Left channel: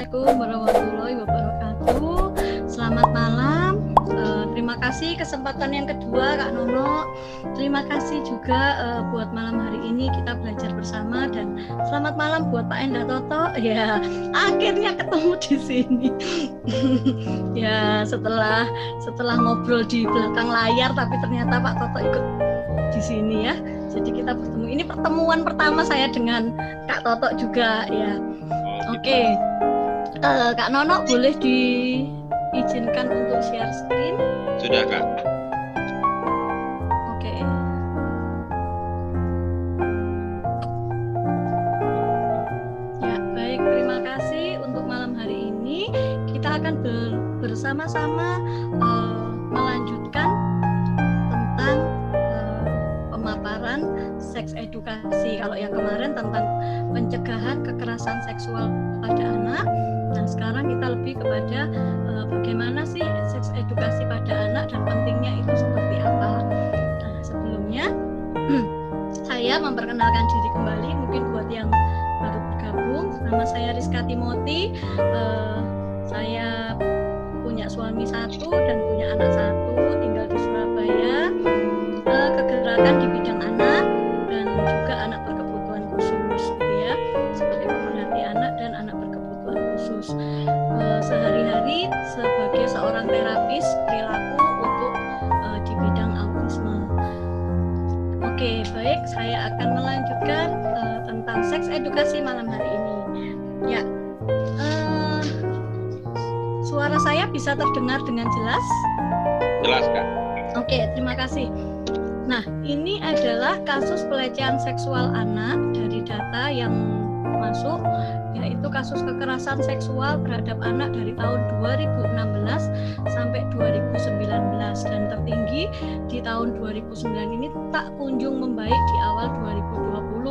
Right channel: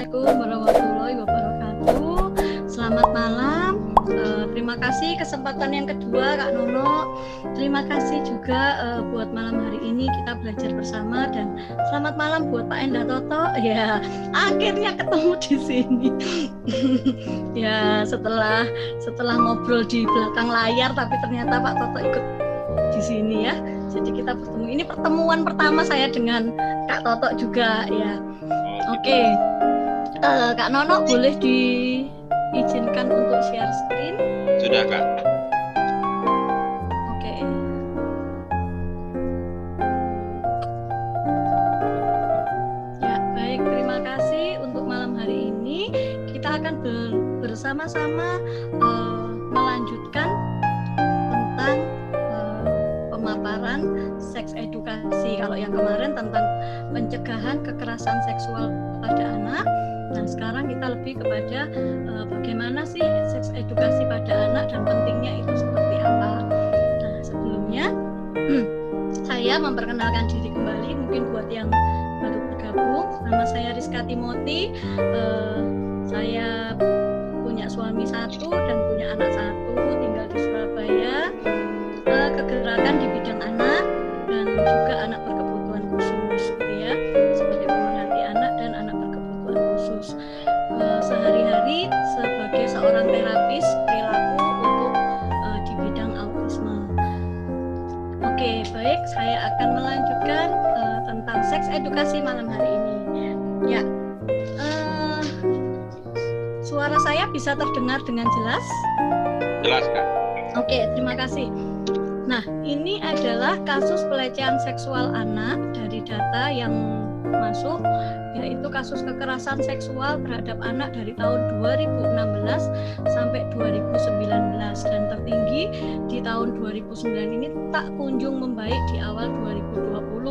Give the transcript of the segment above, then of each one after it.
Assalamualaikum warahmatullahi wabarakatuh. Selamat malam. Terima kasih kesempatan yang kedua Kak Nono. Terima kasih juga buat malam hari ini kita belajar bersama, dan selamat malam buat Pak Endah Toto. Ya, akhirnya ketemu di sini. Ya, setelah ngobrol di belakang layar, tapi ternyata Pak Toto ikut di sini ya. Jadi kita bertemu. Ini pertemuan pertama saya dengan Kak Toto juga ya. Oke. Kak Nono boleh diizinkan untuk share screen? Sudah, Kak. Oke. Ya, baik. Terima kasih untuk malam hari ini. Kita akan bersama-sama melanjutkan tentang pemaparan seks edukasi. Kalau yang kemarin tentang pencegahan kekerasan seksual pada anak. Nah, sekarang kita lebih kepada bagaimana sih seks edukasi pada anak dan pentingnya itu seperti apa. Nah, sebelumnya saya memperkenalkan diri kembali, mungkin buat yang baru bergabung. Nama saya Rizka Timoti. Saya punya suami satu dan punya anak satu, tinggal di Surabaya. Kegerakan di bidang anak dan juga anak berkebutuhan khusus, gitu ya, sebagai pemerhati anak dan anak berkebutuhan khusus. Sehari-hari sebagai seorang terapis perilaku untuk di bidang autisme. Oke, baik, saya akan melanjutkan tentang seks edukasi malam hari ini. Ya, suara saya bisa terdengar dengan jelas? Jelas, Kak. Oke, terima kasih. Nah, ini adalah kasus pelecehan seksual anak dari data yang masuk, yaitu kasus kekerasan seksual terhadap anak dari tahun 2016 sampai 2019, dan tertinggi di tahun 2009 ini tak kunjung membaik di awal 2020.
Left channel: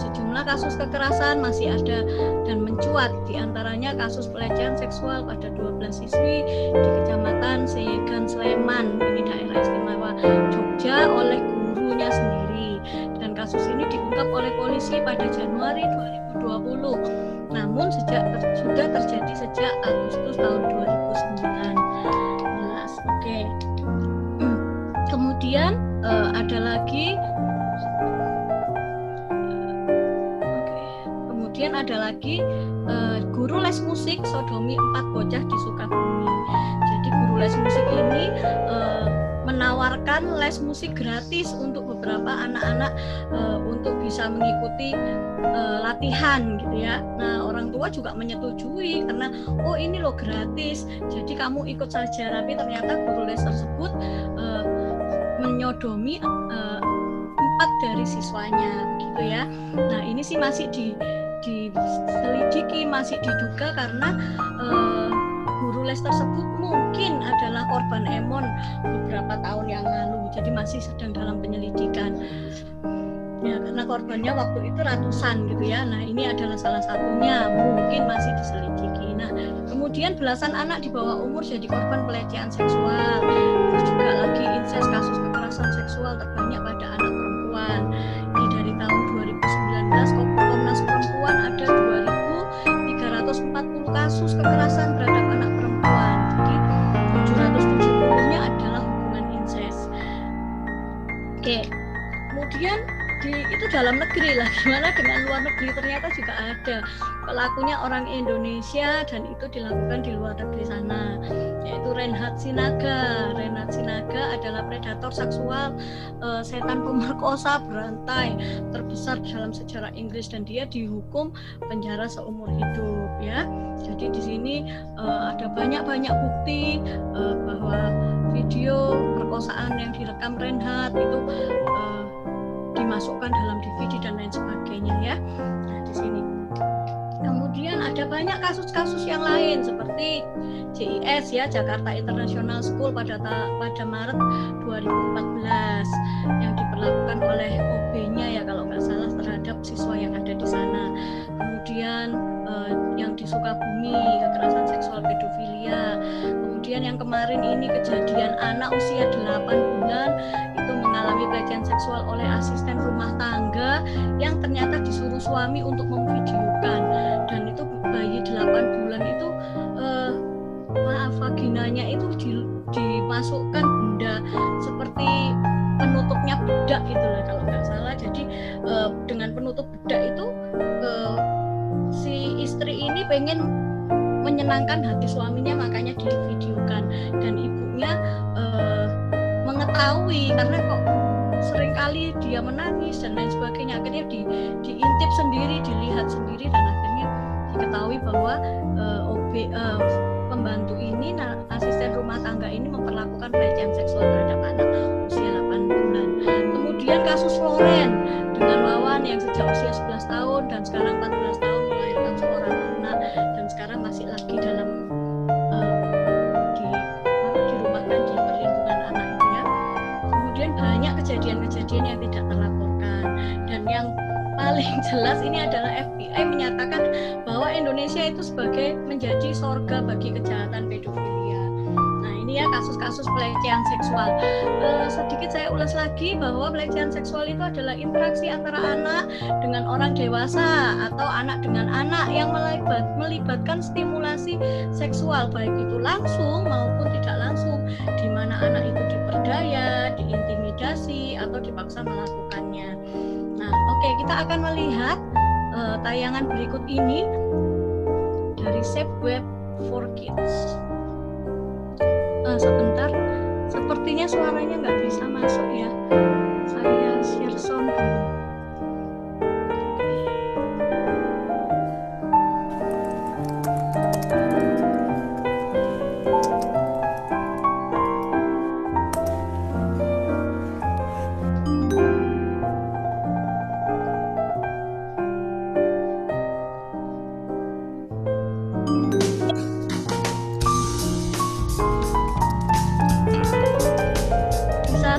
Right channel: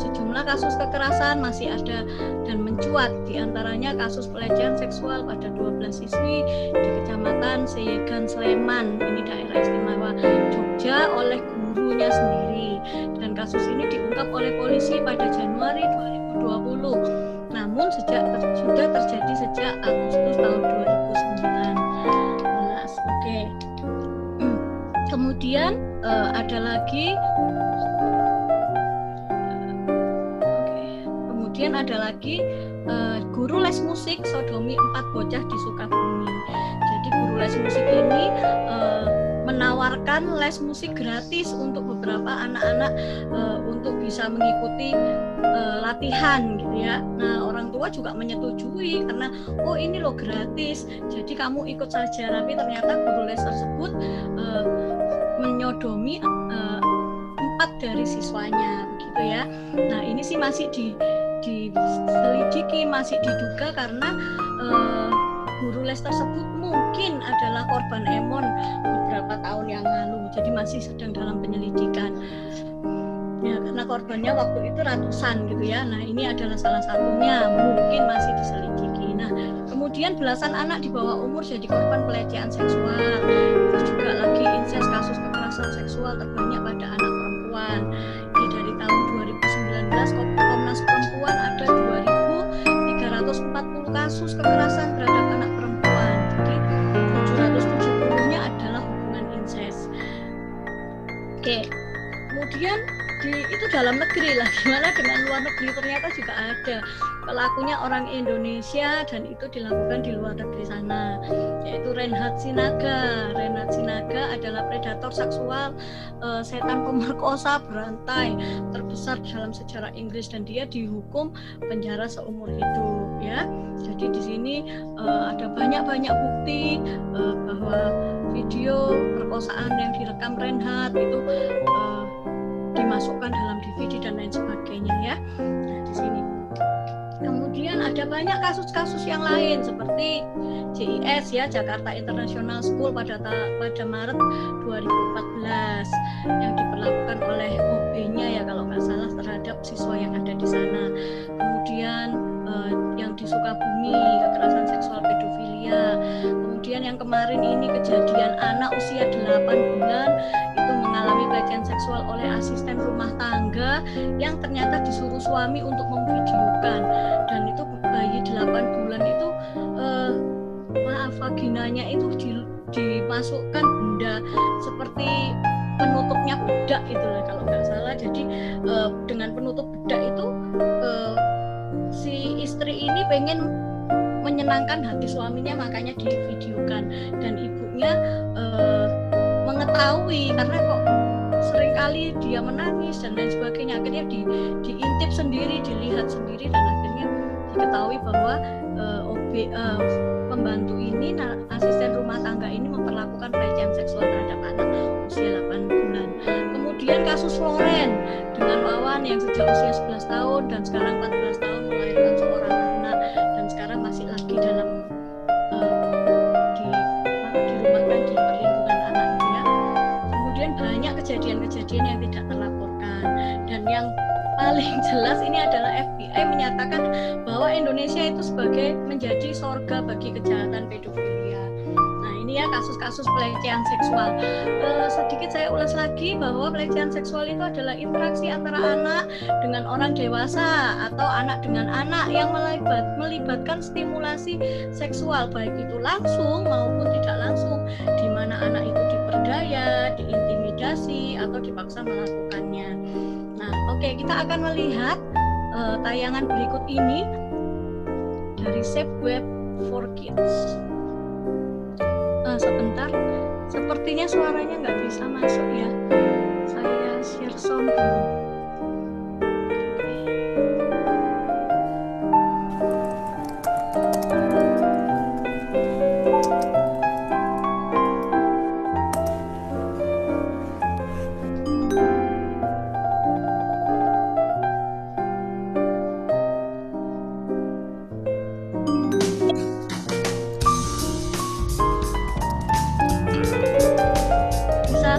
Sejumlah kasus kekerasan masih ada dan mencuat, diantaranya kasus pelecehan seksual pada 12 siswi di Kecamatan Seyegan, Sleman, ini daerah istimewa Jogja, oleh gurunya sendiri, dan kasus ini diungkap oleh polisi pada Januari 2020. Namun sudah terjadi sejak Agustus tahun 2019. Oke. Kemudian ada lagi guru les musik sodomi 4 bocah di Sukabumi. Jadi guru les musik ini menawarkan les musik gratis untuk beberapa anak-anak untuk bisa mengikuti latihan, gitu ya. Nah, orang tua juga menyetujui karena oh ini loh gratis, jadi kamu ikut saja. Tapi ternyata guru les tersebut menyodomi 4 dari siswanya, begitu ya. Nah, ini sih masih diselidiki, masih diduga karena guru les tersebut mungkin adalah korban emon beberapa tahun yang lalu, jadi masih sedang dalam penyelidikan ya, karena korbannya waktu itu ratusan, gitu ya. Nah, ini adalah salah satunya, mungkin masih diselidiki. Nah, kemudian belasan anak di bawah umur jadi korban pelecehan seksual. Terus juga lagi incest, kasus kekerasan seksual terbanyak pada anak perempuan. Ini dari tahun 2019 Komnas Perempuan ada 2.340 kasus kekerasan terhadap anak perempuan. Jadi 770-nya adalah hubungan incest. Oke. Kemudian itu dalam negeri lah, gimana dengan luar negeri? Ternyata juga ada pelakunya orang Indonesia dan itu dilakukan di luar negeri sana, yaitu Renhat Sinaga. Renhat Sinaga adalah predator seksual, setan pemerkosa berantai terbesar dalam sejarah Inggris, dan dia dihukum penjara seumur hidup ya. Jadi di sini ada banyak bukti bahwa video perkosaan yang direkam Renhat itu dimasukkan dalam DVD dan lain sebagainya ya. Nah, di sini. Kemudian ada banyak kasus-kasus yang lain seperti JIS ya, Jakarta International School pada Maret 2014 yang diperlakukan oleh OB-nya ya kalau nggak salah terhadap siswa yang ada di sana. Kemudian yang di Sukabumi kekerasan seksual pedofilia. Kemudian yang kemarin ini kejadian anak usia 8 bulan itu mengalami pelecehan seksual oleh asisten rumah tangga yang ternyata disuruh suami untuk memvideokan, dan itu bayi 8 bulan itu vaginanya itu dimasukkan benda seperti penutupnya bedak itu lah kalau nggak salah. Jadi dengan penutup bedak itu si istri ini pengen menyenangkan hati suaminya, makanya divideokan, dan ibunya mengetahui karena kok seringkali dia menangis dan lain sebagainya, akhirnya diintip sendiri, dilihat sendiri, dan akhirnya diketahui bahwa pembantu ini, asisten rumah tangga ini memperlakukan pelecehan seksual terhadap anak usia 8 bulan. Kemudian kasus Loren dengan Wawan yang sejak usia 11 tahun dan sekarang 14 tahun melahirkan seorang anak, dan sekarang masih lagi dalam dirumahkan di perlindungan anak itu ya. Kemudian banyak kejadian-kejadian yang tidak terlaporkan, dan yang paling jelas ini adalah FBI menyatakan bahwa Indonesia itu sebagai menjadi sorga bagi kejahatan pedofilia. Nah ini ya kasus-kasus pelecehan seksual. Sedikit saya ulas lagi bahwa pelecehan seksual itu adalah interaksi antara anak dengan orang dewasa atau anak dengan anak yang melibatkan stimulasi seksual, baik itu langsung maupun tidak langsung, di mana anak itu diperdaya, diintimidasi, atau dipaksa melakukannya. Nah, oke, kita akan melihat tayangan berikut ini dari Safe Web for Kids. Sebentar, sepertinya suaranya nggak bisa masuk ya. Saya share sound dulu.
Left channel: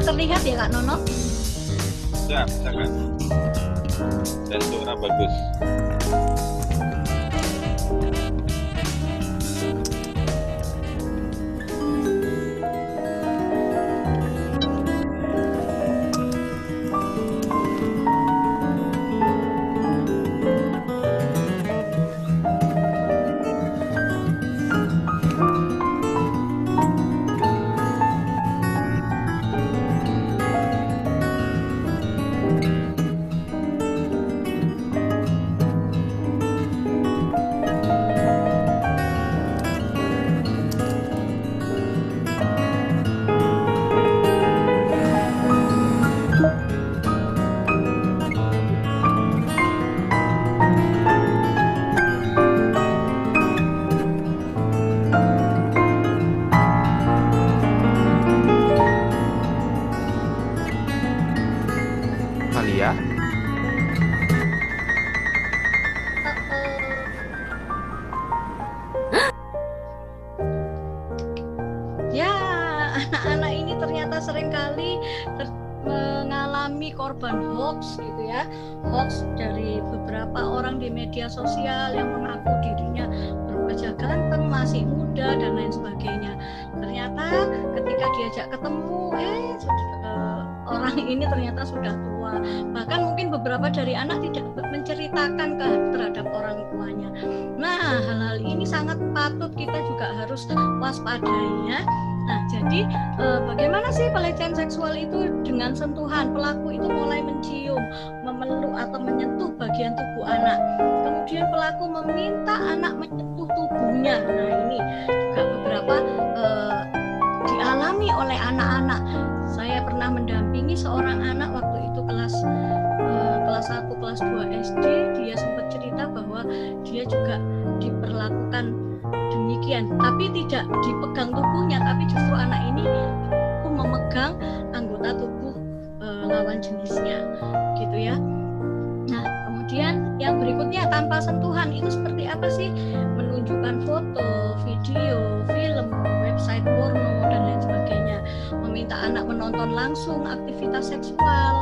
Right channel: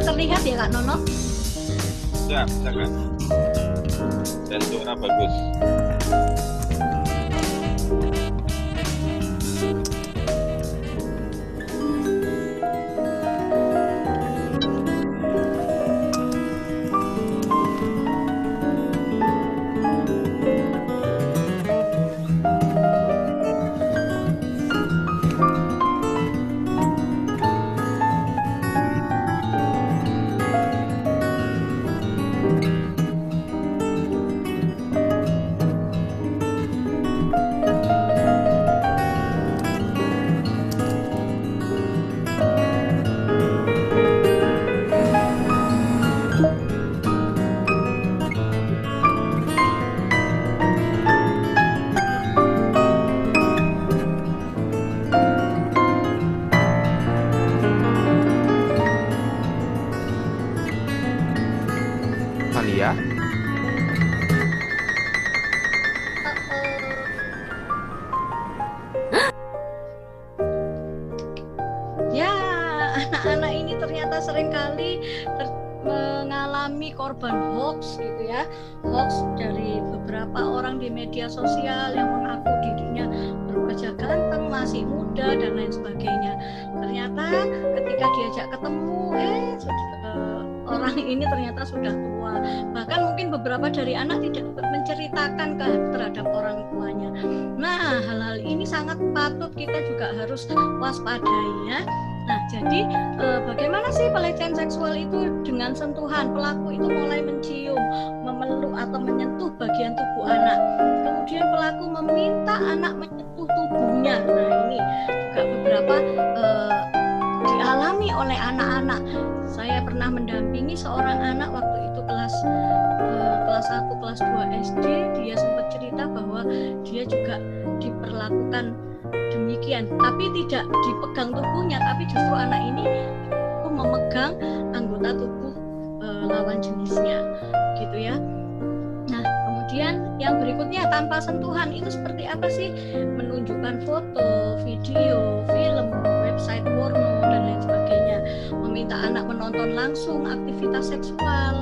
Terlihat ya Kak Nono? Ya, bisa Kak. Dan suara bagus. Malia? Ya, anak-anak ini ternyata seringkali mengalami korban hoax gitu ya. Hoax dari beberapa orang di media sosial yang mengaku dirinya berwajah ganteng, masih muda, dan lain sebagainya. Ternyata ketika diajak ketemu, orang ini ternyata sudah tua. Bahkan mungkin beberapa dari anak tidak menceritakan terhadap orang tuanya. Nah, hal-hal ini sangat patut kita juga harus waspadai ya. Nah, jadi bagaimana sih pelecehan seksual itu dengan sentuhan? Pelaku itu mulai mencium, memeluk atau menyentuh bagian tubuh anak. Kemudian pelaku meminta anak menyentuh tubuhnya. Nah, ini juga beberapa dialami oleh anak-anak. Saya pernah mendampingi seorang anak waktu itu kelas 1, kelas 2 SD. Dia sempat cerita bahwa dia juga diperlakukan demikian, tapi tidak dipegang tubuhnya, tapi justru anak ini memegang anggota tubuh lawan jenisnya, gitu ya. Nah, kemudian yang berikutnya, tanpa sentuhan itu seperti apa sih? Menunjukkan foto, video, film, website porno, dan lain sebagainya. Meminta anak menonton langsung aktivitas seksual.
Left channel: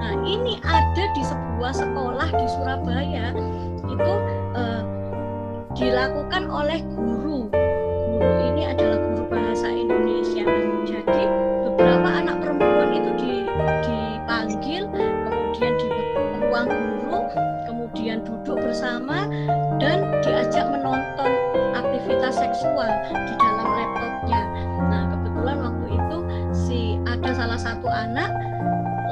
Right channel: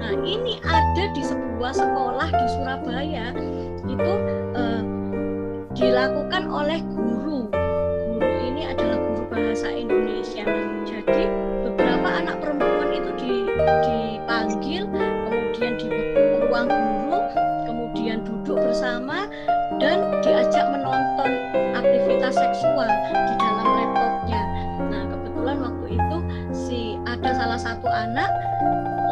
Nah, ini ada di sebuah sekolah di Surabaya. Itu dilakukan oleh guru. Guru ini adalah guru bahasa Indonesia. Jadi beberapa anak perempuan itu dipanggil, kemudian di ruang guru, kemudian duduk bersama dan diajak menonton aktivitas seksual di dalam laptopnya. Nah, kebetulan waktu itu ada salah satu anak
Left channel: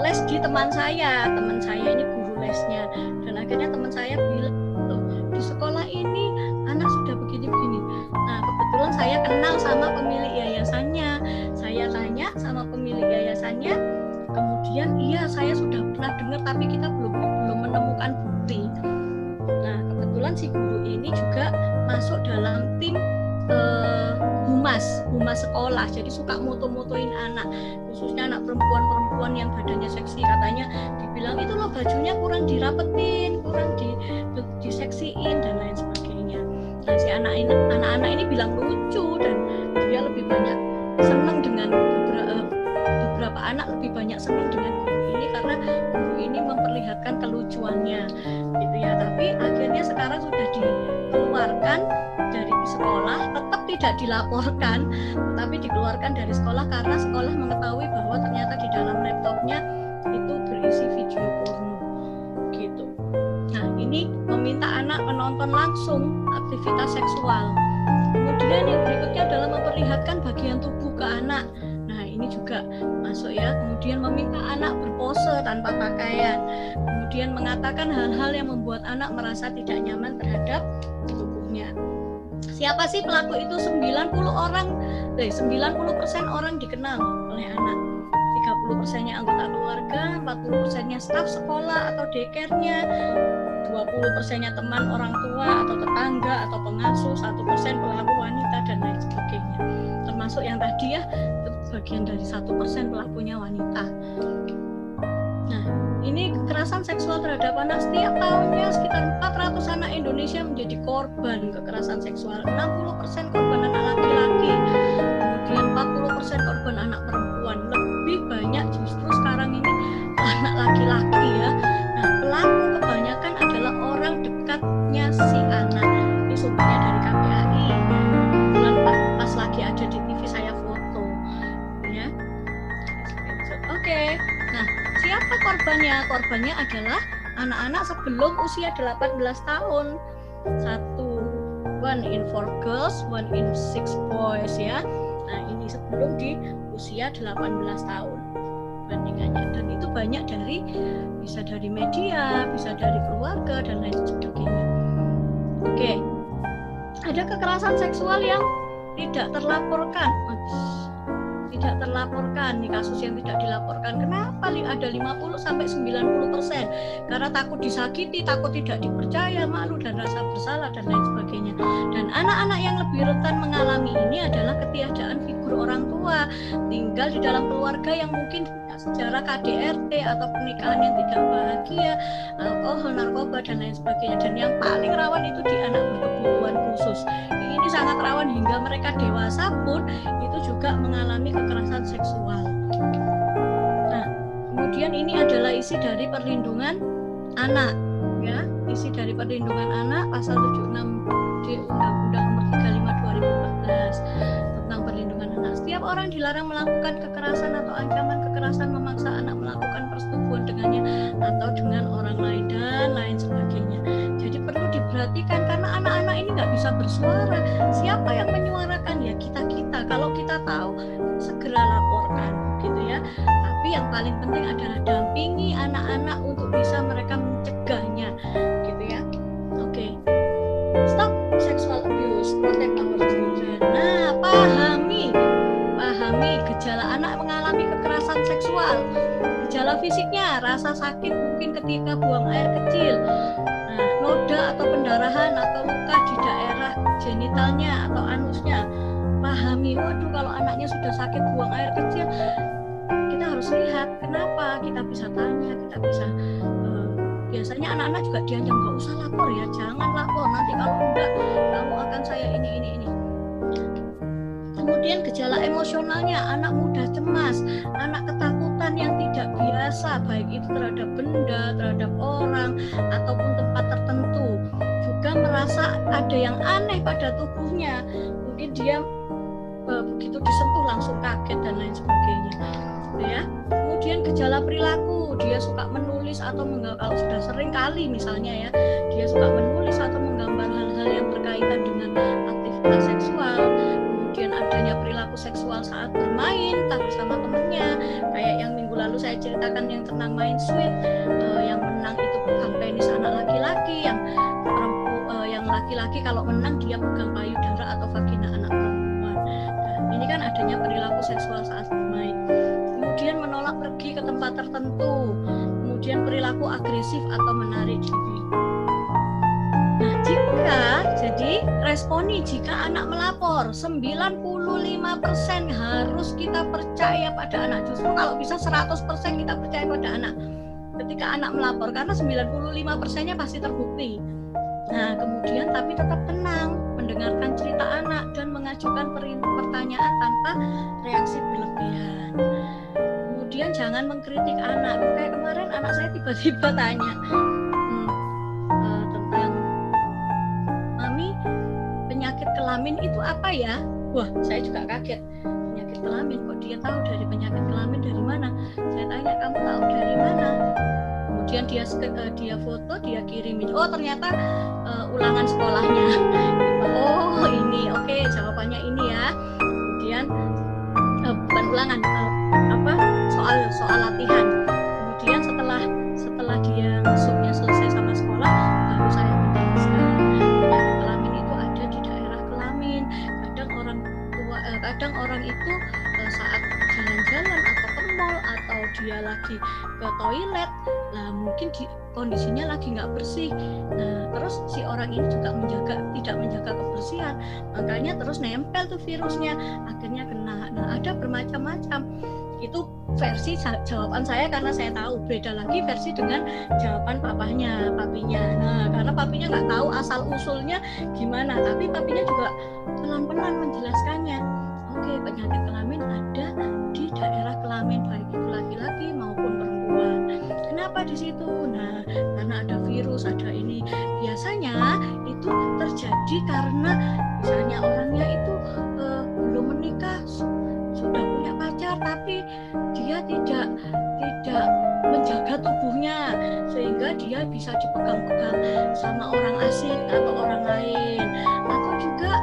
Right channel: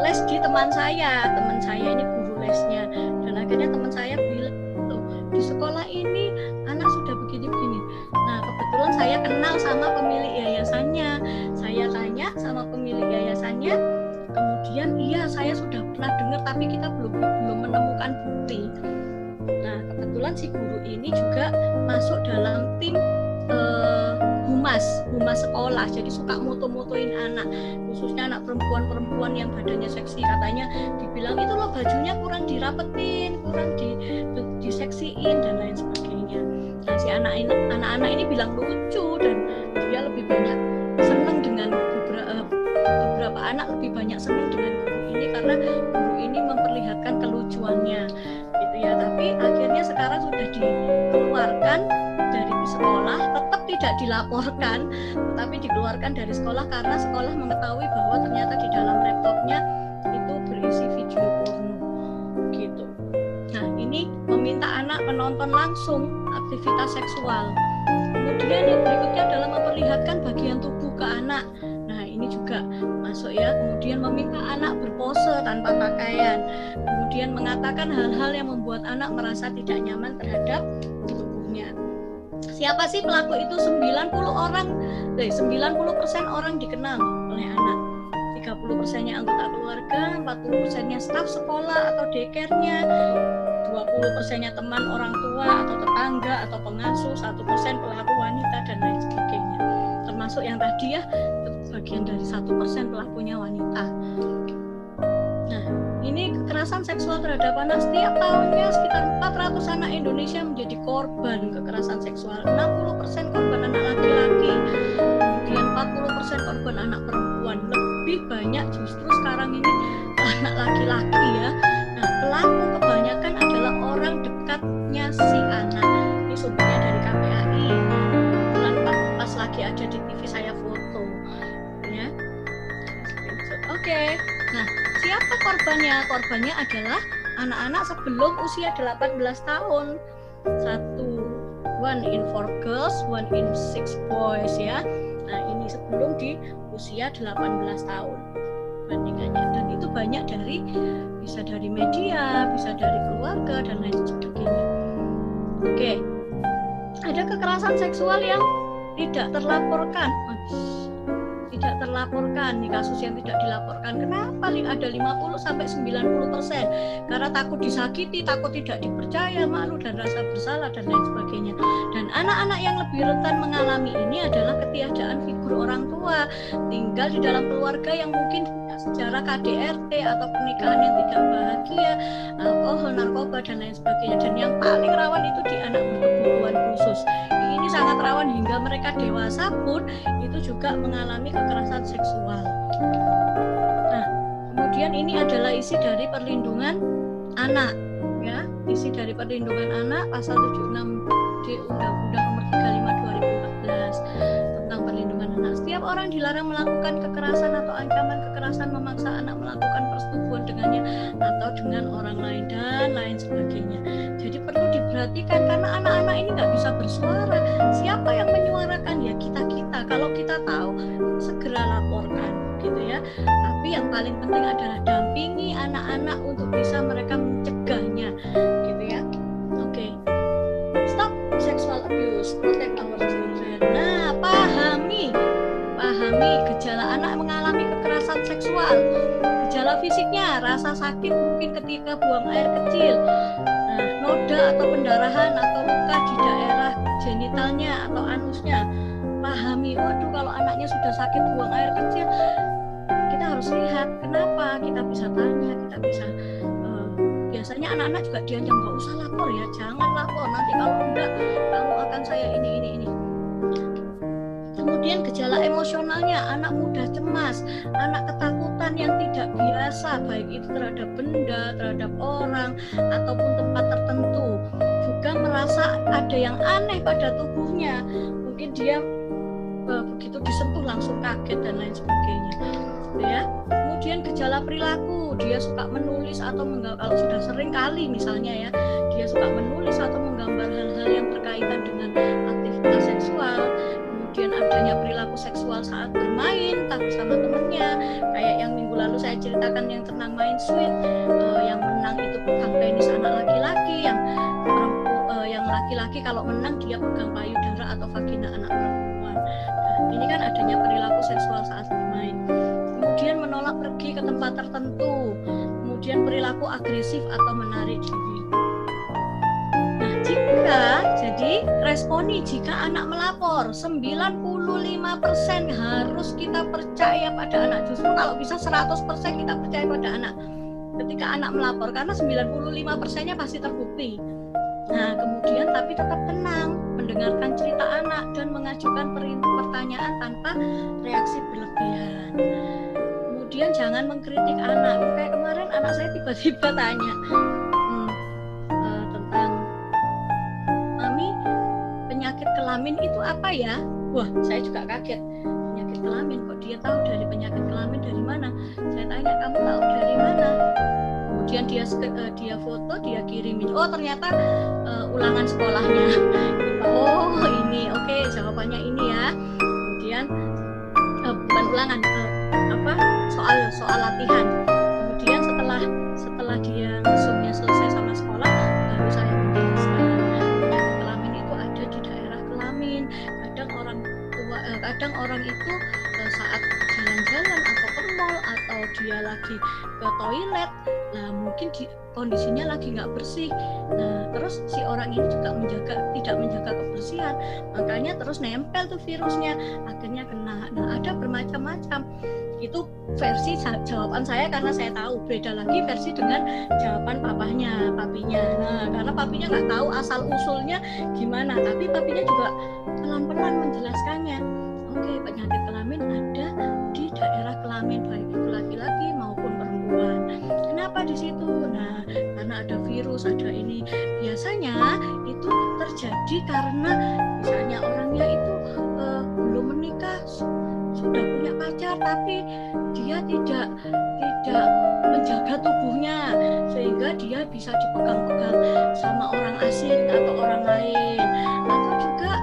les di teman saya ini guru lesnya, dan akhirnya teman saya bilang, loh, di sekolah ini anak sudah begini-begini. Nah, kebetulan saya kenal sama pemilik yayasannya, saya tanya sama pemilik yayasannya, kemudian iya saya sudah pernah dengar tapi kita belum menemukan bukti. Nah, kebetulan si guru ini juga masuk dalam tim humas sekolah, jadi suka moto-motoin anak, khususnya anak perempuan yang badannya seksi. Katanya dibilang itu loh bajunya kurang dirapetin, kurang diseksiin dan lain sebagainya. Nah, si anak-anak ini bilang lucu, dan dia lebih banyak senang dengan beberapa anak lebih banyak senang dengan guru ini karena guru ini memperlihatkan kelucuannya gitu ya. Tapi akhirnya sekarang sudah dikeluarkan dari sekolah, tetap tidak dilaporkan, tetapi dikeluarkan dari sekolah karena sekolah mengetahui bahwa ternyata di dalam laptopnya itu berisi video porno gitu. Nah, ini meminta anak menonton langsung aktivitas seksual. Kemudian yang berikutnya adalah memperlihatkan bagian tubuh ke anak. Nah, ini juga masuk ya. Kemudian meminta anak berpose tanpa pakaian. Kemudian mengatakan hal-hal yang membuat anak merasa tidak nyaman terhadap tubuhnya. Siapa sih pelaku itu? 90% orang dikenal oleh anak. 30%-nya anggota keluarga, 40%-nya staf sekolah atau daycare-nya, 20%-nya teman orang tua atau tetangga atau pengasuh, 1% pelaku wanita dan lain sebagainya. Termasuk yang tadi ya, itu bagian dari 1% pelakunya wanita. Nah, ini kekerasan seksual terhadap anak. Setiap tahunnya sekitar 400 anak Indonesia menjadi korban kekerasan seksual. 60% korban anak laki-laki, kemudian 40% korban anak perempuan. Lebih banyak justru sekarang ini anak laki-laki ya. Nah, pelaku kebanyakan adalah orang dekatnya si anak. Ini sumbernya dari KPAI. Kebetulan pas lagi ada di TV saya foto ya. Oke. Nah, siapa korbannya? Korbannya adalah anak-anak sebelum usia 18 tahun. One in 4 girls, one in 6 boys ya. Nah, ini sebelum di usia 18 tahun bandingannya. Dan itu banyak bisa dari media, bisa dari keluarga dan lain sebagainya. Oke. Ada kekerasan seksual yang tidak terlaporkan. Nih kasus yang tidak dilaporkan. Kenapa ada 50-90%? Karena takut disakiti, takut tidak dipercaya, malu dan rasa bersalah dan lain sebagainya. Dan anak-anak yang lebih rentan mengalami ini adalah ketiadaan figur orang tua, tinggal di dalam keluarga yang mungkin punya sejarah KDRT atau pernikahan yang tidak bahagia, alkohol, narkoba dan lain sebagainya. Dan yang paling rawan itu di anak berkebutuhan khusus. Ini sangat rawan hingga mereka dewasa pun itu juga mengalami kekerasan seksual. Nah, kemudian ini adalah isi dari perlindungan anak ya. Isi dari perlindungan anak pasal 76 di Undang-Undang Nomor 35 2014 tentang perlindungan anak. Setiap orang dilarang melakukan kekerasan atau ancaman kekerasan memaksa anak melakukan persetubuhan dengannya atau dengan orang lain dan lain sebagainya. Jadi perlu diperhatikan karena anak-anak ini nggak bisa bersuara. Siapa yang menyuarakan? Ya kita-kita. Kalau kita tahu segera laporkan gitu ya. Tapi yang paling penting adalah dampingi anak-anak untuk bisa mereka mencegahnya gitu ya. Oke. Stop sexual abuse, protect our children. Nah, pahami gejala anak mengalami kekerasan seksual. Gejala fisiknya, rasa sakit mungkin ketika buang air kecil. Nah, noda atau pendarahan atau luka di daerah genitalnya atau anusnya. Pahami, waduh kalau anaknya sudah sakit buang air kecil, kita harus lihat kenapa, kita bisa tanya, kita bisa biasanya anak-anak juga diancam nggak usah lapor ya, jangan lapor, nanti kalau enggak kamu akan saya ini. Kemudian gejala emosionalnya, anak mudah cemas, anak ketakutan yang tidak biasa, baik itu terhadap benda, terhadap orang ataupun tempat tertentu. Juga merasa ada yang aneh pada tubuhnya, mungkin dia begitu disentuh langsung kaget dan lain sebagainya ya. Kemudian gejala perilaku, dia suka menulis atau kalau sudah sering kali misalnya ya, dia suka menulis atau menggambar hal-hal yang berkaitan dengan aktivitas seksual, kemudian adanya perilaku seksual saat bermain entah bersama temennya, kayak yang minggu lalu saya ceritakan yang tentang main sweet, yang menang itu pegang penis anak laki-laki, yang laki-laki kalau menang dia pegang payudara atau vagina anak perempuan. Nah, ini kan adanya perilaku seksual saat bermain. Kemudian menolak pergi ke tempat tertentu, kemudian perilaku agresif atau menarik diri. Nah, jadi responi jika anak melapor 95% harus kita percaya pada anak. Justru kalau bisa 100% kita percaya pada anak ketika anak melapor, karena 95%-nya pasti terbukti. Nah, kemudian tapi tetap tenang, mendengarkan cerita anak dan mengajukan pertanyaan tanpa reaksi berlebihan. Kemudian jangan mengkritik anak. Kayak kemarin anak saya tiba-tiba tanya tentang, "Mami, penyakit kelamin itu apa ya?" Wah, saya juga kaget. Penyakit kelamin, kok dia tahu dari penyakit kelamin dari mana? Saya tanya, "Kamu tahu dari mana?" Kemudian dia foto, dia kirimin. Oh, ternyata ulangan sekolahnya. Oh, ini. Oke, jawabannya ini ya. Kemudian bukan ulangan, soal latihan. Kemudian setelah dia ngesumnya selesai sama sekolah, baru saya menjelaskan penyakit kelamin itu ada di daerah kelamin. Kadang orang itu saat jalan-jalan atau ke mall atau dia lagi ke toilet, lah mungkin kondisinya lagi nggak bersih. Nah, terus si orang ini juga tidak menjaga kebersihan, makanya terus nempel tuh virusnya, akhirnya kena. Nah, ada bermacam-macam. Itu versi jawaban saya karena saya tahu. Beda lagi versi dengan jawaban papinya. Nah, karena papinya nggak tahu asal usulnya gimana, tapi papinya juga pelan-pelan menjelaskannya. Oke, penyakit kelamin ada di daerah kelamin, baik itu laki-laki maupun perempuan. Kenapa di situ? Nah, karena ada virus, ada ini. Biasanya itu terjadi karena misalnya orangnya itu belum menikah, sudah punya pacar, tapi dia tidak menjaga tubuhnya sehingga dia bisa dipegang-pegang sama orang asing atau orang lain, atau juga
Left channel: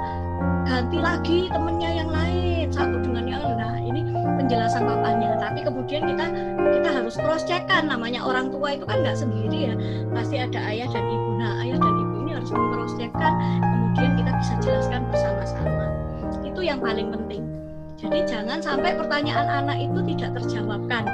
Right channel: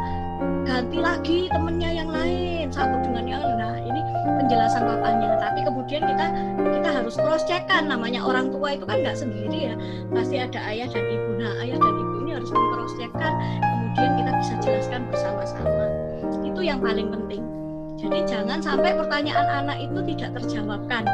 ganti lagi temennya yang lain satu dengan yang lain. Nah, ini penjelasan papanya, tapi kemudian kita harus cross check kan, namanya orang tua itu kan nggak sendiri ya, pasti ada ayah dan ibu. Nah, ayah dan ibu ini harus meng-cross check kan, kemudian kita bisa jelaskan bersama-sama. Itu yang paling penting. Jadi jangan sampai pertanyaan anak itu tidak terjawabkan,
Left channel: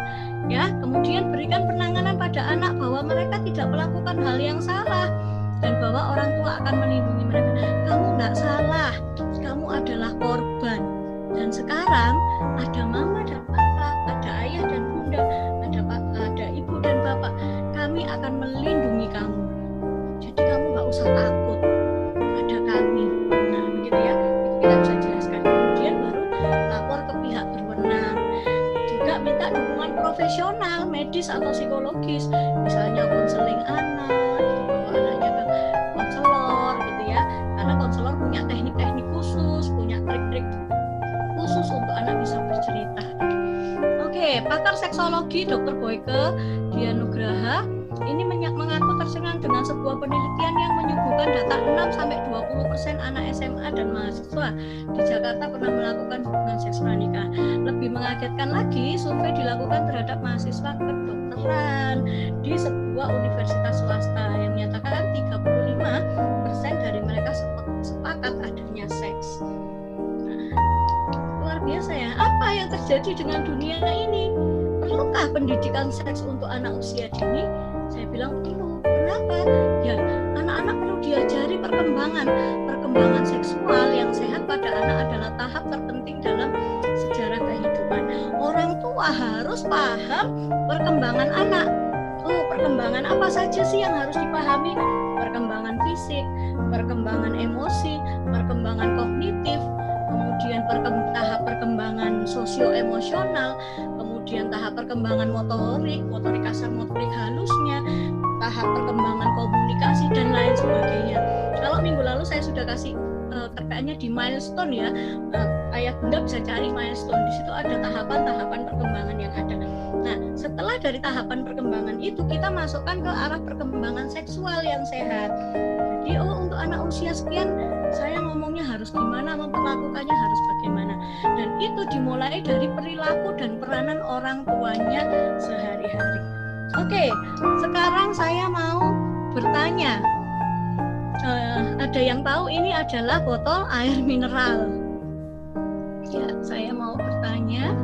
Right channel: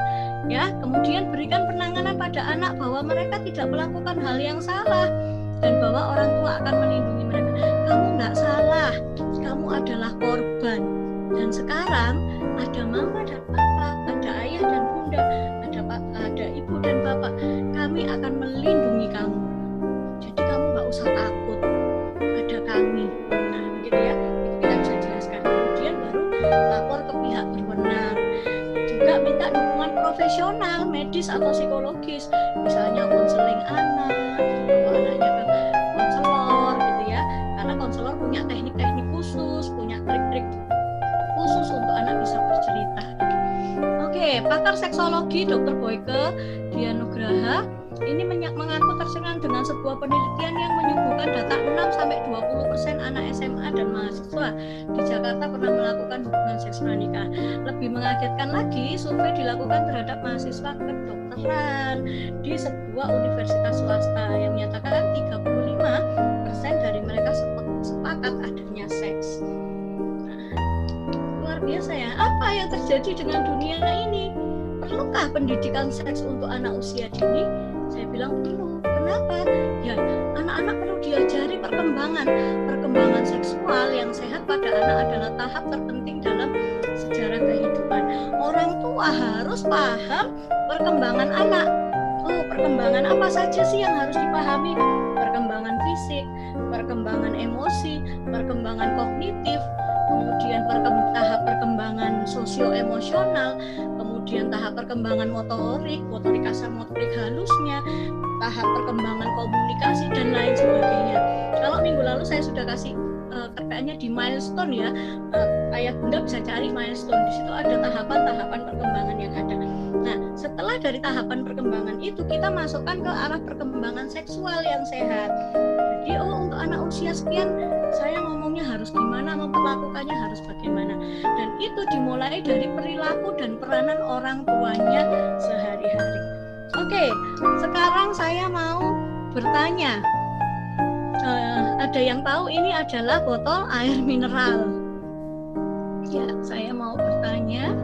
ya. Kemudian berikan penanganan pada anak bahwa mereka tidak melakukan hal yang salah dan bahwa orang tua akan melindungi mereka. Kamu nggak salah, kamu adalah korban. Dan sekarang ada mama dan papa, ada ayah dan bunda, ada ibu dan bapak. Kami akan melindungi kamu. Jadi kamu nggak usah takut, ada kami. Nah, begitu ya. Itu kita bisa jelaskan. Kemudian baru lapor ke pihak berwenang. Juga minta dukungan profesional, medis atau psikologis, misalnya konseling anak, bawa anaknya ke konselor gitu ya, karena konselor punya teknik-teknik khusus, punya trik-trik khusus untuk anak bisa bercerita. Oke, pakar seksologi Dr. Boyke Dianugraha ini mengaku tercengang dengan sebuah penelitian yang menyuguhkan data 6-20% anak SMA dan mahasiswa di Jakarta pernah melakukan hubungan seks pranikah. Lebih mengagetkan lagi, survei dilakukan terhadap mahasiswa kedokteran di sebuah universitas swasta yang menyatakan 35% dari mereka sepakat adanya seks. Nah, luar biasa ya. Apa yang terjadi dengan dunia ini? Perlukah pendidikan seks untuk anak usia dini? Saya bilang perlu. Kenapa? Ya, anak-anak perlu diajari perkembangan seksual yang sehat pada anak adalah tahap terpenting dalam sejarah kehidupan. Orang tua harus paham perkembangan anak. Oh, perkembangan apa saja sih yang harus dipahami? Perkembangan fisik, perkembangan emosi, perkembangan kognitif, kemudian tahap perkembangan sosio-emosional, kemudian tahap perkembangan motorik kasar, motorik halusnya, tahap perkembangan komunikasi, dan lain sebagainya. Kalau minggu lalu saya sudah kasih kayaknya di milestone ya. Ayah bunda bisa cari milestone, di situ ada tahapan-tahapan perkembangan yang ada. Nah, setelah dari tahapan perkembangan itu kita masukkan ke arah perkembangan seksual yang sehat. Jadi untuk anak usia sekian saya ngomongnya harus gimana, memperlakukannya harus bagaimana, dan itu dimulai dari perilaku dan peranan orang tuanya sehari-hari. Oke, sekarang saya mau bertanya, ada yang tahu ini adalah botol air mineral? Ya, saya mau bertanya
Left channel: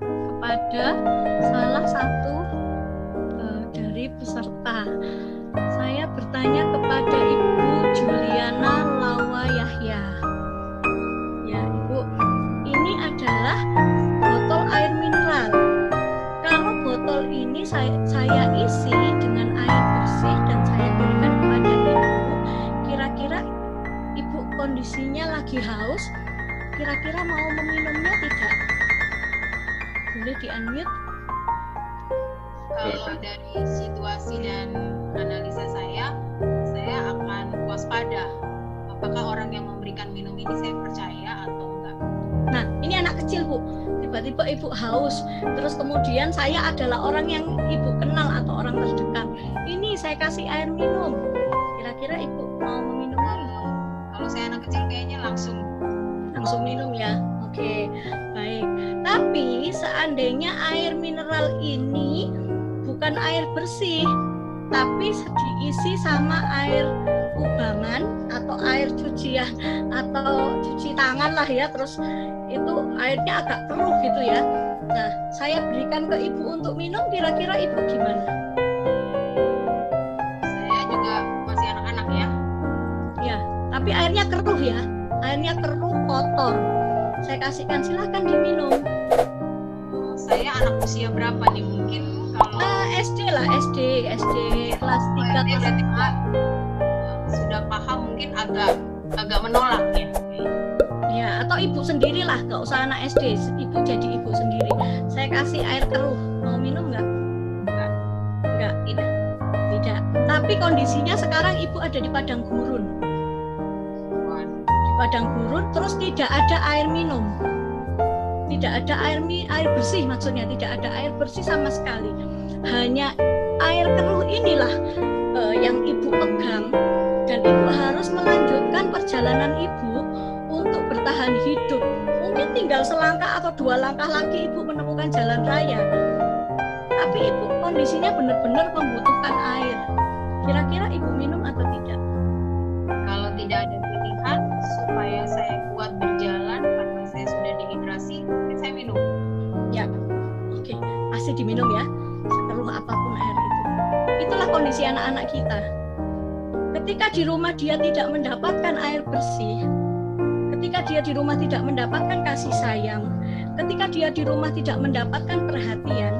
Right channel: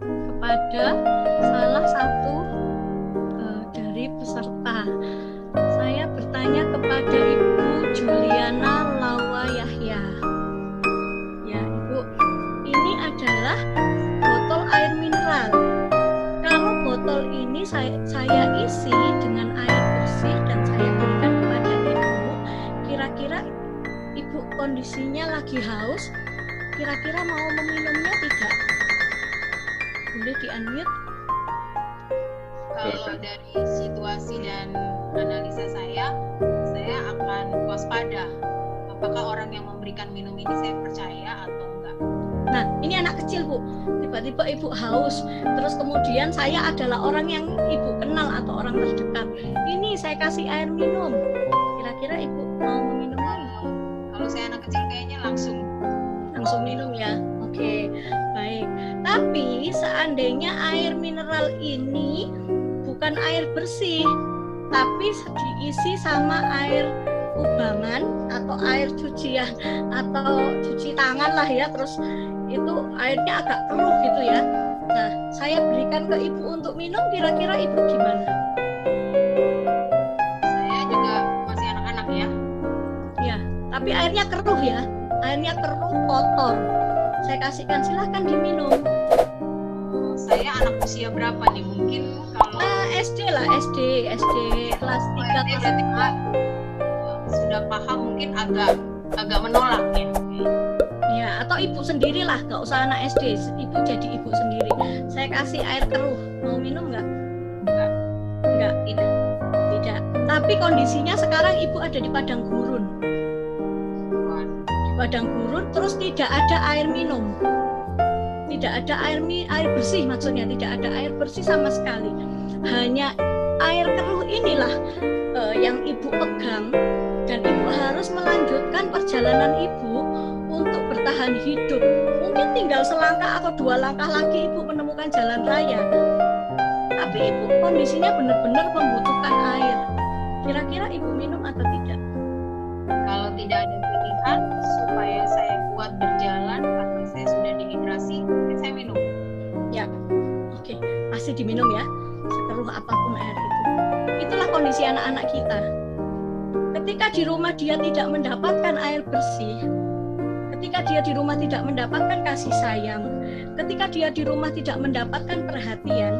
kepada salah satu dari peserta. Saya bertanya kepada Ibu Juliana Lawa Yahya. Ya, Ibu, ini adalah botol air mineral. Kalau botol ini saya isi dengan air bersih dan saya berikan kepada Ibu, kira-kira Ibu kondisinya lagi haus, kira-kira mau meminumnya tidak? Boleh di-unmute? Kalau dari situasi dan analisa saya akan waspada. Apakah orang yang memberikan minum ini saya percaya atau enggak? Nah, ini anak kecil, Bu. Tiba-tiba Ibu haus, terus kemudian saya adalah orang yang Ibu kenal atau orang terdekat. Ini saya kasih air minum. Kira-kira Ibu mau meminumnya? Kalau saya anak kecil kayaknya langsung Minum ya. Oke, baik. Tapi seandainya air mineral ini bukan air bersih, tapi diisi sama air kubangan atau air cucian atau cuci tangan lah ya, terus itu airnya agak keruh gitu ya. Nah, saya berikan ke Ibu untuk minum, kira-kira Ibu gimana? Saya juga masih anak-anak ya. Ya, tapi airnya keruh ya. Airnya keruh, kotor. Saya kasihkan, silahkan diminum. Saya anak usia berapa nih? Mungkin kalau SD lah, SD kelas 3 kelas 4. Sudah paham, mungkin agak menolak ya. Ya, atau Ibu sendirilah, gak usah anak SD. Ibu jadi Ibu sendiri. Saya kasih air keruh, mau minum nggak? Nggak. Tidak. Tapi kondisinya sekarang Ibu ada di padang gurun. Di padang gurun, terus tidak ada air minum. Tidak ada air bersih, maksudnya tidak ada air bersih sama sekali. Hanya air keruh inilah yang Ibu pegang, dan Ibu harus melanjutkan perjalanan Ibu untuk bertahan hidup. Mungkin tinggal selangkah atau 2 langkah lagi Ibu menemukan jalan raya. Tapi Ibu kondisinya benar-benar membutuhkan air. Kira-kira Ibu minum atau tidak? Kalau tidak ada pilihan supaya saya kuat berjalan karena saya sudah dehidrasi, mungkin saya minum. Ya, oke, pasti diminum ya, sekeruh apapun air itu. Itulah kondisi anak-anak kita. Ketika di rumah dia tidak mendapatkan air bersih, ketika dia di rumah tidak mendapatkan kasih sayang, ketika dia di rumah tidak mendapatkan perhatian,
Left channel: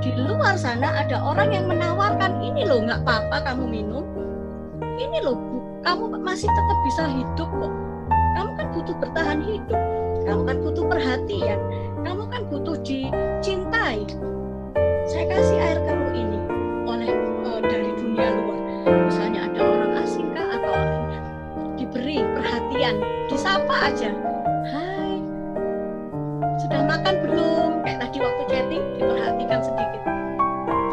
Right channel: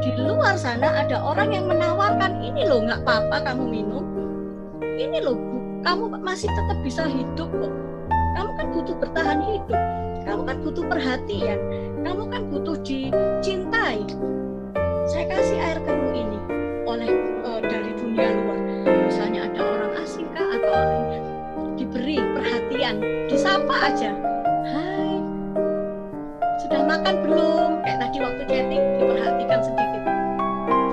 di luar sana ada orang yang menawarkan, ini loh nggak apa-apa kamu minum, ini loh kamu masih tetap bisa hidup kok, kamu kan butuh bertahan hidup, kamu kan butuh perhatian, kamu kan butuh dicintai. Saya kasih air keruh ini oleh dari dunia luar, misalnya ada orang asing kah atau orang diberi perhatian, disapa aja, hai, sudah makan belum, kayak tadi waktu chatting diperhatikan sedikit.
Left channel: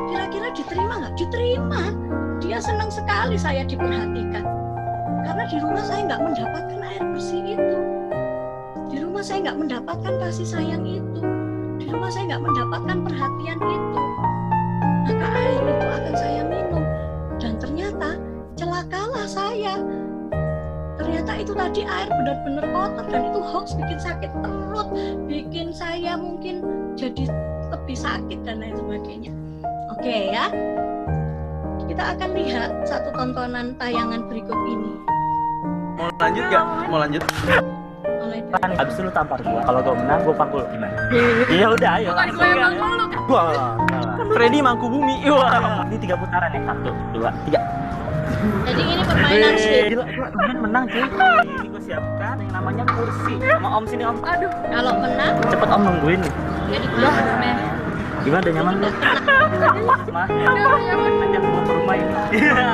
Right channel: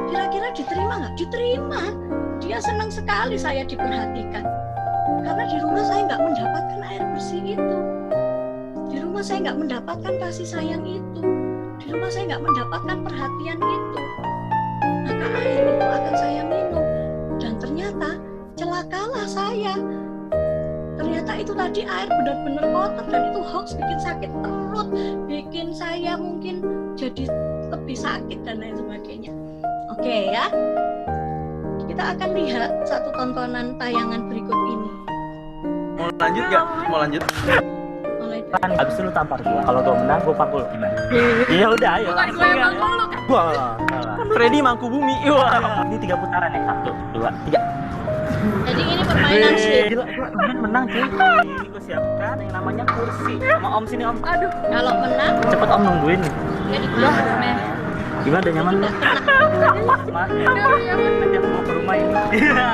Kira-kira diterima nggak? Diterima. Dia senang sekali saya diperhatikan, karena di rumah saya nggak mendapatkan air bersih itu, di rumah saya nggak mendapatkan kasih sayang itu, di rumah saya nggak mendapatkan perhatian itu. Maka air itu akan saya minum, dan ternyata celakalah saya. Ternyata itu tadi air benar-benar kotor, dan itu hoax, bikin sakit perut, bikin saya mungkin jadi lebih sakit dan lain sebagainya. Oke ya, kita akan lihat satu tontonan tayangan berikut ini. Mau lanjut gak? Mau lanjut? Mulai Kan abis itu lu tampar gua. Kalau gua menang gua pangkul gimana? Iya udah ayo. Bukan gue yang mangkul lu. Wah, Freddy mangku bumi. Wah. ini 3 putaran ya. 1, 2, 3. Jadi ini permainan sweet. Gila, gua menang cuy. Ini gua siapkan yang namanya kursi. Sama Om sini Om. Aduh, Kalau menang, Cepet Om nungguin nih. jadi kelas. Gimana udah nyaman lu? Mas, udah nyaman. nanti aku bawa ke rumah ini. Iya.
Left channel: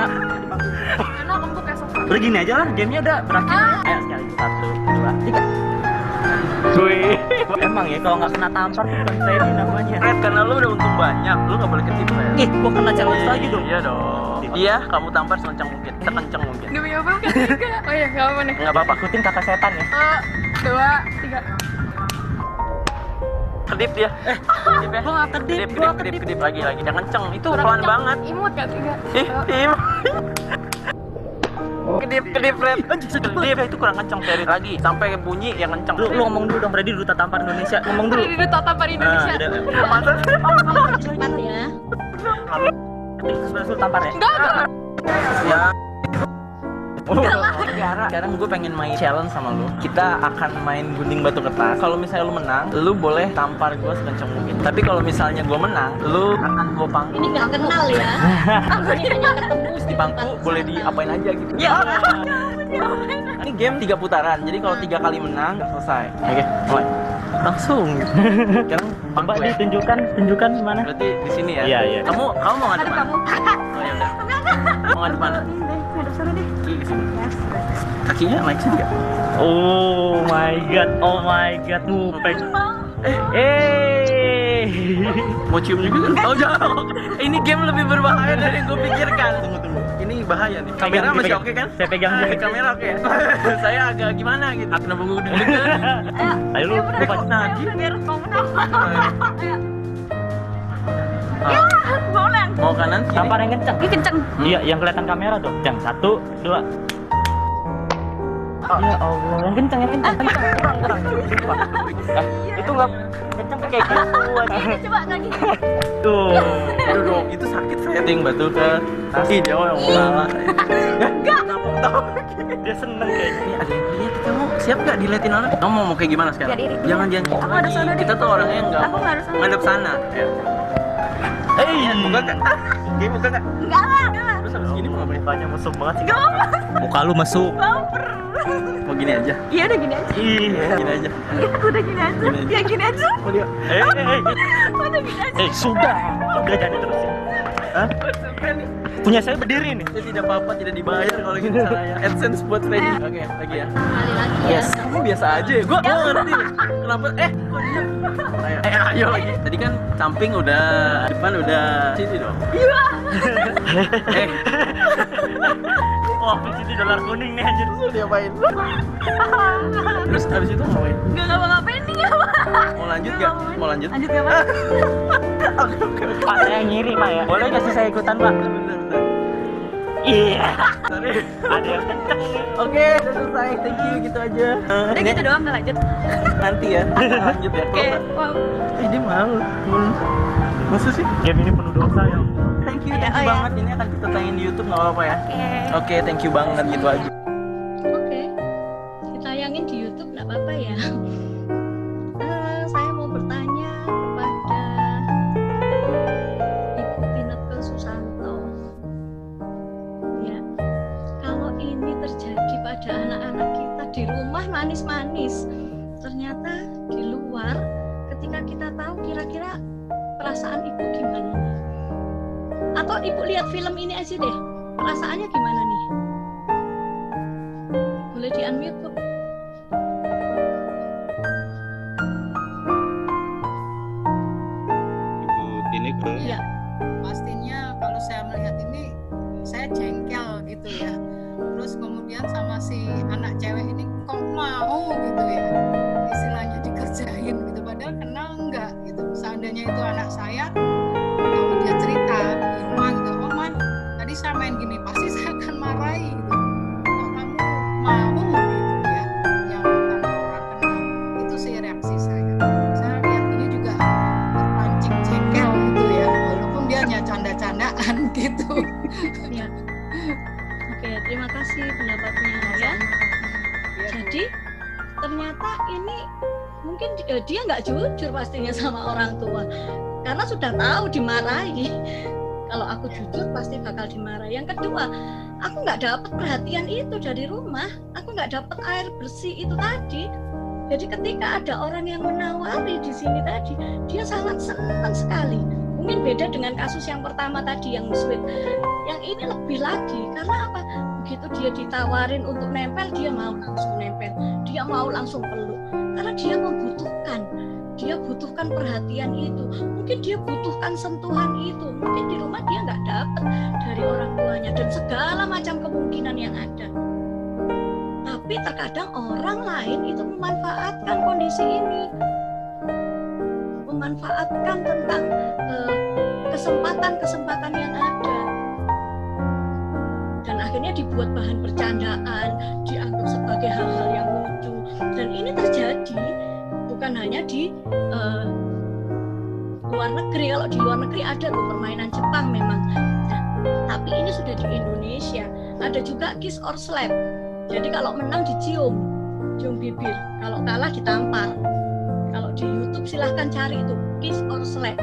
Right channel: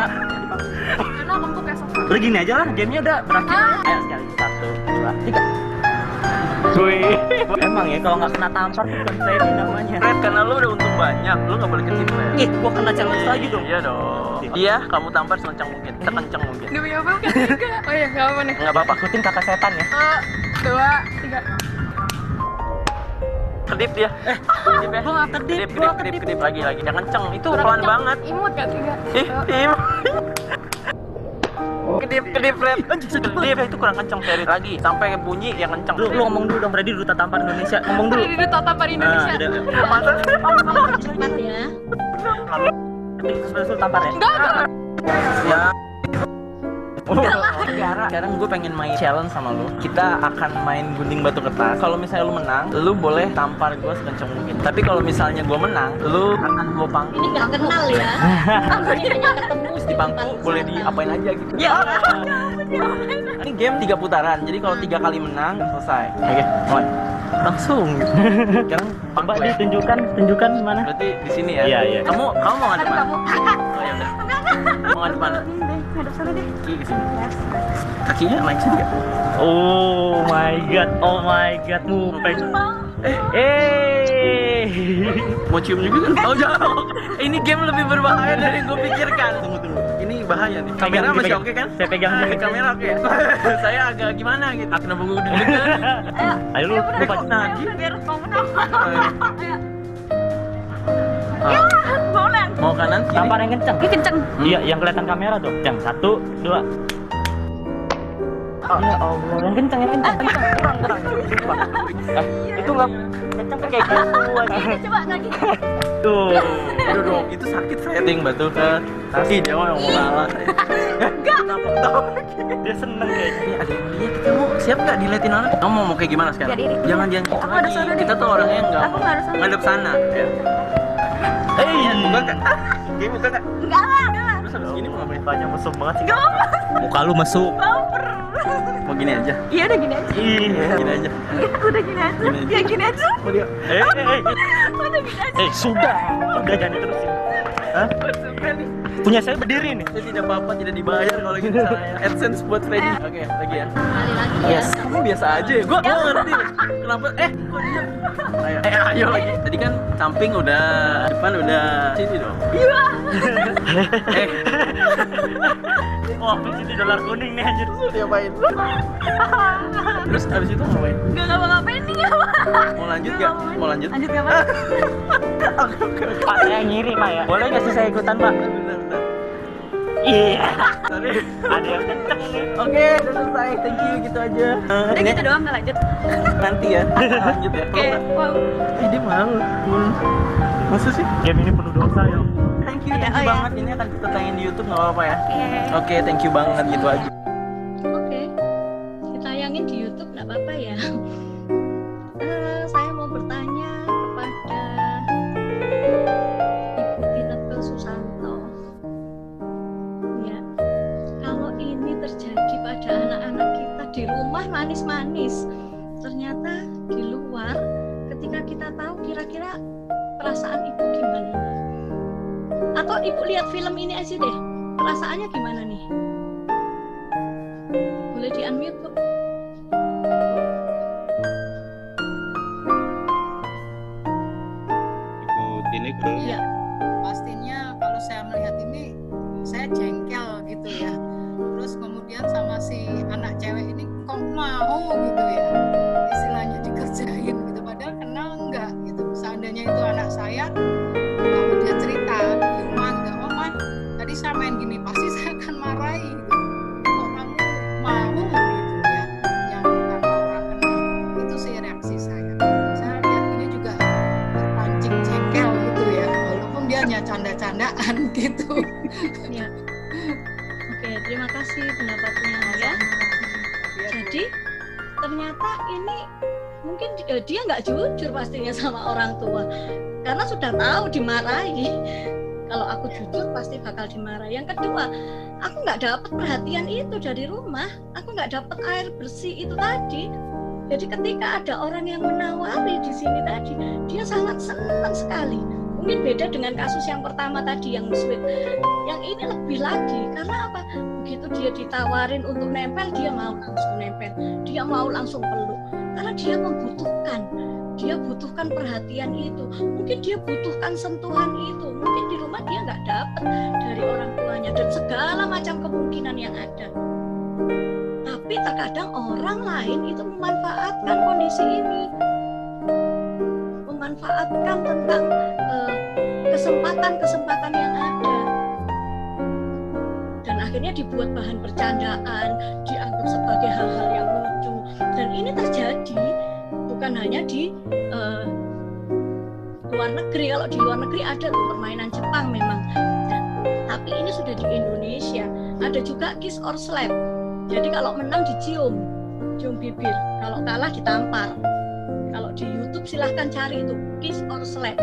Karena empuk ya sofa. Udah gini aja lah, gamenya udah berakhir. Ayo sekali, 1, 2, 3. Wih, emang ya kalau nggak kena tampar tuh bukan Freddy namanya. Fred, karena lu udah untung banyak, lu nggak boleh ketip Fred. Ih, gua kena challenge lagi dong. Iya dong. Iya, kamu tampar sekencang mungkin, sekencang mungkin. Demi apa bukan 3? Oh iya, nggak apa nih. Nggak apa-apa. Ikutin kata setan ya. 2, 3. Kedip dia. Kedip ya. Gua nggak kedip, gua kedip. Kedip lagi. Yang kenceng. Itu pelan banget. Imut kan 3. Ih. Kedip Fred. Kedip itu kurang kenceng Fred lagi. Sampai bunyi yang kenceng. Lu ngomong dulu dong, Freddy duta tampar Indonesia. Ngomong dulu. Di Duta Tampar Indonesia. Cepat ya. Terus lu tampar ya. Enggak. Ya. Sekarang gue pengen main challenge sama lu. Kita akan main gunting batu kertas. Kalau misalnya lu menang, lu boleh tampar gue sekencang mungkin. Tapi kalau misalnya gue menang, lu akan gue pangku. Ini nggak kenal ya. Ini hanya ketemu Di pangku boleh diapain aja gitu. Ya. Ini game 3 putaran. Jadi kalau 3 kali menang selesai. Oke, mulai. Langsung. Sekarang Coba pangku ya. tunjukkan mana. Berarti di sini ya. Iya, iya. Kamu mau ngadep mana? Oh ya udah. Mau ngadep mana? Ngadep sana deh. Kaki ke sini. Kakinya naik sini enggak? Oh my god, mupeng. Mau cium juga kan? Oh jangan. Ini game lebih berbahaya dari yang gue pikirkan. Tunggu. Ini bahaya nih. Kamera masih oke kan? Saya pegang juga. Kamera oke ya? Saya agak gimana gitu. Kenapa gue deg-degan? Ayo lu pasti lagi. Biar kamu menang. Boleh. Mau kanan kiri? Tampar yang kencang. Ini kenceng. Iya, yang kelihatan kamera tuh. Yang 1, 2. Ya Allah, yang kencang. Kurang. Itu nggak kencang kayak gitu aja. Ini coba lagi. Tuh. Aduh dong, itu sakit setting batu ke kaki dia yang mau kalah. Enggak. Kenapa ketawa? Dia seneng kayaknya. Ini ada yang lihat, kamu siap gak diliatin orang? Kamu mau kayak gimana sekarang? Gak diri. Jangan gitu Aku harus lagi. sana deh. Kita tuh orangnya yang Aku nggak harus sana. ngadep sana. Ya. Buka kak. Oke, buka kak. Enggak lah. Terus habis gini mau ngapain? Mukanya mesum banget sih. Muka lu mesum. Mau gini aja? Iya udah gini aja. Iya. Gini aja. Udah gini aja. Gini aja. Ya gini aja. Mau dia? Udah gini aja. Sudah jangan diterusin. Hah? Punya saya berdiri nih. Saya tidak apa-apa, tidak dibayar kalau gitu caranya. AdSense buat Freddy. Oke, lagi ya. Kali lagi ya. Yes. Kamu biasa aja ya. Gua ngerti. Kenapa? Kok dia? Ayo lagi. Tadi kan samping udah, depan udah. Sini dong. Iya. Wah, ini dolar kuning nih anjir. Diapain? Terus habis itu ngapain? Enggak ngapa-ngapain nih enggak. Mau lanjut gak? Mau lanjut? Lanjut enggak, Pak? Pak, saya ngiri Pak ya. Boleh nggak sih saya ikutan Pak? Bentar. Iya. Sorry. Ada yang kenceng nih. Oke, udah selesai. Thank you, gitu aja. Udah gitu doang enggak lanjut. Nanti ya. Lanjut ya. Oke. Wow. Dia mau. Masa sih? Game ini penuh dosa ya. Thank you Ya. banget. Ini akan kita tayangin di YouTube, nggak apa-apa ya? Oke, thank you banget gitu aja. Oke. Ditayangin di YouTube nggak apa-apa ya. Saya mau bertanya kepada Ibu Tineke Susanto. Ya, kalau ini terjadi pada anak-anak kita di rumah manis-manis, ternyata di luar ketika kita tahu kira-kira perasaan ibu gimana nih? Atau ibu lihat film ini aja deh, perasaannya gimana nih? Boleh di unmute Bu? Ibu Tineke. Iya. Pastinya kalau saya melihat ini saya jengkel gitu ya. Terus kemudian sama si anak cewek ini kok mau gitu ya, istilahnya dikerjain gitu, padahal kenal enggak gitu. Seandainya itu anak saya, kalau dia cerita di rumah gitu, oh man tadi saya main gini, pasti saya akan marahi gitu. Kok kamu mau gitu ya, yang tanpa orang kenal. Itu sih reaksi saya. Saya lihat ini juga terpancing jengkel gitu ya, walaupun dia hanya canda-candaan gitu. Ya. Oke, terima kasih pendapatnya ya. Jadi ternyata ini mungkin dia nggak jujur pastinya sama orang tua, karena sudah tahu dimarahi. Kalau aku jujur pasti bakal dimarahi. Yang kedua, aku nggak dapat perhatian itu dari rumah, aku nggak dapat air bersih itu tadi. Jadi ketika ada orang yang menawari di sini tadi, dia sangat senang sekali. Mungkin beda dengan kasus yang pertama tadi yang sweet. Yang ini lebih lagi karena apa? Begitu dia ditawarin untuk nempel, dia mau langsung nempel, dia mau langsung peluk karena dia membutuhkan. Dia butuhkan perhatian itu, mungkin dia butuhkan sentuhan itu, mungkin di rumah dia nggak dapat dari orang tuanya dan segala macam kemungkinan yang ada. Tapi terkadang orang lain itu memanfaatkan kondisi ini, memanfaatkan tentang kesempatan-kesempatan yang ada, dan akhirnya dibuat bahan bercandaan, dianggap sebagai hal-hal yang lucu. Dan ini terjadi bukan hanya di luar negeri. Kalau di luar negeri ada tuh permainan Jepang memang. Nah, tapi ini sudah di Indonesia. Ada juga kiss or slap. Jadi kalau menang dicium, cium bibir. Kalau kalah ditampar. Kalau di YouTube silahkan cari itu kiss or slap.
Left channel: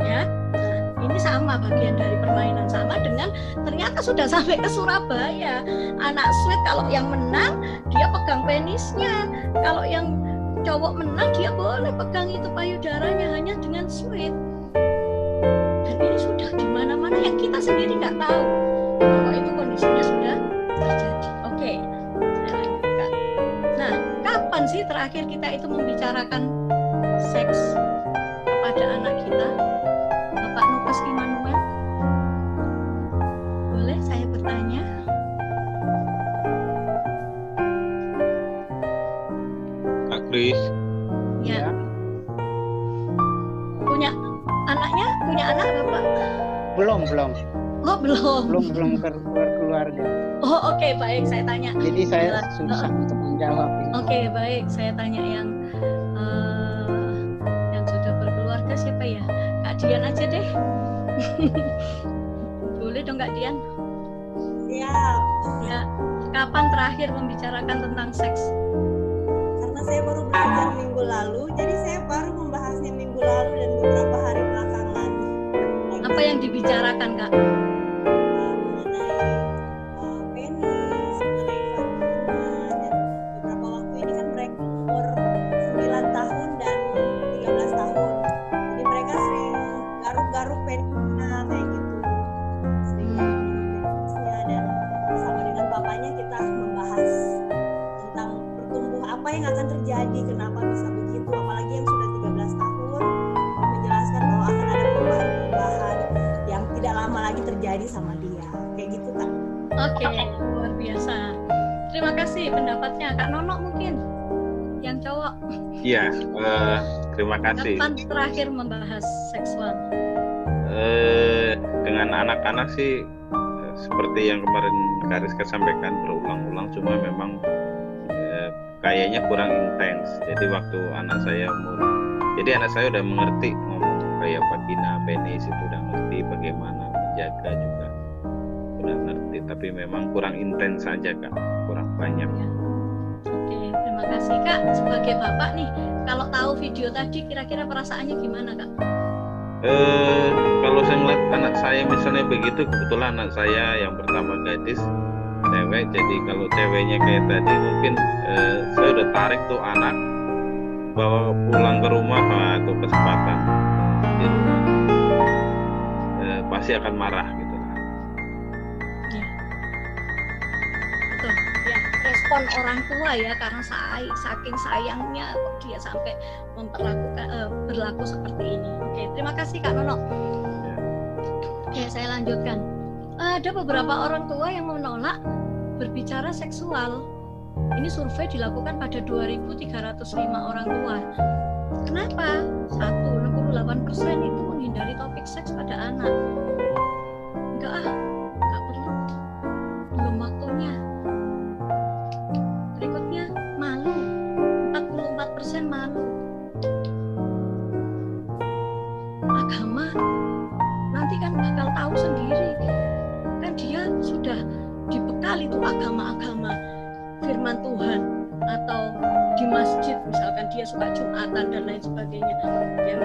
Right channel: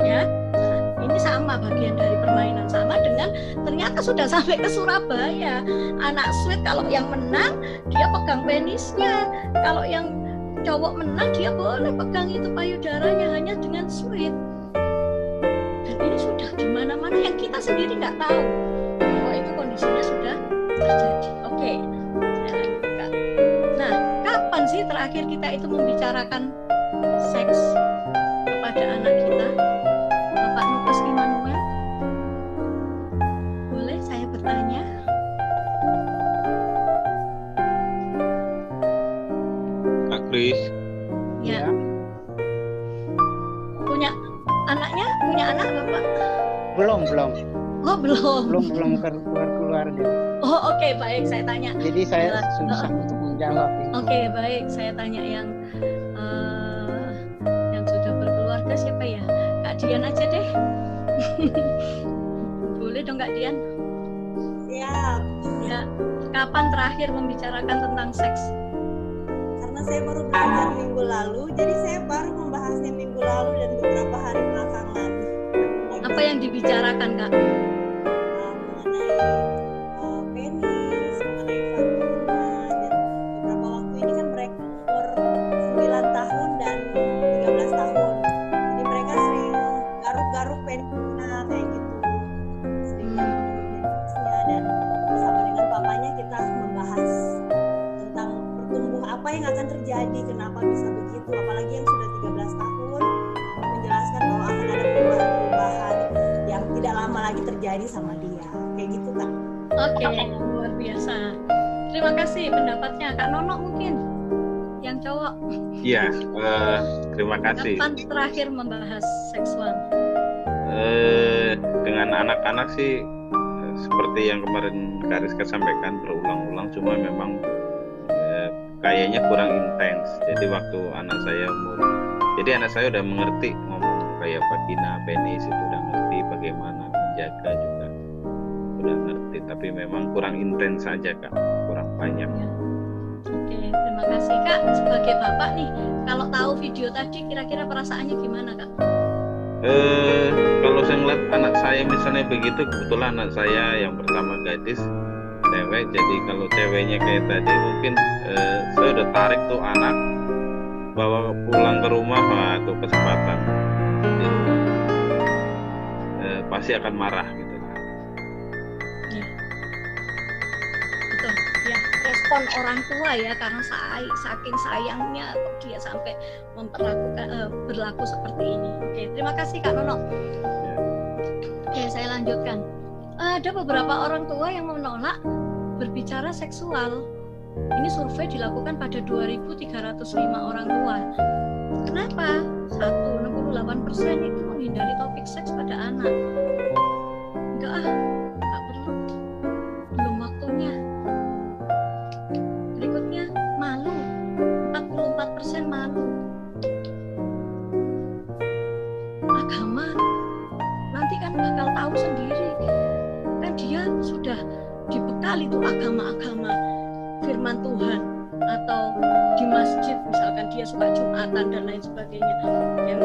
Ya. Nah, ini sama bagian dari permainan, sama dengan ternyata sudah sampai ke Surabaya. Anak sweet kalau yang menang dia pegang penisnya. Kalau yang cowok menang dia boleh pegang itu payudaranya hanya dengan sweet. Dan ini sudah di mana-mana yang kita sendiri nggak tahu bahwa itu kondisinya sudah terjadi. Oke, saya lanjutkan. Nah, kapan sih terakhir kita itu membicarakan seks kepada anak kita? Bapak Nukas Immanuel, boleh saya bertanya? Kris. Ya. Punya anak Bapak? Belum. Oh, belum. Belum keluarga. Oh, oke, baik, saya tanya. Jadi saya susah untuk menjawab ini. Oke, baik, saya tanya yang sudah berkeluarga siapa ya? Kak Dian aja deh. Boleh dong Kak Dian? Siap. Ya. Kapan terakhir membicarakan tentang seks? Karena saya baru belajar minggu lalu, jadi saya baru membahasnya minggu lalu dan beberapa hari belakangan. Apa yang dibicarakan, Kak? Mengenai penis, mengenai vagina, dan beberapa waktu ini kan mereka umur 9 tahun dan 13 tahun. Jadi mereka sering garuk-garuk penisnya kayak gitu. Sering garuk-garuk penisnya, dan bersama dengan papanya kita membahas tentang tumbuh apa yang akan terjadi, kenapa bisa begitu, apalagi yang sudah 13 tahun menjelaskan bahwa akan ada perubahan-perubahan yang tidak lama lagi terjadi sama dia, kayak gitu Kak. Oke, luar biasa. Terima kasih pendapatnya. Kak Nono mungkin yang cowok. Iya, terima kasih. Kapan terakhir membahas seksual? Dengan anak-anak sih seperti yang kemarin Kak Rizka sampaikan berulang-ulang, cuma memang kayaknya kurang intens. Jadi waktu anak saya udah mengerti ngomong kayak vagina, penis itu udah ngerti, bagaimana menjaga juga udah ngerti, tapi memang kurang intens saja Kak, kurang banyak. Ya. Oke, terima kasih Kak. Sebagai bapak nih, kalau tahu video tadi kira-kira perasaannya gimana Kak? Kalau saya ngeliat anak saya misalnya begitu, kebetulan anak saya yang pertama gadis, cewek, jadi kalau ceweknya kayak tadi mungkin saya udah tarik tuh anak bawa pulang ke rumah, tuh kesempatan di rumah pasti akan marah gitu lah. Ya. Betul ya, respon orang tua ya, karena saking sayangnya kok dia sampai berlaku seperti ini. Oke, terima kasih Kak Nono. Ya. Oke, saya lanjutkan. Ada beberapa orang tua yang menolak berbicara seksual. Ini survei dilakukan pada 2.305 orang tua. Kenapa? 68% itu menghindari topik seks pada anak. Enggak perlu. Belum waktunya. Berikutnya, malu. 44% malu. Agama nanti kan bakal tahu sendiri. Kan dia sudah dibekali tuh agama-agama firman Tuhan, atau di masjid misalkan dia suka Jumatan dan lain sebagainya, yang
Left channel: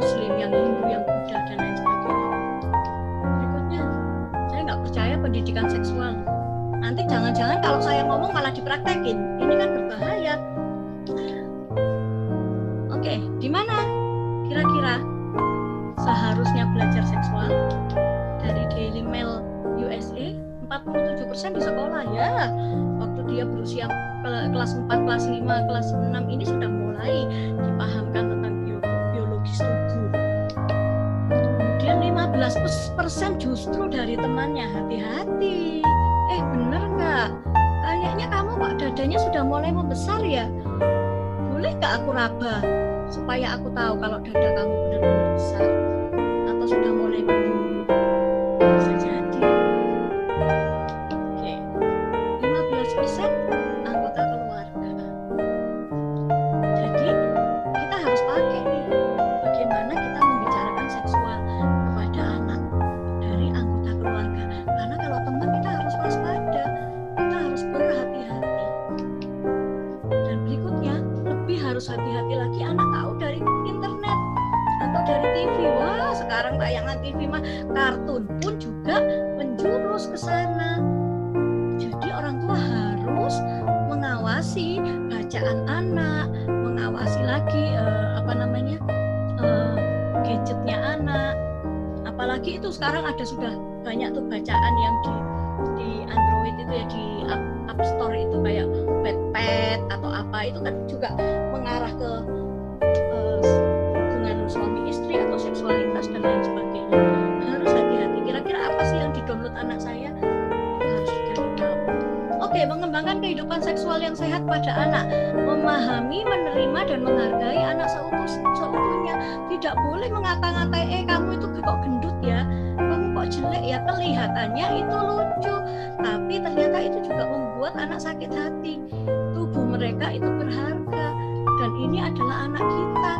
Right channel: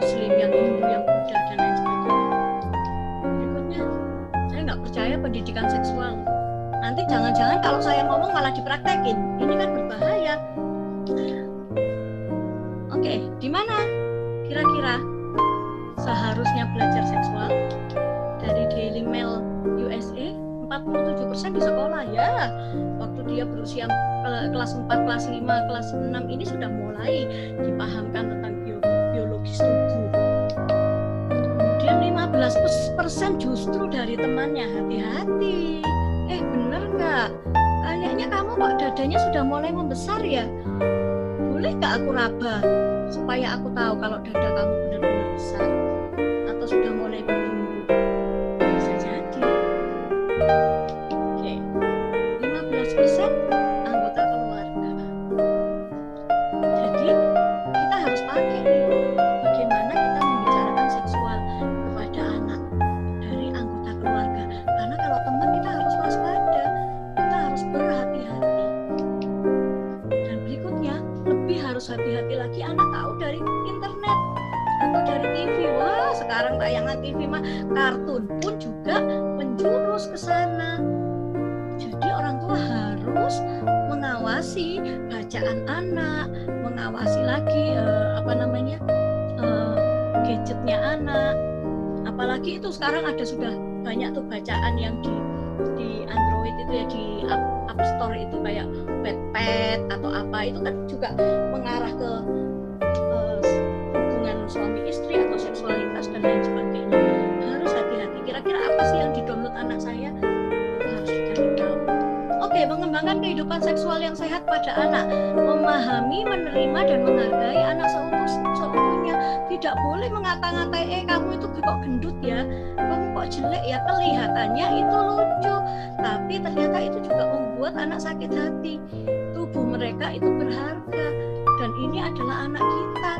Muslim, yang Hindu, yang Buddha dan lain sebagainya. Berikutnya, saya nggak percaya pendidikan seksual. Nanti jangan-jangan kalau saya ngomong malah dipraktekin, ini kan berbahaya. Oke, di mana kira-kira seharusnya belajar seksual. Dari Daily Mail USA, 47% di sekolah ya. Waktu dia berusia kelas 4, kelas 5, kelas 6 ini sudah mulai dipahamkan tentang biologis tubuh. Kemudian 15% justru dari temannya, hati-hati. Bener nggak? Kayaknya kamu kok dadanya sudah mulai membesar ya? Boleh nggak aku raba supaya aku tahu kalau dada kamu benar-benar besar atau sudah mulai bertumbuh? Bisa jadi. Oke, 15% anggota keluarga. Jadi kita harus pakai nih bagaimana kita membicarakan seksual kepada anak dari anggota keluarga. Karena kalau teman kita harus waspada, kita harus berhati-hati. Dan berikutnya lebih harus hati-hati lagi anak tahu dari internet atau dari TV. Wah, sekarang tayangan TV mah kartun pun juga menjurus ke sana. Jadi orang tua harus mengawasi bacaan anak, mengawasi lagi gadgetnya anak. Apalagi itu sekarang ada sudah banyak tuh bacaan yang di Android itu ya, di App Store itu kayak Wattpad atau apa, itu kan juga mengarah ke hubungan suami istri atau seksualitas dan lain sebagainya. Harus hati-hati. Kira-kira apa sih yang di-download anak saya? Itu harus dicari tahu. Oke, mengembangkan kehidupan seksual yang sehat pada anak, memahami, menerima dan menghargai anak seutuhnya. Tidak boleh mengata-ngatai, kamu itu kok gendut ya, kamu kok jelek ya, kelihatannya itu lucu, tapi ternyata itu juga membuat anak sakit hati. Tubuh mereka itu berharga dan ini adalah anak kita.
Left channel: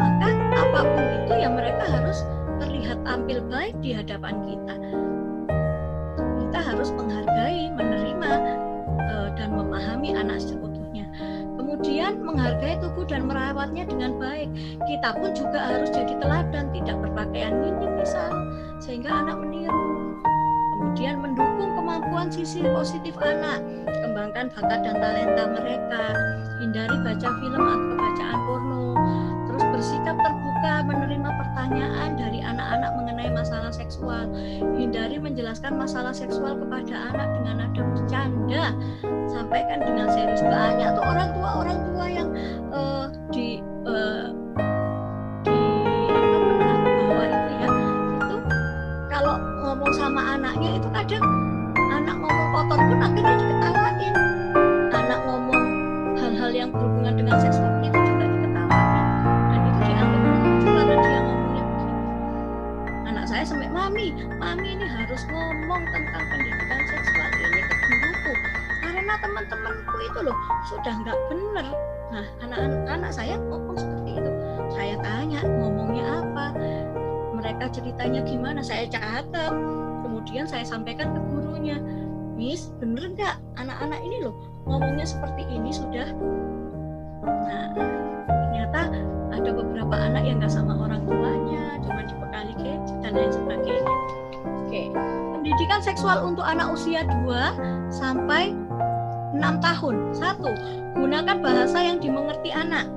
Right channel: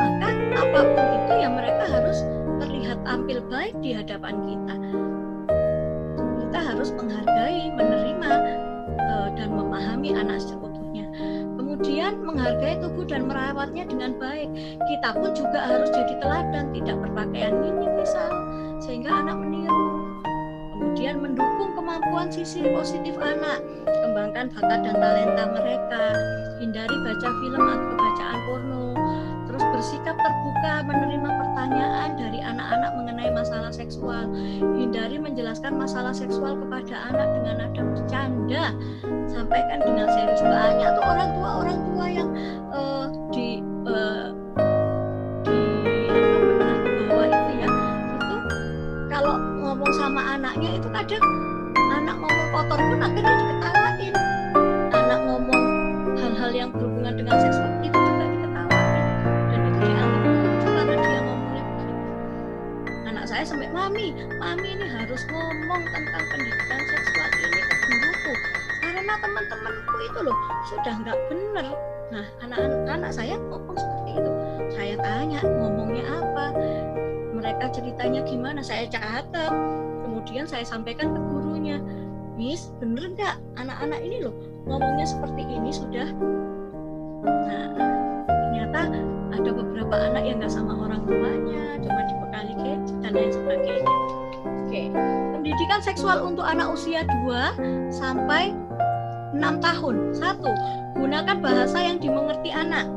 Maka apapun itu ya mereka harus terlihat tampil baik di hadapan kita. Kita harus menghargai, menerima dan memahami anak seutuhnya. Kemudian menghargai tubuh dan merawatnya dengan baik. Kita pun juga harus jadi teladan, tidak berpakaian minim misal, sehingga anak meniru. Kemudian mendukung kemampuan sisi positif anak, kembangkan bakat dan talenta mereka, hindari baca film atau bacaan porno, terus bersikap terbuka menerima pertanyaan dari anak-anak mengenai masalah seksual, hindari menjelaskan masalah seksual kepada anak dengan nada bercanda, sampaikan dengan serius. Banyak tuh orang tua yang di menengah ke bawah itu ya, itu kalau ngomong sama anaknya itu kadang anak ngomong kotor pun akhirnya diketawain, anak ngomong hal-hal yang berhubungan dengan seksual itu juga diketawain, dan itu dianggap lucu karena dia ngomongnya begitu. Anak saya sampai, mami ini harus ngomong tentang pendidikan seksual ini ke guruku karena teman-temanku itu loh sudah nggak bener. Nah, anak saya ngomong seperti itu. Saya tanya ngomongnya apa, mereka ceritanya gimana, saya catat, kemudian saya sampaikan ke gurunya. Miss, bener nggak anak-anak ini loh ngomongnya seperti ini sudah. Nah, ternyata ada beberapa anak yang nggak sama orang tuanya, cuma dibekali gadget dan lain sebagainya. Oke, pendidikan seksual untuk anak usia 2 sampai 6 tahun. 1. Gunakan bahasa yang dimengerti anak.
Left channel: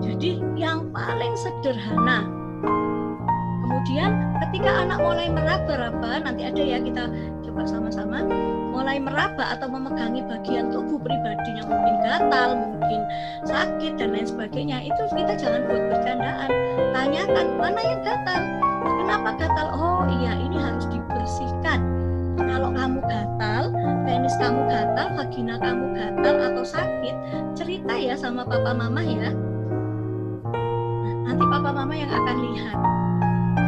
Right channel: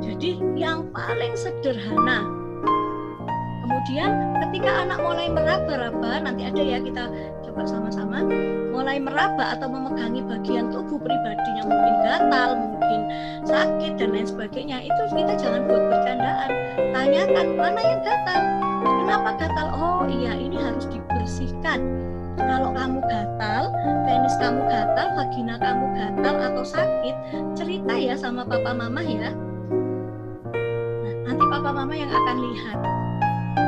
Jadi yang paling sederhana. Kemudian ketika anak mulai meraba-raba, nanti ada ya kita coba sama-sama, mulai meraba atau memegangi bagian tubuh pribadinya, mungkin gatal, mungkin sakit dan lain sebagainya, itu kita jangan buat bercandaan. Tanyakan mana yang gatal, kenapa gatal, oh iya ini harus dibersihkan. Kalau kamu gatal, penis kamu gatal, vagina kamu gatal atau sakit, cerita ya sama papa mama ya. Nah, nanti papa mama yang akan lihat,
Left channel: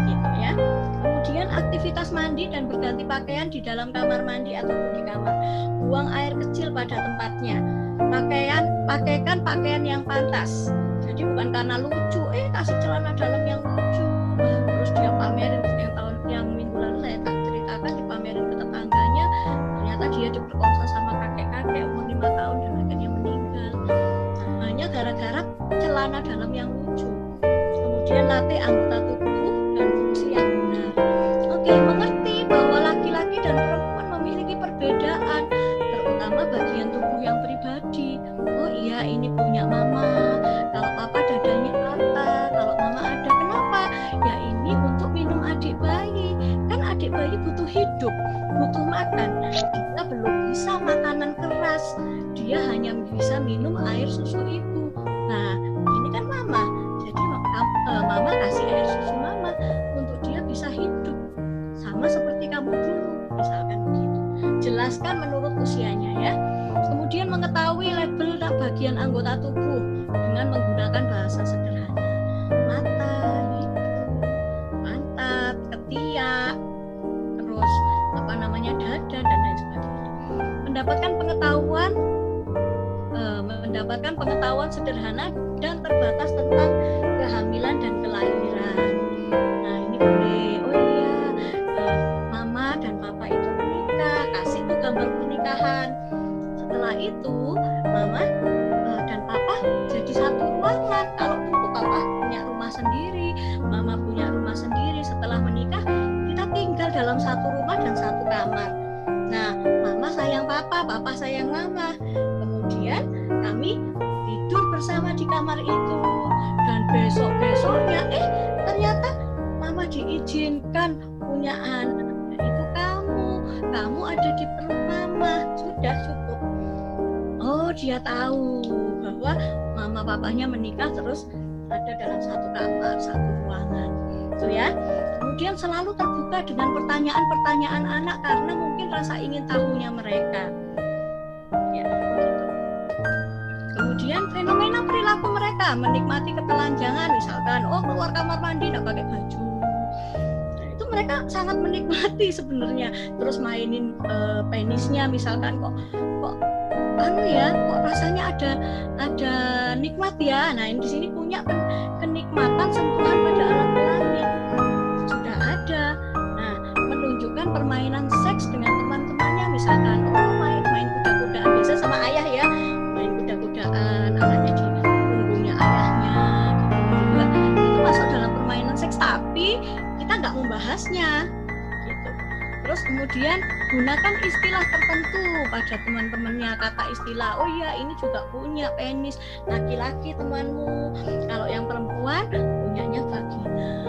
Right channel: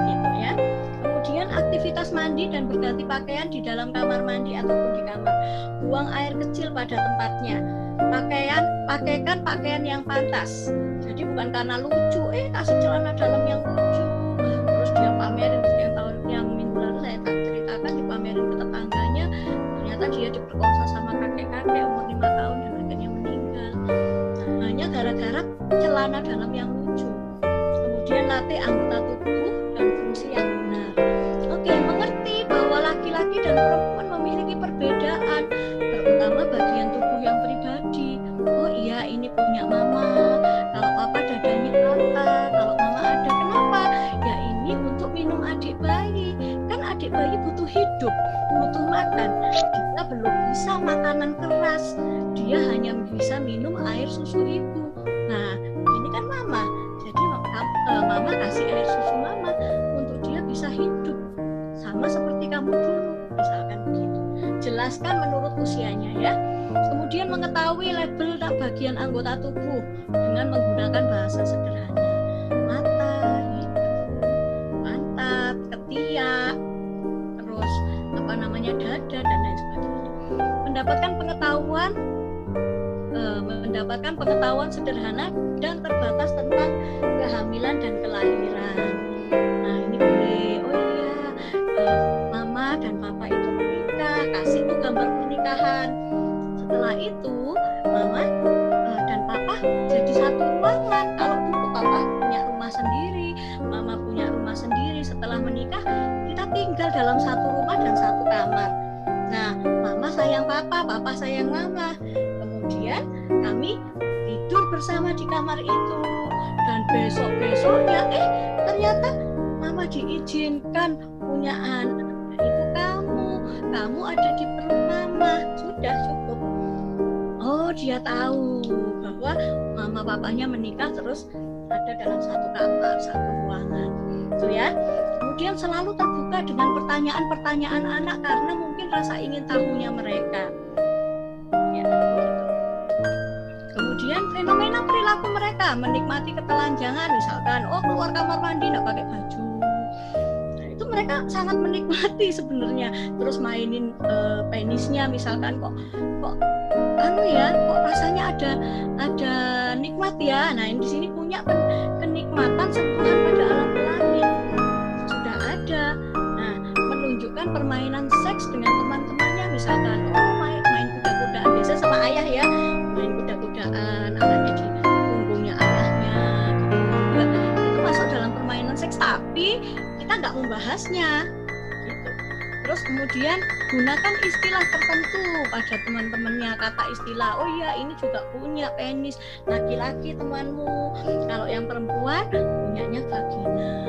gitu ya. Kemudian aktivitas mandi dan berganti pakaian di dalam kamar mandi ataupun di kamar. Buang air kecil pada tempatnya. Pakaikan pakaian yang pantas. Jadi bukan karena lucu, kasih celana dalam yang lucu, terus dia pamerin yang minggu lalu saya tak ceritakan, dipamerin ke tetangganya, ternyata dia diperkosa sama kakek-kakek umur 5 tahun dan akhirnya meninggal. Nah, hanya gara-gara celana dalam yang lucu. Kemudian latih anggota tubuh dan fungsi yang benar. Oke, mengerti bahwa laki-laki dan perempuan memiliki perbedaan terutama bagian tubuh yang pribadi. Oh iya, ini punya mama, kalau papa dadanya rata, kalau mama ada. Kenapa? Ya ini untuk minum adik bayi. Kan adik bayi butuh hidup, butuh makan. Dia belum bisa makanan keras, dia hanya bisa minum air susu ibu. Nah ini kan mama, jadi mama kasih air susu mama untuk dia bisa hidup sama seperti kamu dulu, misalkan begitu. Jelaskan menurut usianya ya. Kemudian mengetahui label dan bagian anggota tubuh dengan menggunakan bahasa sederhana. Mata, hidung, pantat, ketiak, terus dada dan lain sebagainya. Mendapatkan pengetahuan sederhana dan terbatas tentang kehamilan dan kelahiran. Nah ini boleh, oh iya, mama dan papa itu menikah, kasih tuh gambar pernikahan. Setelah itu mama dan papa jadi satu ruangan. Kalau dulu papa punya rumah sendiri, mama punya rumah sendiri. Setelah menikah kita tinggal dalam satu rumah dan satu kamar. Nah mama sayang papa, papa sayang mama. Kemudian kami tidur bersama di kamar itu. Dan besok-besoknya ternyata mama diizinkan punya anak. Itu kamu ada di perut mama. Sudah cukup. Oh dia tahu bahwa mama papanya menikah terus ada dalam satu kamar, satu ruangan. Itu ya. Kemudian selalu terbuka dengan pertanyaan-pertanyaan anak karena mungkin rasa ingin tahunya mereka. Ya, gitu. Kemudian fenomena perilaku mereka, menikmati ketelanjangan, misalkan keluar kamar mandi nggak pakai baju. Nah, itu mereka sangat menikmati sebenarnya. Terus mainin penisnya, misalkan kok rasanya ada nikmat ya. Nah ini di sini punya kenikmatan sentuhan pada alat kelamin sudah ada. Nah menunjukkan permainan seks dengan teman-temannya, misalkan main kuda-kudaan biasa sama ayah ya, main kuda-kudaan, alatnya di punggungnya ayahnya gitu. Itu masuk dalam permainan seks, tapi kita nggak membahasnya gitu. Terus kemudian gunakan istilah tertentu pada teman-temannya, kata istilah, oh iya ini juga punya penis, laki-laki temanmu, kalau yang perempuan punyanya vagina.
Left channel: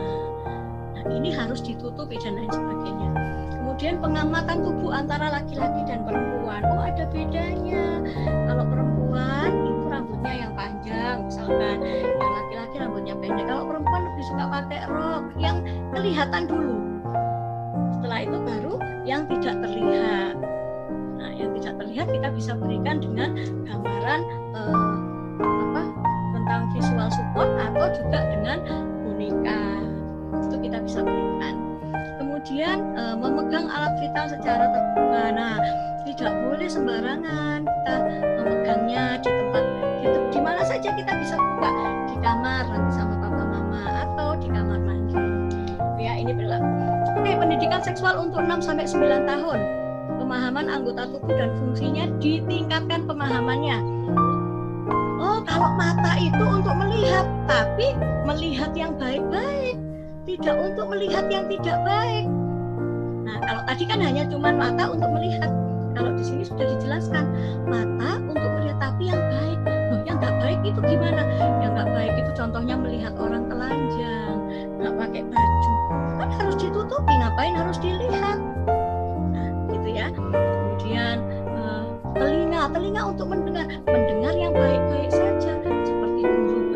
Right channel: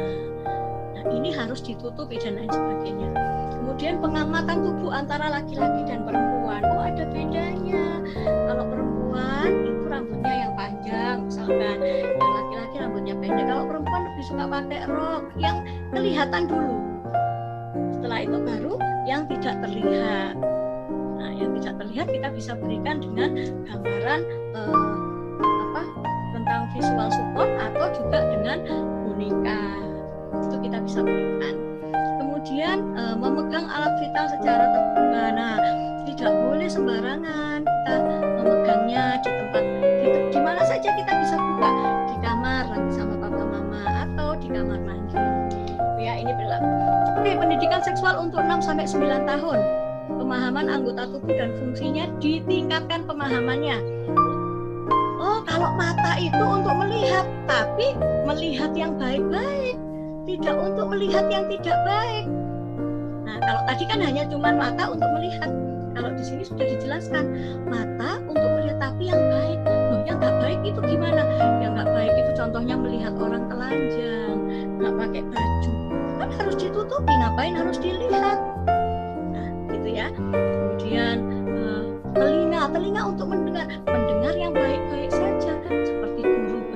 Nah ini harus ditutupi dan lain sebagainya. Kemudian pengamatan tubuh antara laki-laki dan perempuan, oh ada bedanya. Kalau perempuan itu rambutnya yang panjang, misalkan yang laki-laki rambutnya pendek. Kalau perempuan lebih suka pakai rok yang kelihatan dulu. Setelah itu baru yang tidak terlihat. Nah, yang tidak terlihat kita bisa berikan dengan gambaran tentang visual support atau juga dengan boneka. Itu kita bisa berikan. Kemudian memegang alat vital secara terbuka. Nah, tidak boleh sembarangan kita memegangnya di tempat di mana saja kita bisa buka, di kamar nanti sama papa mama atau di kamar mandi. Ya, ini berlaku. Oke, pendidikan seksual untuk 6-9 tahun. Pemahaman anggota tubuh dan fungsinya ditingkatkan pemahamannya. Oh, kalau mata itu untuk melihat, tapi melihat yang baik-baik, tidak untuk melihat yang tidak baik. Nah, kalau tadi kan hanya cuma mata untuk melihat. Kalau di sini sudah dijelaskan, mata untuk melihat tapi yang baik. Loh, yang nggak baik itu gimana? Yang nggak baik itu contohnya melihat orang telanjang, nggak pakai baju. Kan harus ditutupi, ngapain harus dilihat? Nah, gitu ya. Kemudian telinga untuk mendengar yang baik-baik saja, seperti guru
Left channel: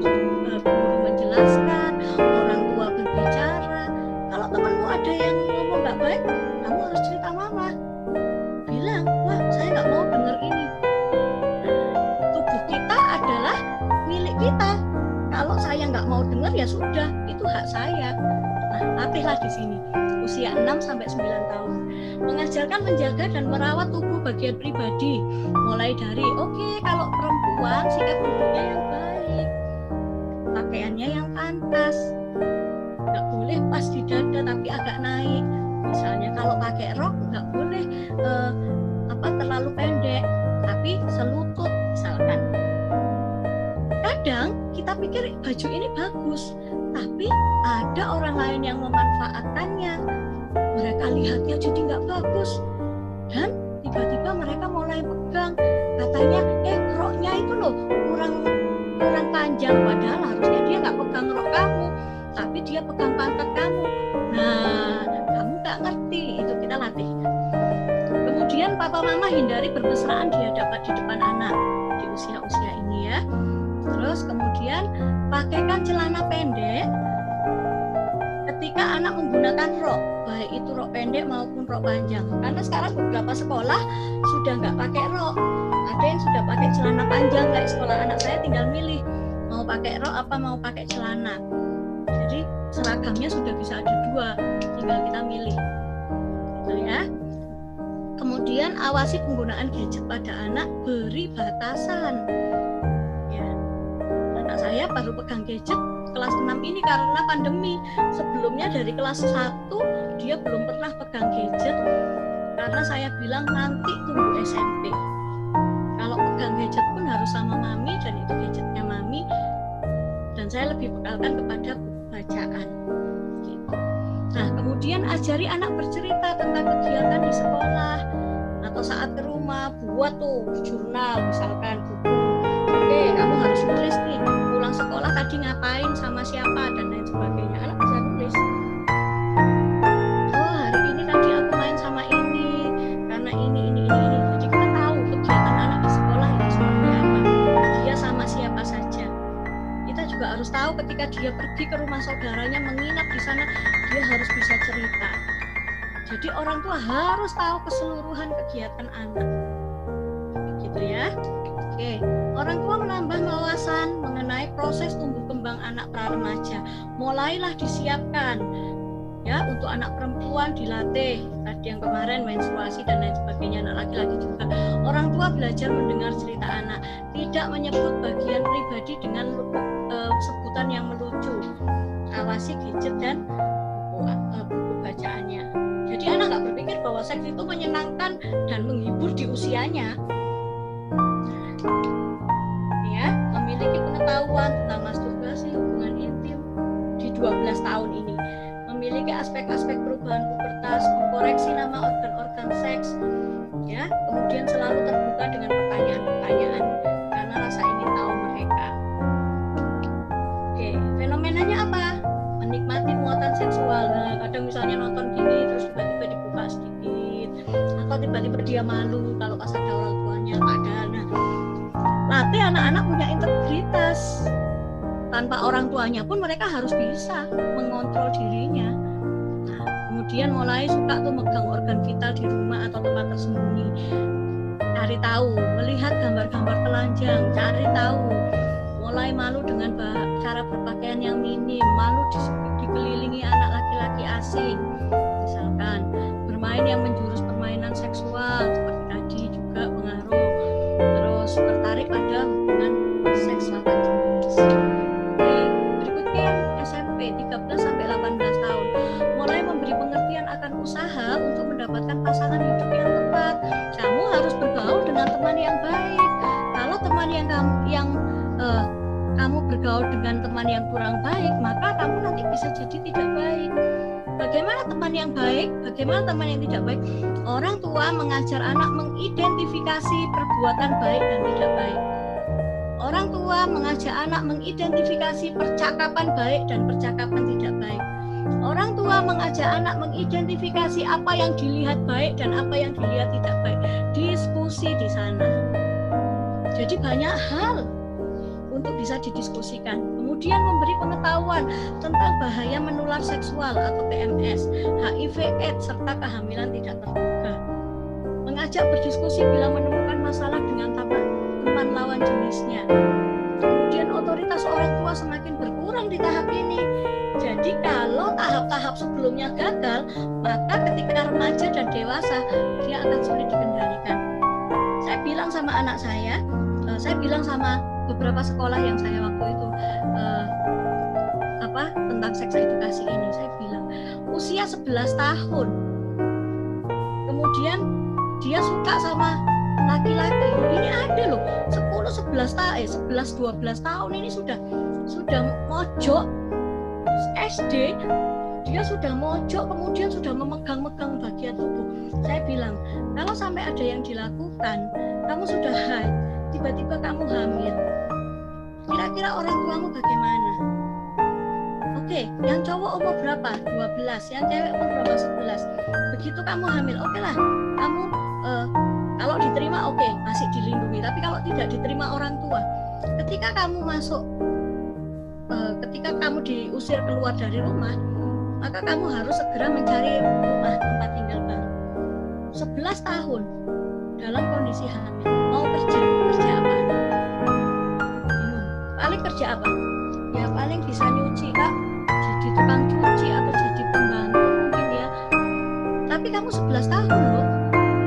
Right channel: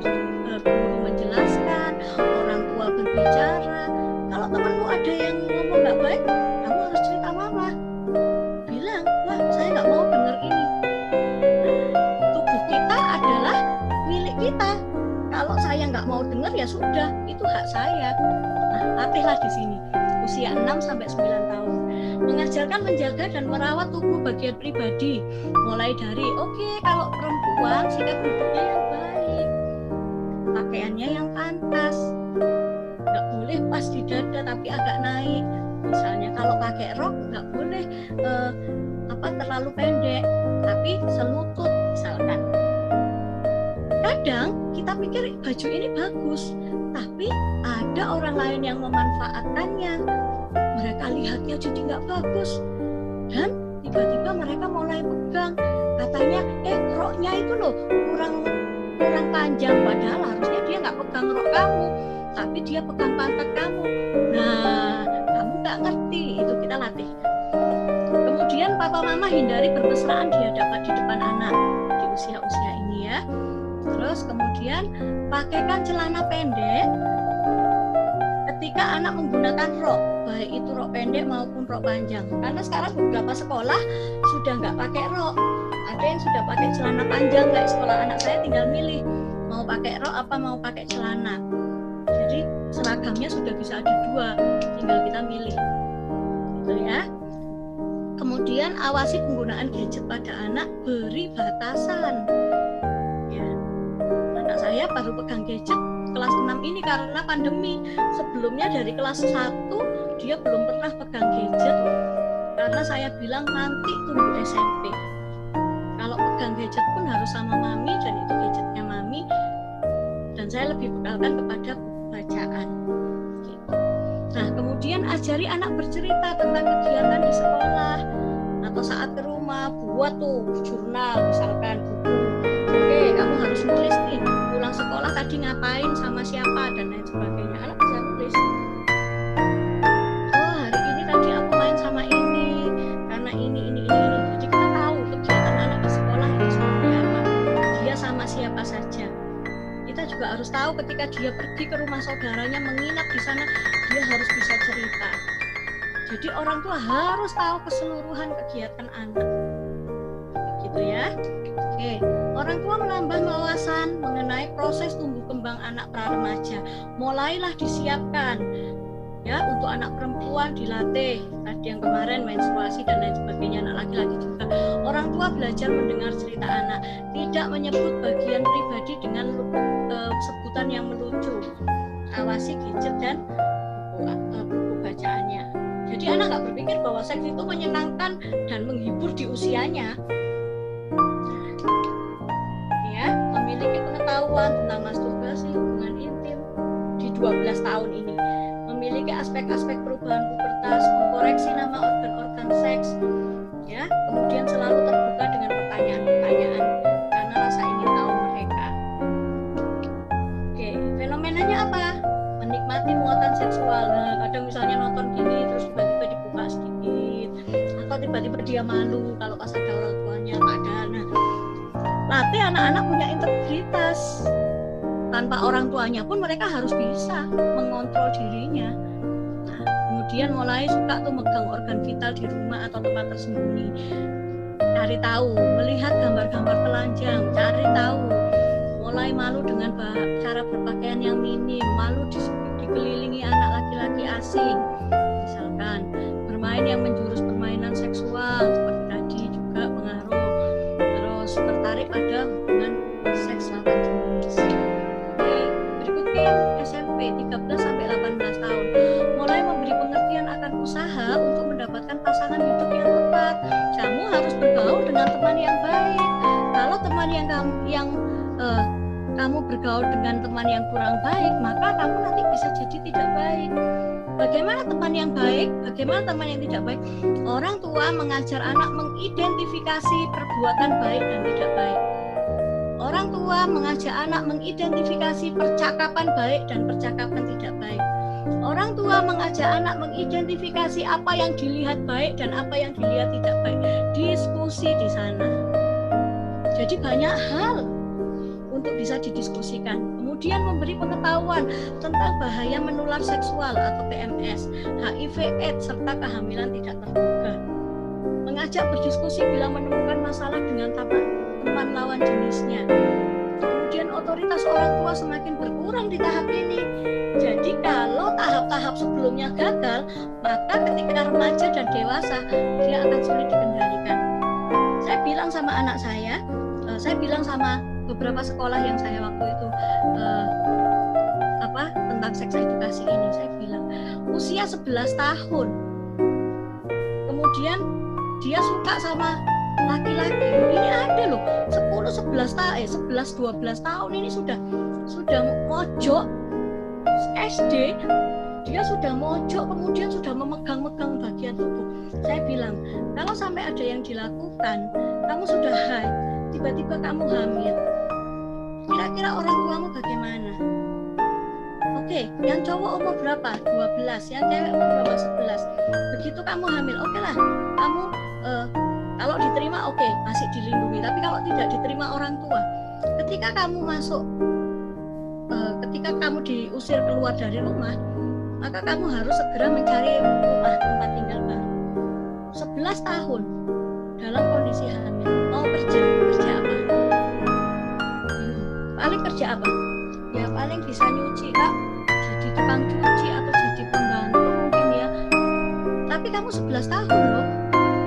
menjelaskan, orang tua berbicara. Kalau temanmu ada yang ngomong nggak baik, kamu harus cerita mama. Bilang, wah saya nggak mau dengar ini. Tubuh kita adalah milik kita. Kalau saya nggak mau dengar ya sudah, itu hak saya. Nah, latihlah di sini usia 6-9 tahun. Mengajarkan menjaga dan merawat tubuh bagian pribadi. Mulai dari kalau perempuan sikap duduknya yang baik, pakaiannya yang pantas, nggak boleh pas di dada tapi agak naik. Misalnya kalau pakai rok nggak boleh terlalu pendek, tapi selutut misalkan. Kadang kita pikir baju ini bagus, tapi ada orang lain yang memanfaatkannya. Mereka lihatnya jadi nggak bagus dan tiba-tiba mereka mulai pegang, katanya roknya itu loh kurang panjang, padahal harusnya dia nggak pegang rok kamu, tapi dia pegang pantat kamu. Nah, kamu nggak ngerti, itu kita latih. Kemudian papa mama hindari bermesraan di depan anak di usia-usia ini ya. Terus kemudian pakaikan celana pendek ketika anak menggunakan rok, baik itu rok pendek maupun rok panjang. Karena sekarang beberapa sekolah sudah nggak pakai rok, ada yang sudah pakai celana panjang. Kayak sekolah anak saya tinggal milih mau pakai rok apa mau pakai celana. Jadi seragamnya sudah bisa ada 2, tinggal kita milih, gitu ya. Kemudian awasi penggunaan gadget pada anak, beri batasan. Ya, anak saya baru pegang gadget kelas 6 ini karena pandemi. Sebelumnya dari kelas 1 dia belum pernah pegang gadget karena saya bilang nanti tunggu SMP. Kalau pegang gadget pun harus sama mami dan itu gadgetnya mami, dan saya lebih bekalkan kepada buku bacaan gitu. Nah, kemudian ajari anak bercerita tentang kegiatan di sekolah atau saat ke rumah, buat tuh jurnal misalkan, buku. Oke, kamu harus nulis nih, pulang sekolah tadi ngapain sama siapa dan lain sebagainya. Anak bisa nulis. Oh, hari ini tadi aku main sama ini karena ini. Jadi kita tahu kegiatan anak di sekolah itu seperti apa. Dia sama siapa saja. Kita juga harus tahu ketika dia pergi ke rumah saudaranya menginap di sana, dia harus bisa cerita. Jadi orang tua harus tahu keseluruhan kegiatan anak, gitu ya. Oke, orang tua menambah wawasan mengenai proses tumbuh kembang anak pra-remaja. Mulailah disiapkan, ya, untuk anak perempuan dilatih. Tadi yang kemarin menstruasi dan lain sebagainya, anak laki-laki juga. Orang tua belajar mendengar cerita anak, tidak menyebut bagian pribadi dengan sebutan yang melucu. Awasi gadget dan buku bacaannya. Jadi anak nggak berpikir bahwa seks itu menyenangkan dan menghibur di usianya. Ya, memiliki pengetahuan tentang masturbasi, hubungan intim di 12 tahun ini. Memiliki aspek-aspek perubahan pubertas, mengkoreksi nama organ-organ seks, ya. Kemudian selalu terbuka dengan pertanyaan-pertanyaan karena rasa ingin tahu mereka. Oke, fenomenanya apa? Menikmati muatan seksual. Nah, kadang misalnya nonton gini terus tiba-tiba dibuka sedikit, atau tiba-tiba dia malu kalau pas ada orang tuanya padahal. Nah, latih anak-anak punya integritas. Tanpa orang tuanya pun mereka harus bisa mengontrol dirinya. Nah, kemudian mulai suka tuh megang organ vital di rumah atau tempat tersembunyi. Cari tahu, melihat gambar-gambar telanjang, cari tahu. Mulai malu dengan cara berpakaian yang minim, malu dikelilingi anak laki-laki asing, misalkan bermain yang menjurus permainan seksual seperti tadi juga pengaruh. Terus tertarik pada hubungan seks lawan jenis. Oke, berikutnya yang SMP 13 sampai 18 tahun, mulai memberi pengertian akan usaha untuk mendapatkan pasangan hidup yang tepat. Kamu harus bergaul dengan teman yang baik. Kalau teman yang kamu bergaul dengan teman yang kurang baik, maka kamu nanti bisa jadi tidak baik. Bagaimana teman yang baik? Bagaimana teman yang tidak baik? Orang tua mengajar anak mengidentifikasi perbuatan baik dan tidak baik. Orang tua mengajak anak mengidentifikasi percakapan baik dan percakapan tidak baik. Orang tua mengajak anak mengidentifikasi apa yang dilihat baik dan apa yang dilihat tidak baik. Diskusi di sana. Jadi banyak hal untuk bisa didiskusikan. Kemudian memberi pengetahuan tentang bahaya menular seksual atau PMS, HIV/AIDS serta kehamilan tidak terduga. Mengajak berdiskusi bila menemukan masalah dengan teman lawan jenisnya. Kemudian otoritas orang tua semakin berkurang di tahap ini. Jadi kalau tahap-tahap sebelumnya gagal, maka ketika remaja dan dewasa dia akan sulit dikendalikan. Saya bilang sama anak saya bilang sama beberapa sekolah yang saya waktu itu tentang seks edukasi ini, saya bilang usia 11 tahun kemudian dia suka sama laki-laki, ini ada loh 11-12 tahun ini sudah mojok SD dia sudah mojok, kemudian sudah memegang-megang bagian tubuh. Saya bilang, kalau sampai ada yang dilakukan, kamu sudah haid, tiba-tiba kamu hamil, kira-kira orang tuamu bagaimana? Oke, yang cowok umur berapa? 12, yang cewek umur berapa? 11. Begitu kamu hamil, oke lah, kamu kalau diterima oke, masih dilindungi. Tapi kalau tidak diterima orang tua, ketika kamu masuk, ketika kamu diusir keluar dari rumah, maka kamu harus segera mencari rumah tempat tinggal baru. 11 tahun dalam kondisi hamil, mau kerja apa? Paling kerja apa? Ya paling bisa nyuci, Kak, jadi tukang cuci atau jadi pembantu mungkin ya. Tapi kamu 11 tahun loh,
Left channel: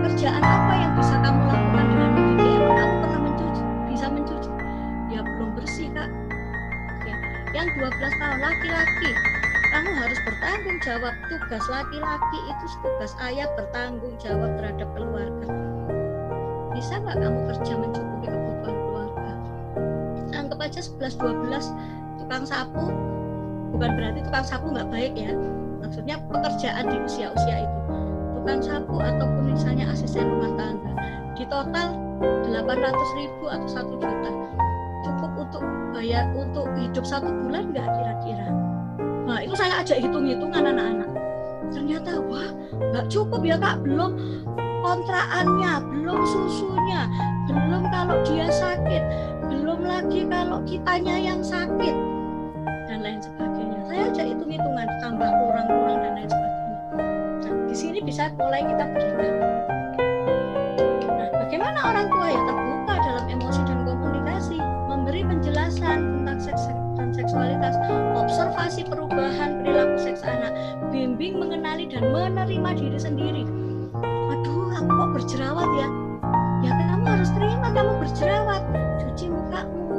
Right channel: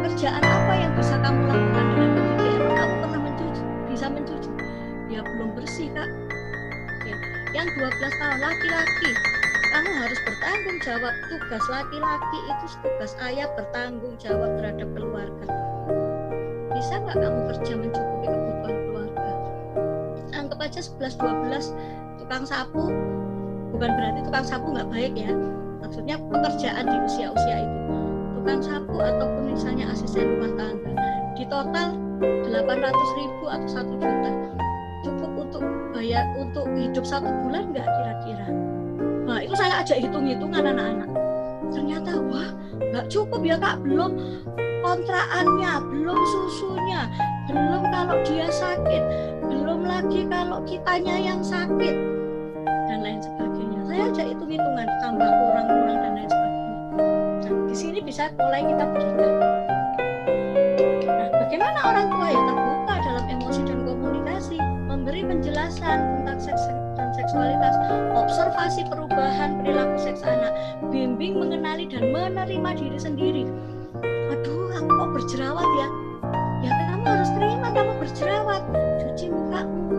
kerjaan apa yang bisa kamu lakukan dengan mencuci? Emang kamu pernah mencuci? Bisa mencuci? Ya belum bersih, Kak. Oke. Yang 12 tahun laki-laki, kamu harus bertanggung jawab. Tugas laki-laki itu tugas ayah, bertanggung jawab terhadap keluarga. Bisa nggak kamu kerja mencukupi kebutuhan keluarga? Anggap aja 11-12 tukang sapu, bukan berarti tukang sapu nggak baik ya, maksudnya pekerjaan di usia-usia itu, tukang sapu ataupun misalnya asisten rumah tangga, di total 800.000 atau 1 juta, cukup untuk bayar untuk hidup 1 bulan nggak kira-kira? Nah itu saya ajak hitung-hitungan anak-anak, ternyata wah nggak cukup ya Kak, belum kontraannya, belum susunya, belum kalau dia sakit, belum lagi kalau kitanya yang sakit dan lain sebagainya. Saya ajak hitung-hitungan, tambah kurang-kurang dan lain sebagainya. Nah di sini bisa mulai kita berikan. Nah bagaimana orang tua ya terbuka dalam emosi dan komunikasi, memberi penjelasan tentang seks dan seksualitas, observasi perubahan perilaku seks anak, bimbing mengenali dan menerima diri sendiri. Aduh, aku kok berjerawat ya? Ya kamu harus terima kamu berjerawat, cuci mukamu.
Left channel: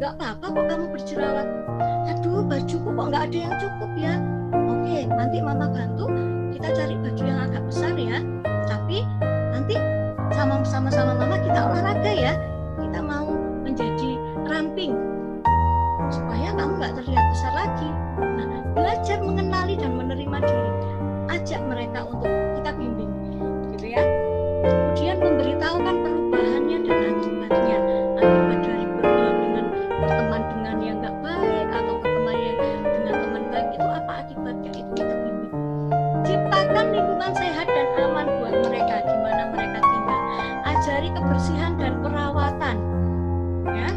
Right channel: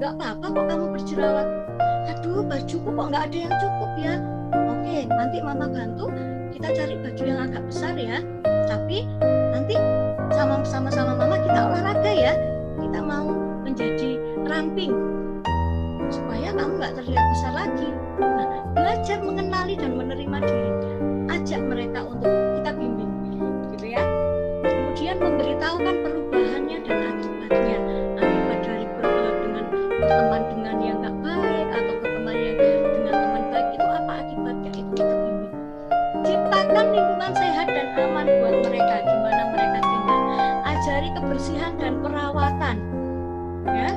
Nggak apa-apa kok kamu berjerawat. Aduh, bajuku kok nggak ada yang cukup ya? Oke, nanti mama bantu, kita cari baju yang agak besar ya. Tapi nanti sama-sama mama kita olahraga ya. Kita mau menjadi ramping supaya kamu nggak terlihat besar lagi. Nah, belajar mengenali dan menerima diri. Ajak mereka untuk kita bimbing, gitu ya. Kemudian memberitahukan perubahannya dan akibatnya. Akibat dari dengan berteman dengan yang nggak baik atau berteman yang dengan teman baik itu apa akibatnya, itu kita bimbing. Ciptakan lingkungan sehat dan aman buat mereka, gimana mereka tinggal. Ajari kebersihan dan perawatan, ya.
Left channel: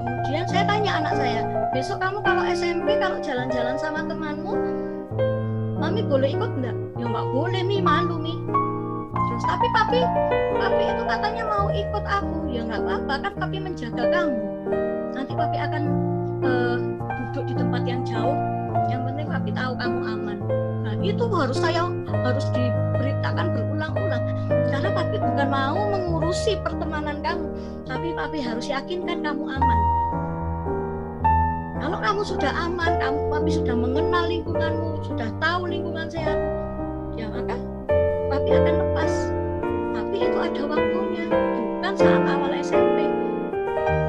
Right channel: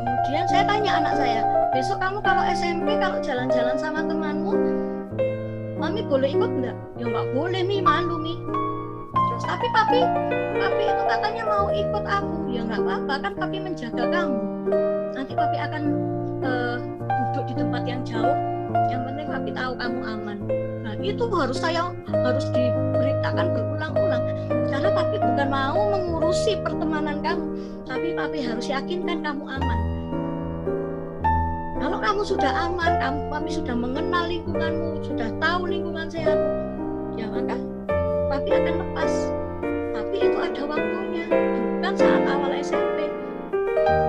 Kemudian saya tanya anak saya, besok kamu kalau SMP kalau jalan-jalan sama temanmu, Mami boleh ikut enggak? Ya enggak boleh Mi, malu Mi. Terus tapi papi itu katanya mau ikut aku. Ya enggak apa-apa, kan papi menjaga kamu. Nanti papi akan duduk di tempat yang jauh. Yang penting papi tahu kamu aman. Nah itu harus diberitakan berulang-ulang. Karena papi bukan mau mengurusi pertemanan kamu, tapi papi harus yakinkan kamu aman. Kalau kamu sudah aman, papi sudah mengenal lingkunganmu, sudah tahu lingkungan sehatmu, ya maka papi akan lepas. Tapi itu ada waktunya, bukan saat awal SMP.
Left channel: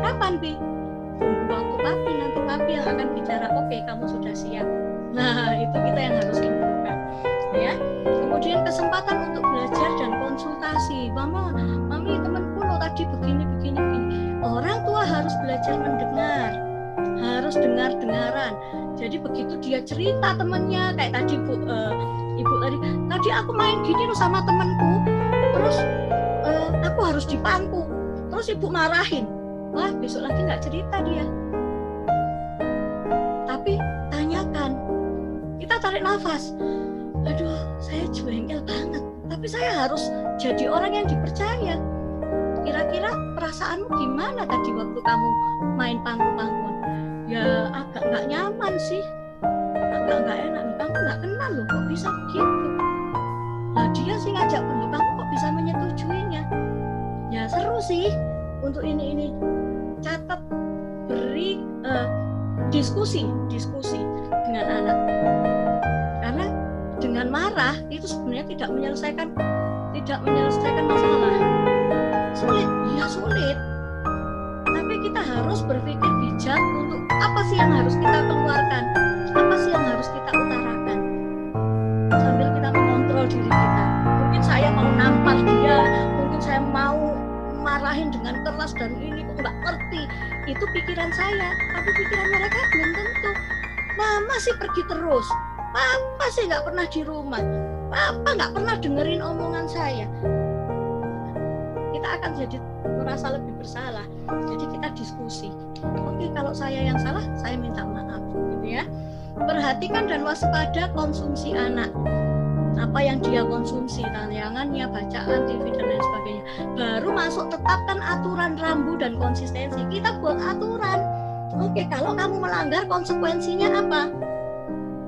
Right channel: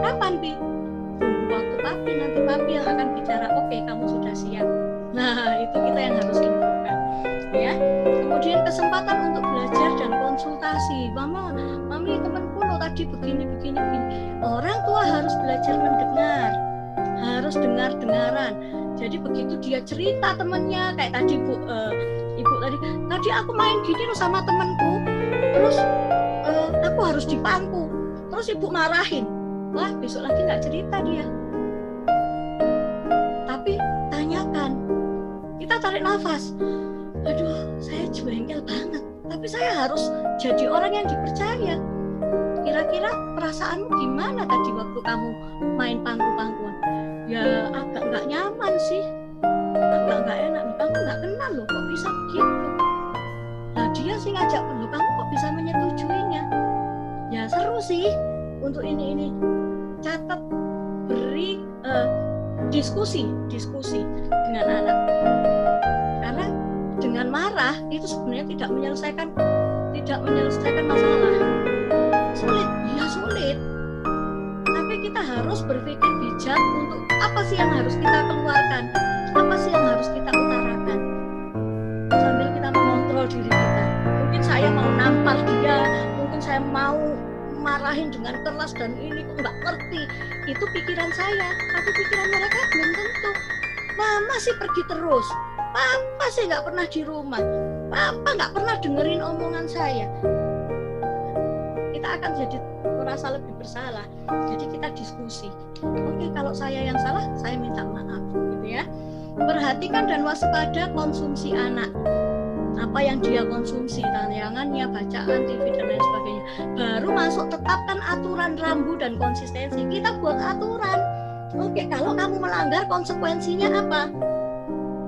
Kapan, Bi? Tunggu waktu papi, nanti papi yang akan bicara, oke, kamu sudah siap. Nah, itu kita yang harus infokan. Ya. Kemudian kesempatan untuk belajar dan konsultasi. Mami, temanku lo tadi begini. Orang tua harus belajar mendengar. Harus dengar-dengaran. Jadi begitu dia cerita temennya, kayak tadi ibu tadi aku main gini loh sama temenku, terus aku harus dipangku, terus ibu marahin. Wah, besok lagi nggak cerita dia. Tapi tanyakan, kita tarik nafas. Aduh, saya jengkel banget, tapi saya harus jadi orang yang dipercaya. Kira-kira perasaanmu gimana tadi waktu kamu main pangku-pangkuan? Ya agak nggak nyaman sih, agak nggak enak nih, kamu nggak kenal loh, kok bisa begitu? Nah dia sih ngajak dulu, kamu kok bisa menyetujuinya? Ya seru sih untuk ini. Catat, beri diskusi dengan anak, karena dengan marah itu sebenarnya tidak menyelesaikan masalah. Sulit, tapi kita harus berpikir bijak untuk apa sih yang harus kita keluarkan, apa sih yang harus kita utarakan. mengontrol diri kita. Mungkin saya mau nampar dia, mungkin saya mau marahin dengan keras dan ini kok nggak ngerti. Itu pikiran saya, tapi pikiran mereka belum tentu. Mama sih pergi terus, papa sih nggak pernah di rumah, papa nggak pernah dengerin omongan saya. Kita akan jadi merasa lebih bersalah. Jadi kita diskusi. Oke, kalau saya yang salah, saya minta maaf, gitu ya. Perhatikan dan waspada konsumsi anak. Apa yang dia konsumsi, tayangannya, bacaan, TV dan lain sebagainya. Baru masuk tetapkan aturan rambu dan konsistensi. Kita buat aturan. Oke, kalau kamu melanggar konsekuensinya apa?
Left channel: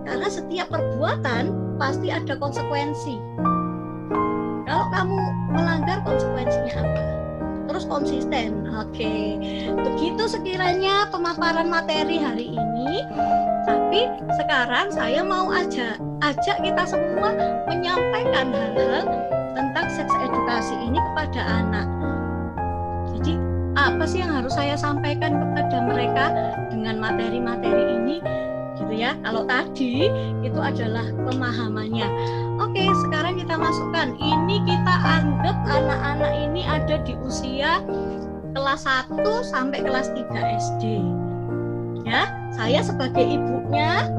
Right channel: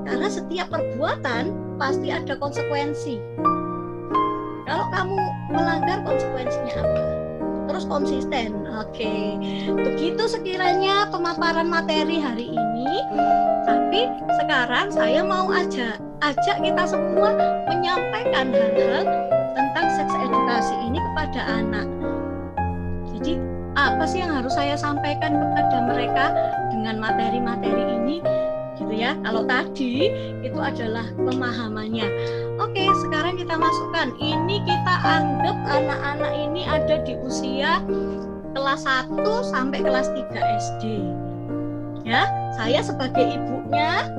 Karena setiap perbuatan pasti ada konsekuensi. Kalau kamu melanggar konsekuensinya apa? Terus konsisten. Oke. Begitu sekiranya pemaparan materi hari ini. Tapi sekarang saya mau ajak kita semua menyampaikan hal-hal tentang seks edukasi ini kepada anak. Jadi apa sih yang harus saya sampaikan kepada mereka dengan materi-materi ini, gitu ya. Kalau tadi itu adalah pemahamannya. Oke, sekarang kita masukkan. Ini kita anggap anak-anak ini ada di usia kelas 1 sampai kelas 3 SD. Ya, saya sebagai ibunya,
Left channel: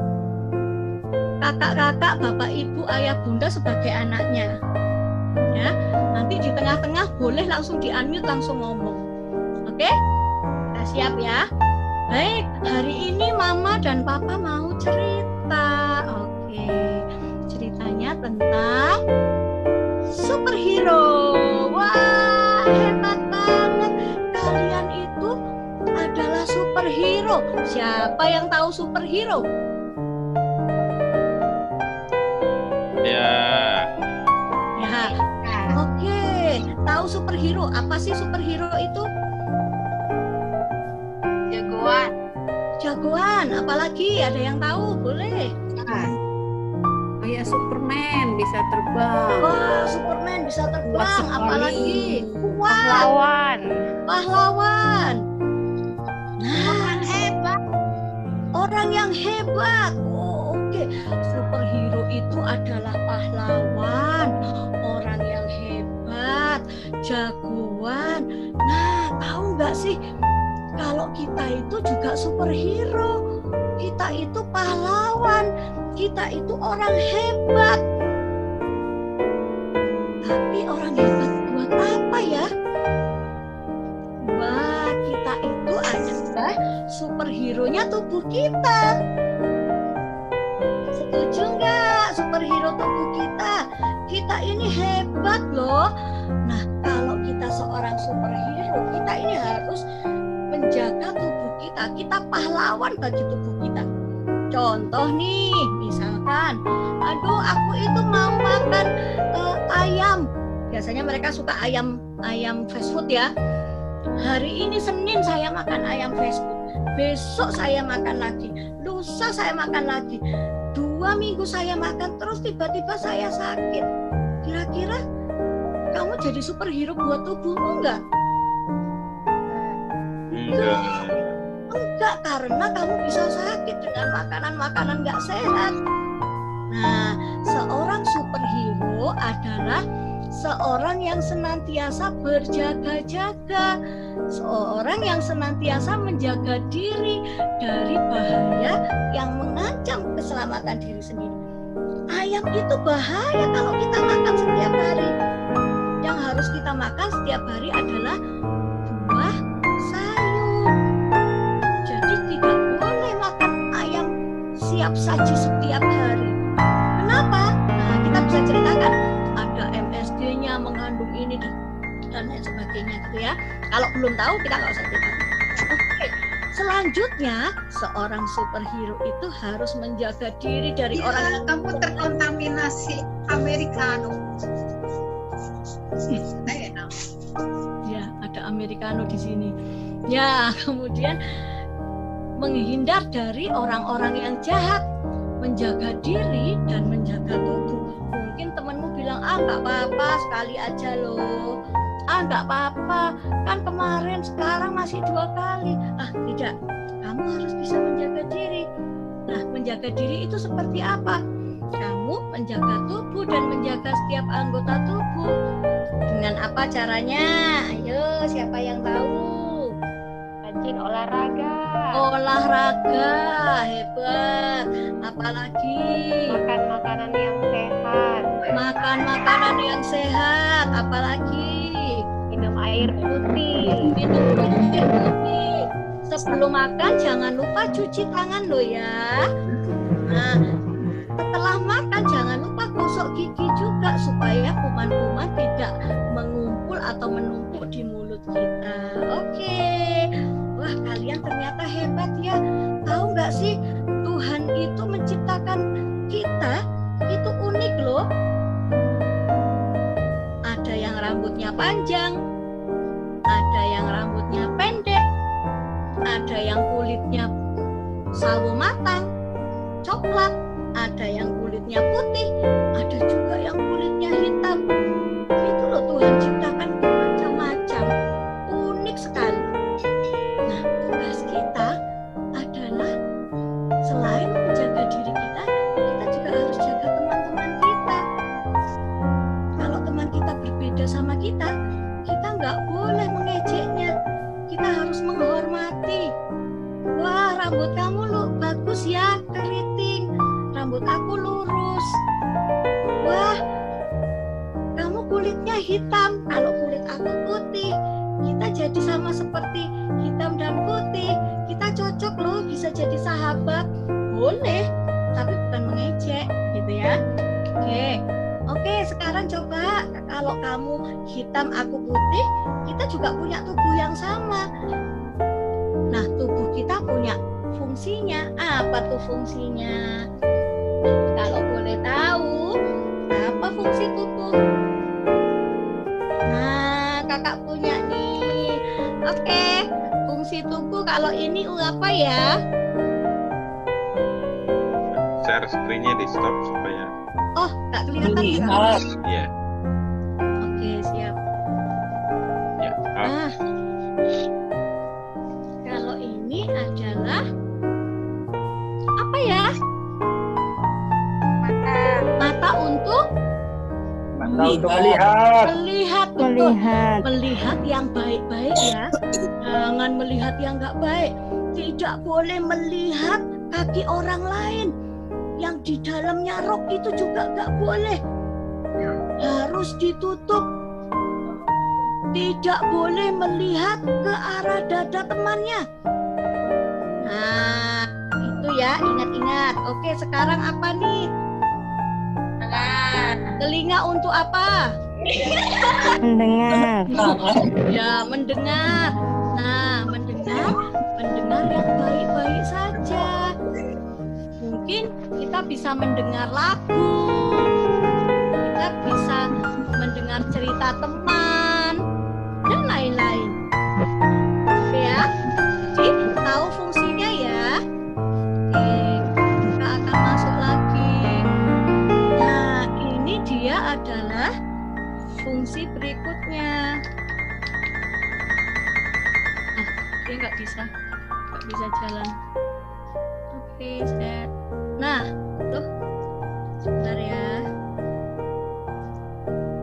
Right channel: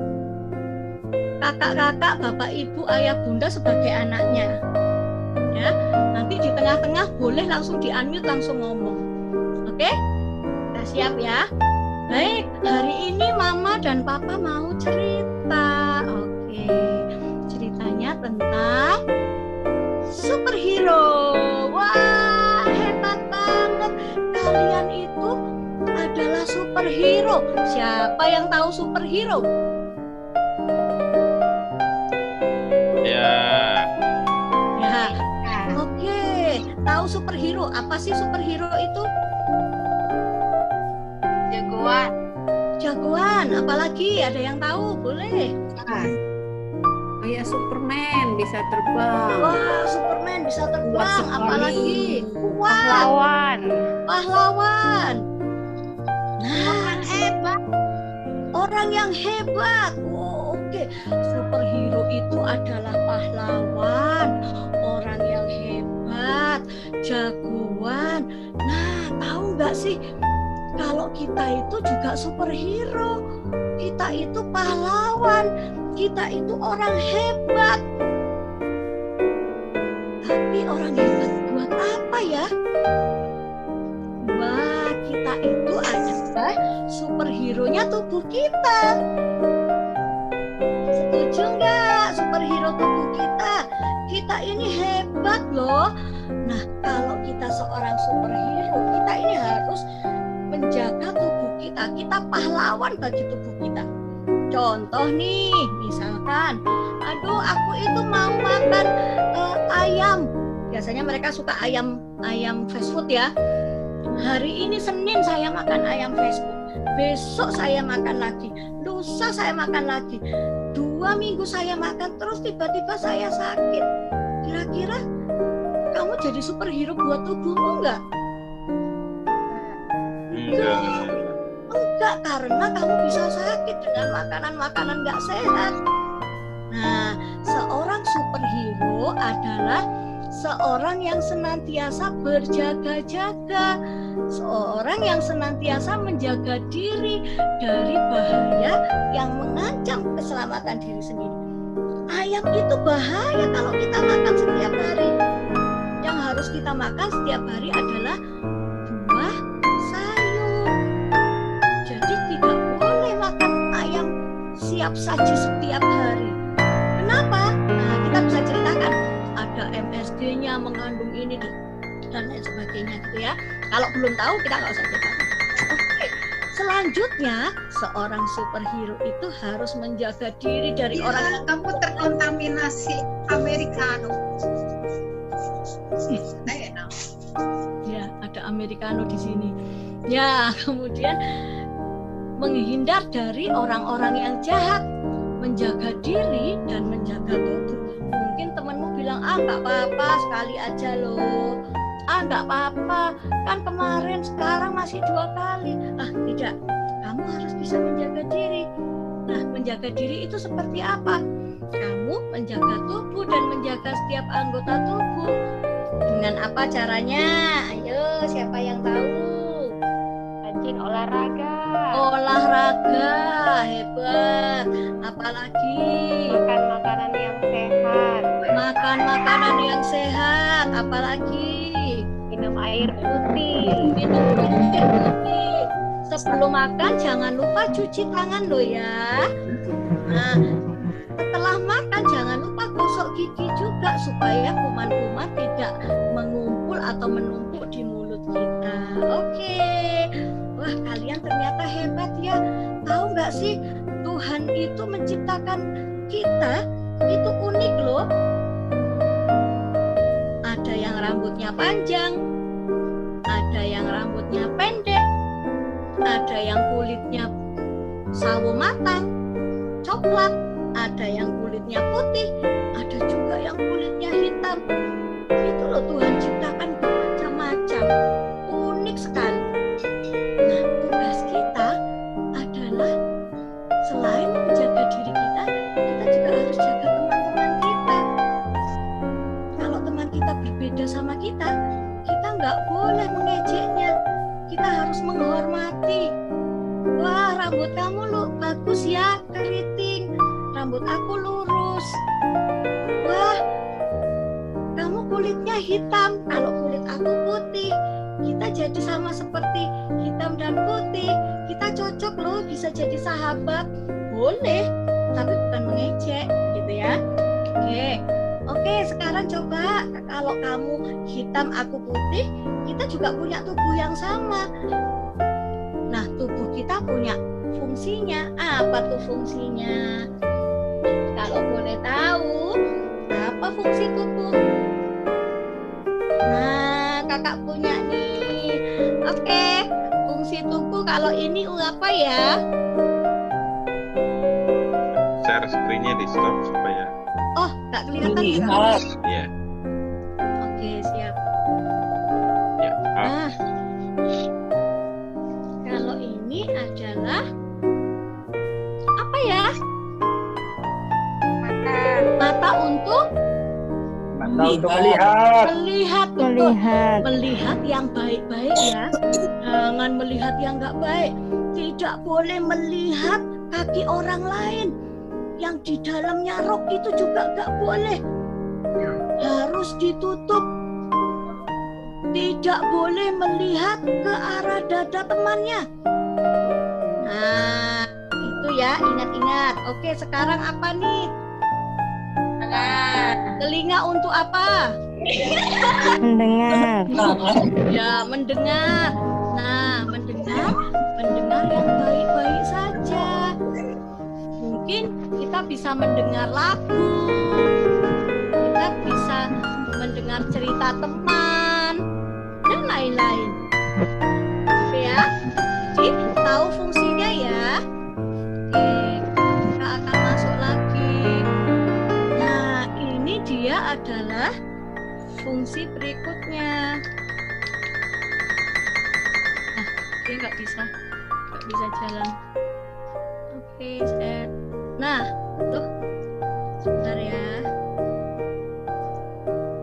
kakak-kakak, bapak ibu, ayah bunda sebagai anaknya. Ya, nanti di tengah-tengah boleh langsung di-unmute, langsung ngomong. Oke? Kita siap ya. Baik, hari ini mama dan papa mau cerita. Oke. Ceritanya tentang superhero. Wah, hebat banget. Kalian itu adalah superhero. Siapa yang tahu superhero? Ya. Ya. Oke. Tahu superhero? Apa sih superhero itu? Jagoan. Jagoan. Apalagi ada yang tahu? Boleh. Kayak Superman bisa terbang. Wah, Superman bisa terbang. Apalagi kuat. Pahlawan. Pahlawan. Nah, Orang hebat. orang yang hebat. Oh, oke. Superhero itu adalah pahlawan, orang yang hebat, jagoan. Nah, tahu nggak sih kalau kita itu juga superhero, kita itu pahlawan, kita itu orang hebat. Tapi orang hebat buat apa ya? Wah, kita itu adalah superhero-nya tubuh kita. Setuju nggak? Superhero tubuh kita. Kita ini hebat loh. Nah, kalau kita seorang superhero, kita ini harus menjaga tubuh kita. Kita pahlawan bagi tubuh kita. Contoh nih, misalkan, aduh aku itu mau makan ayam. Biasanya mereka suka ayam fast food ya. Hari ini Senin saya makan ayam fast food. Besok saya makan lagi. Lusa saya makan lagi. 2 minggu saya makan terus tiba-tiba saya sakit. Kira-kira kamu jadi superhero buat tubuhmu enggak? Enggak, karena kamu bisa sakit dengan makanan-makanan enggak sehat. Nah, seorang superhero adalah seorang yang senantiasa berjaga-jaga, seorang yang senantiasa menjaga diri dari bahaya yang mengancam keselamatan diri sendiri. Ayam itu bahaya kalau kita makan setiap hari. Yang harus kita makan setiap hari adalah buah, sayur. Jadi tidak boleh makan ayam siap saji setiap hari. Kenapa? Nah, kita bisa ceritakan. Ada MSG-nya mengandung ini dan lain sebagainya gitu ya. Kalau belum tahu kita nggak usah ceritakan. Oke. Selanjutnya seorang superhero itu harus menjaga diri dari Ya, orang yang kamu terkontaminasi Americano. Ya, ada Americano di sini. Ya, kemudian menghindar dari orang-orang yang jahat, menjaga diri dan menjaga tubuh. Mungkin temanmu bilang, nggak apa-apa, sekali aja loh. Nggak apa-apa, kan kemarin, sekarang masih 2 kali. Tidak, kamu harus bisa menjaga diri. Nah, menjaga diri itu seperti apa? kamu menjaga tubuh dan menjaga setiap anggota tubuh. Dengan apa caranya? Ayo, siapa yang tahu? Rajin olahraga. Olahraga, hebat. Apalagi? Makan makanan yang sehat. Makan makanan yang sehat. Apalagi? Minum air putih. Minum air putih. Sebelum makan jangan lupa cuci tangan loh ya. Nah, setelah makan jangan lupa gosok gigi juga supaya kuman-kuman tidak mengumpul atau menumpuk di mulut kita. Oke. Wah, kalian ternyata hebat ya. Tahu nggak sih, Tuhan itu menciptakan kita itu unik loh. Ada yang rambutnya panjang, ada yang rambutnya pendek, ada yang kulitnya sawo matang, coklat, ada yang kulitnya putih, ada juga yang kulitnya hitam. Itu loh Tuhan ciptakan macam-macam, unik sekali. Nah, tugas kita adalah selain menjaga diri kita, kita juga harus jaga teman-teman kita. Kalau teman kita berbeda sama kita nggak boleh mengejeknya. Kita harus menghormati. Wah, rambut kamu lu bagus ya, keriting. Rambut aku lurus. Wah, kamu kulitnya hitam, kalau kulit aku putih. Kita jadi sama seperti hitam dan putih. Kita cocok loh, bisa jadi sahabat. Boleh, tapi bukan mengejek, gitu ya. Oke, sekarang coba kalau kamu hitam, aku putih, kita juga punya tubuh yang sama. Nah, tubuh kita punya fungsinya. Apa tuh fungsinya? Kalau boleh tahu, apa fungsi tubuh? Nah, kakak punya nih. Oke, fungsi tubuh kalau ini apa ya? Share screen-nya di stop supaya. Oh, nggak kelihatan ya? Iya. Oke, siap. Ya. Nah, kalau ini adalah apa ya? Mata untuk melihat, betul. Melihat yang baik-baik ya. Jangan melihat yang nggak baik. Tidak boleh melihat kaki orang lain. Yang di dalamnya rok itu juga nggak boleh. Harus ditutup. Tidak boleh melihat ke arah dada temannya. Nah, itu ya, ingat-ingat. Oke, sekarang apa nih? Telinga untuk apa? Mendengar. Ya, mendengar. Nah, mendengar yang baik-baik saja. Mungkin kita bisa mendengar lagu, kita bisa mendengar cerita teman, dan lain-lain. Oke ya, jadi tahu fungsinya ya. Oke, kita akan masuk lagi. Nah, ini dia adalah fungsi berikutnya. Nah, dia nggak bisa jalan. Oke, set. Nah, tuh, sebentar ya.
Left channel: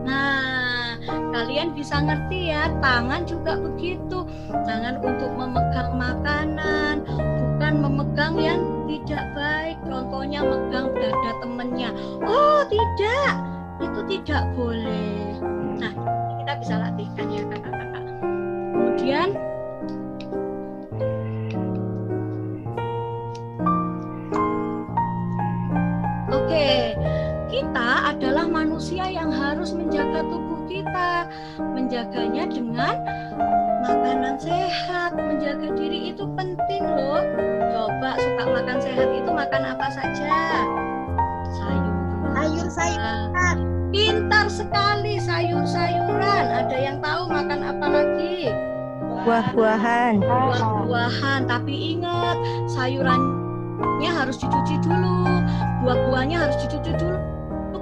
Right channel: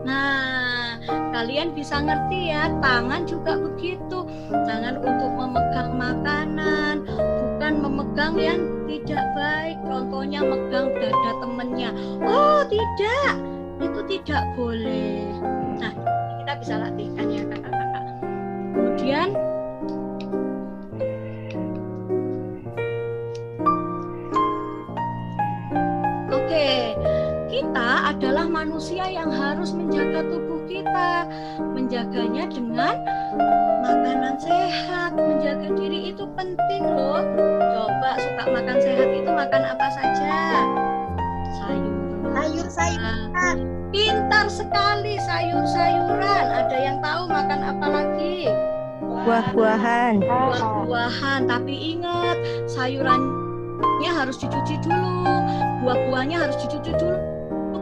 Nah, kalian bisa ngerti ya, tangan juga begitu. Tangan untuk memegang makanan, bukan memegang yang tidak baik. Contohnya megang dada temennya. Oh, tidak. Itu tidak boleh. Nah, ini kita bisa latihkan ya kakak-kakak. Kemudian oke, kita adalah manusia yang harus menjaga tubuh kita, menjaganya dengan makanan sehat. Menjaga diri itu penting loh. Coba suka makan sehat itu makan apa saja? Sayur-sayuran. Pintar sekali, sayur-sayuran. Ada yang tahu makan apa lagi? Buah-buahan. Buah-buahan, tapi ingat sayurannya harus dicuci dulu, buah-buahnya harus dicuci dulu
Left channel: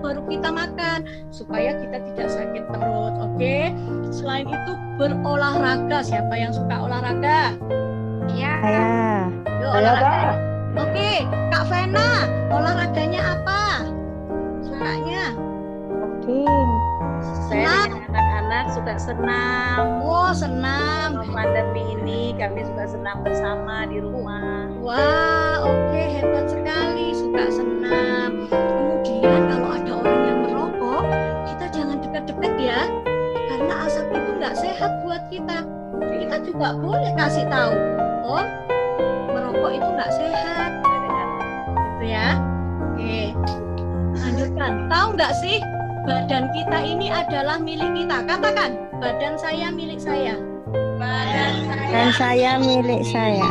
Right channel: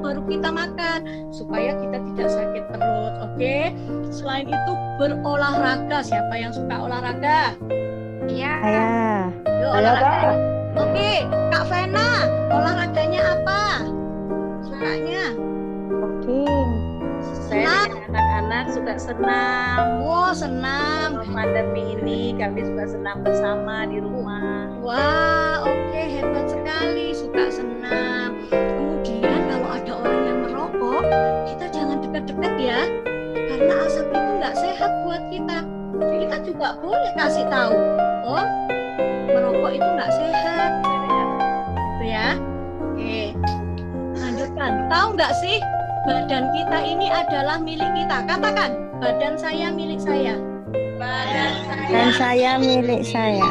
baru kita makan supaya kita tidak sakit perut. Oke. Selain itu berolahraga. Siapa yang suka olahraga? Iya. Saya. Yuk, olahraga. Oke, Kak Vena, olahraganya apa? kakaknya? Jogging. Saya dengan anak-anak suka senam. Oh, senam. Selama pandemi ini kami suka senam bersama di rumah. Wah, oke, hebat sekali, suka senam. Kemudian kalau ada orang yang merokok, kita jangan dekat-dekat ya, karena asap itu nggak sehat buat kita. Kita juga boleh kasih tahu, oh, merokok itu nggak sehat, gitu ya. Oke, lanjutkan. Tahu nggak sih, badan kita ini adalah milik kita. Katakan, badan saya milik saya. Dan saya milik saya.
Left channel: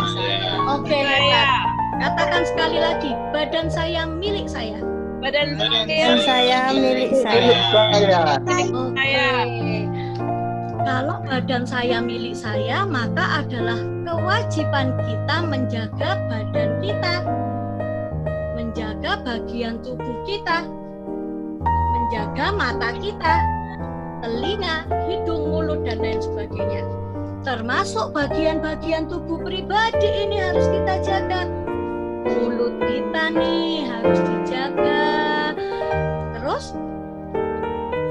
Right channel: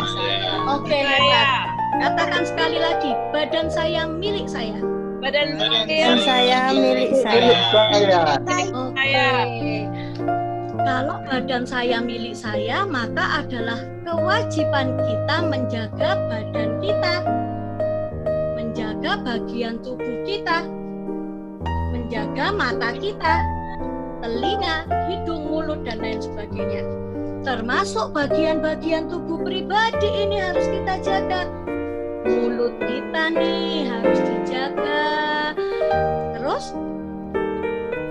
Oke, hebat. Katakan sekali lagi, badan saya milik saya. Dan saya milik saya. Oke. Kalau badan saya milik saya, maka adalah kewajiban kita menjaga badan kita, menjaga bagian tubuh kita, menjaga mata kita, telinga, hidung, mulut, dan lain sebagainya. Termasuk bagian-bagian tubuh pribadi ini harus kita jaga. Mulut kita nih harus dijaga. Terus,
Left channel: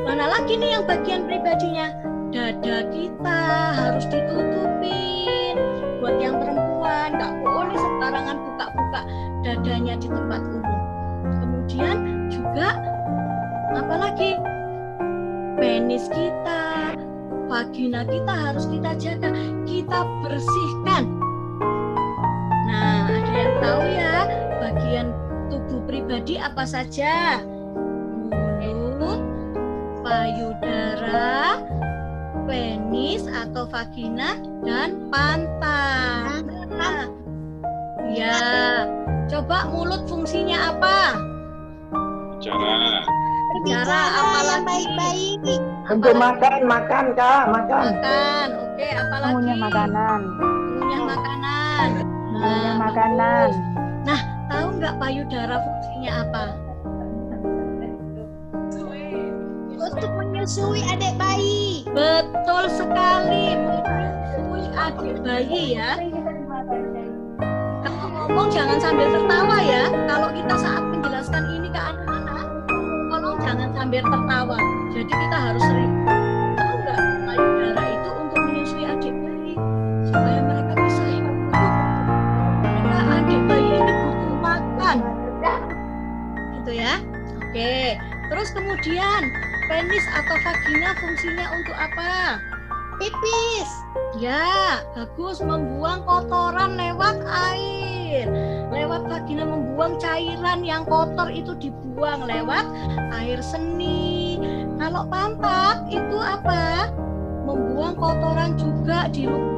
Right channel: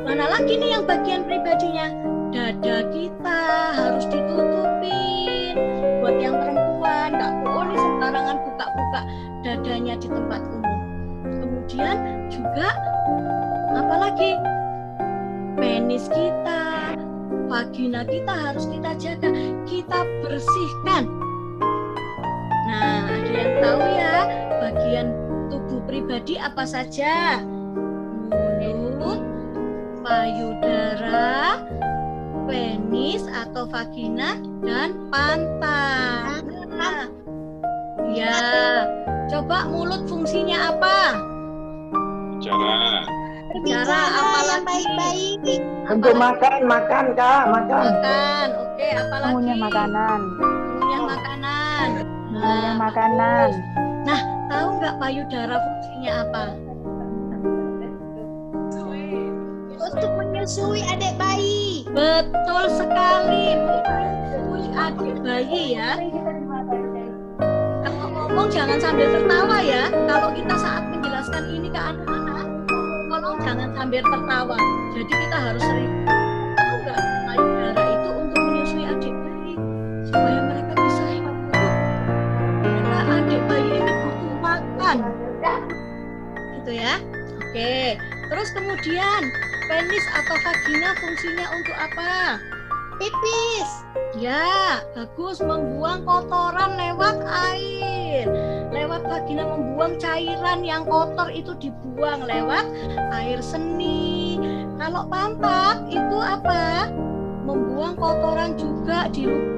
mana lagi nih yang bagian pribadinya? Dada kita harus ditutupin. Buat yang perempuan, nggak boleh sembarangan buka-buka dadanya di tempat umum. Kemudian juga, apalagi penis kita, vagina kita harus kita jaga, kita bersihkan. Nah, ada yang tahu ya bagian tubuh pribadi apa saja? Mulut, payudara, penis atau vagina, dan pantat. Nah, ya, coba mulut fungsinya apa? Bicara apalagi? Baik-baik. Untuk makan Kak, makan. Oke, apalagi? Mengunyah makanan. Mengunyah makanan. Mengunyah makanan. Nah, tahu nggak payudara fungsinya apa? Untuk menyusui adik bayi. Betul sekali, menyusui adik bayi ya. Kalau ngomong jangan sambil tertawa ya. Kalau kita saat menjelaskan ini ke anak-anak, tolong jangan sambil tertawa. Jadi kita harus sering. Tahu nggak, payudara itu untuk menyusui adik bayi supaya mereka bisa hidup. Karena adik bayi ini butuh makan, gitu ya. Oke. Terus kemudian penis atau vagina fungsinya untuk apa? Pipis. Ya, bagus, membuang kotoran lewat air. Lewat vagina membuang cairan yang kotor itu dibuang lewat air seni. Kalau pantat itu apa? Membuang kotoran juga,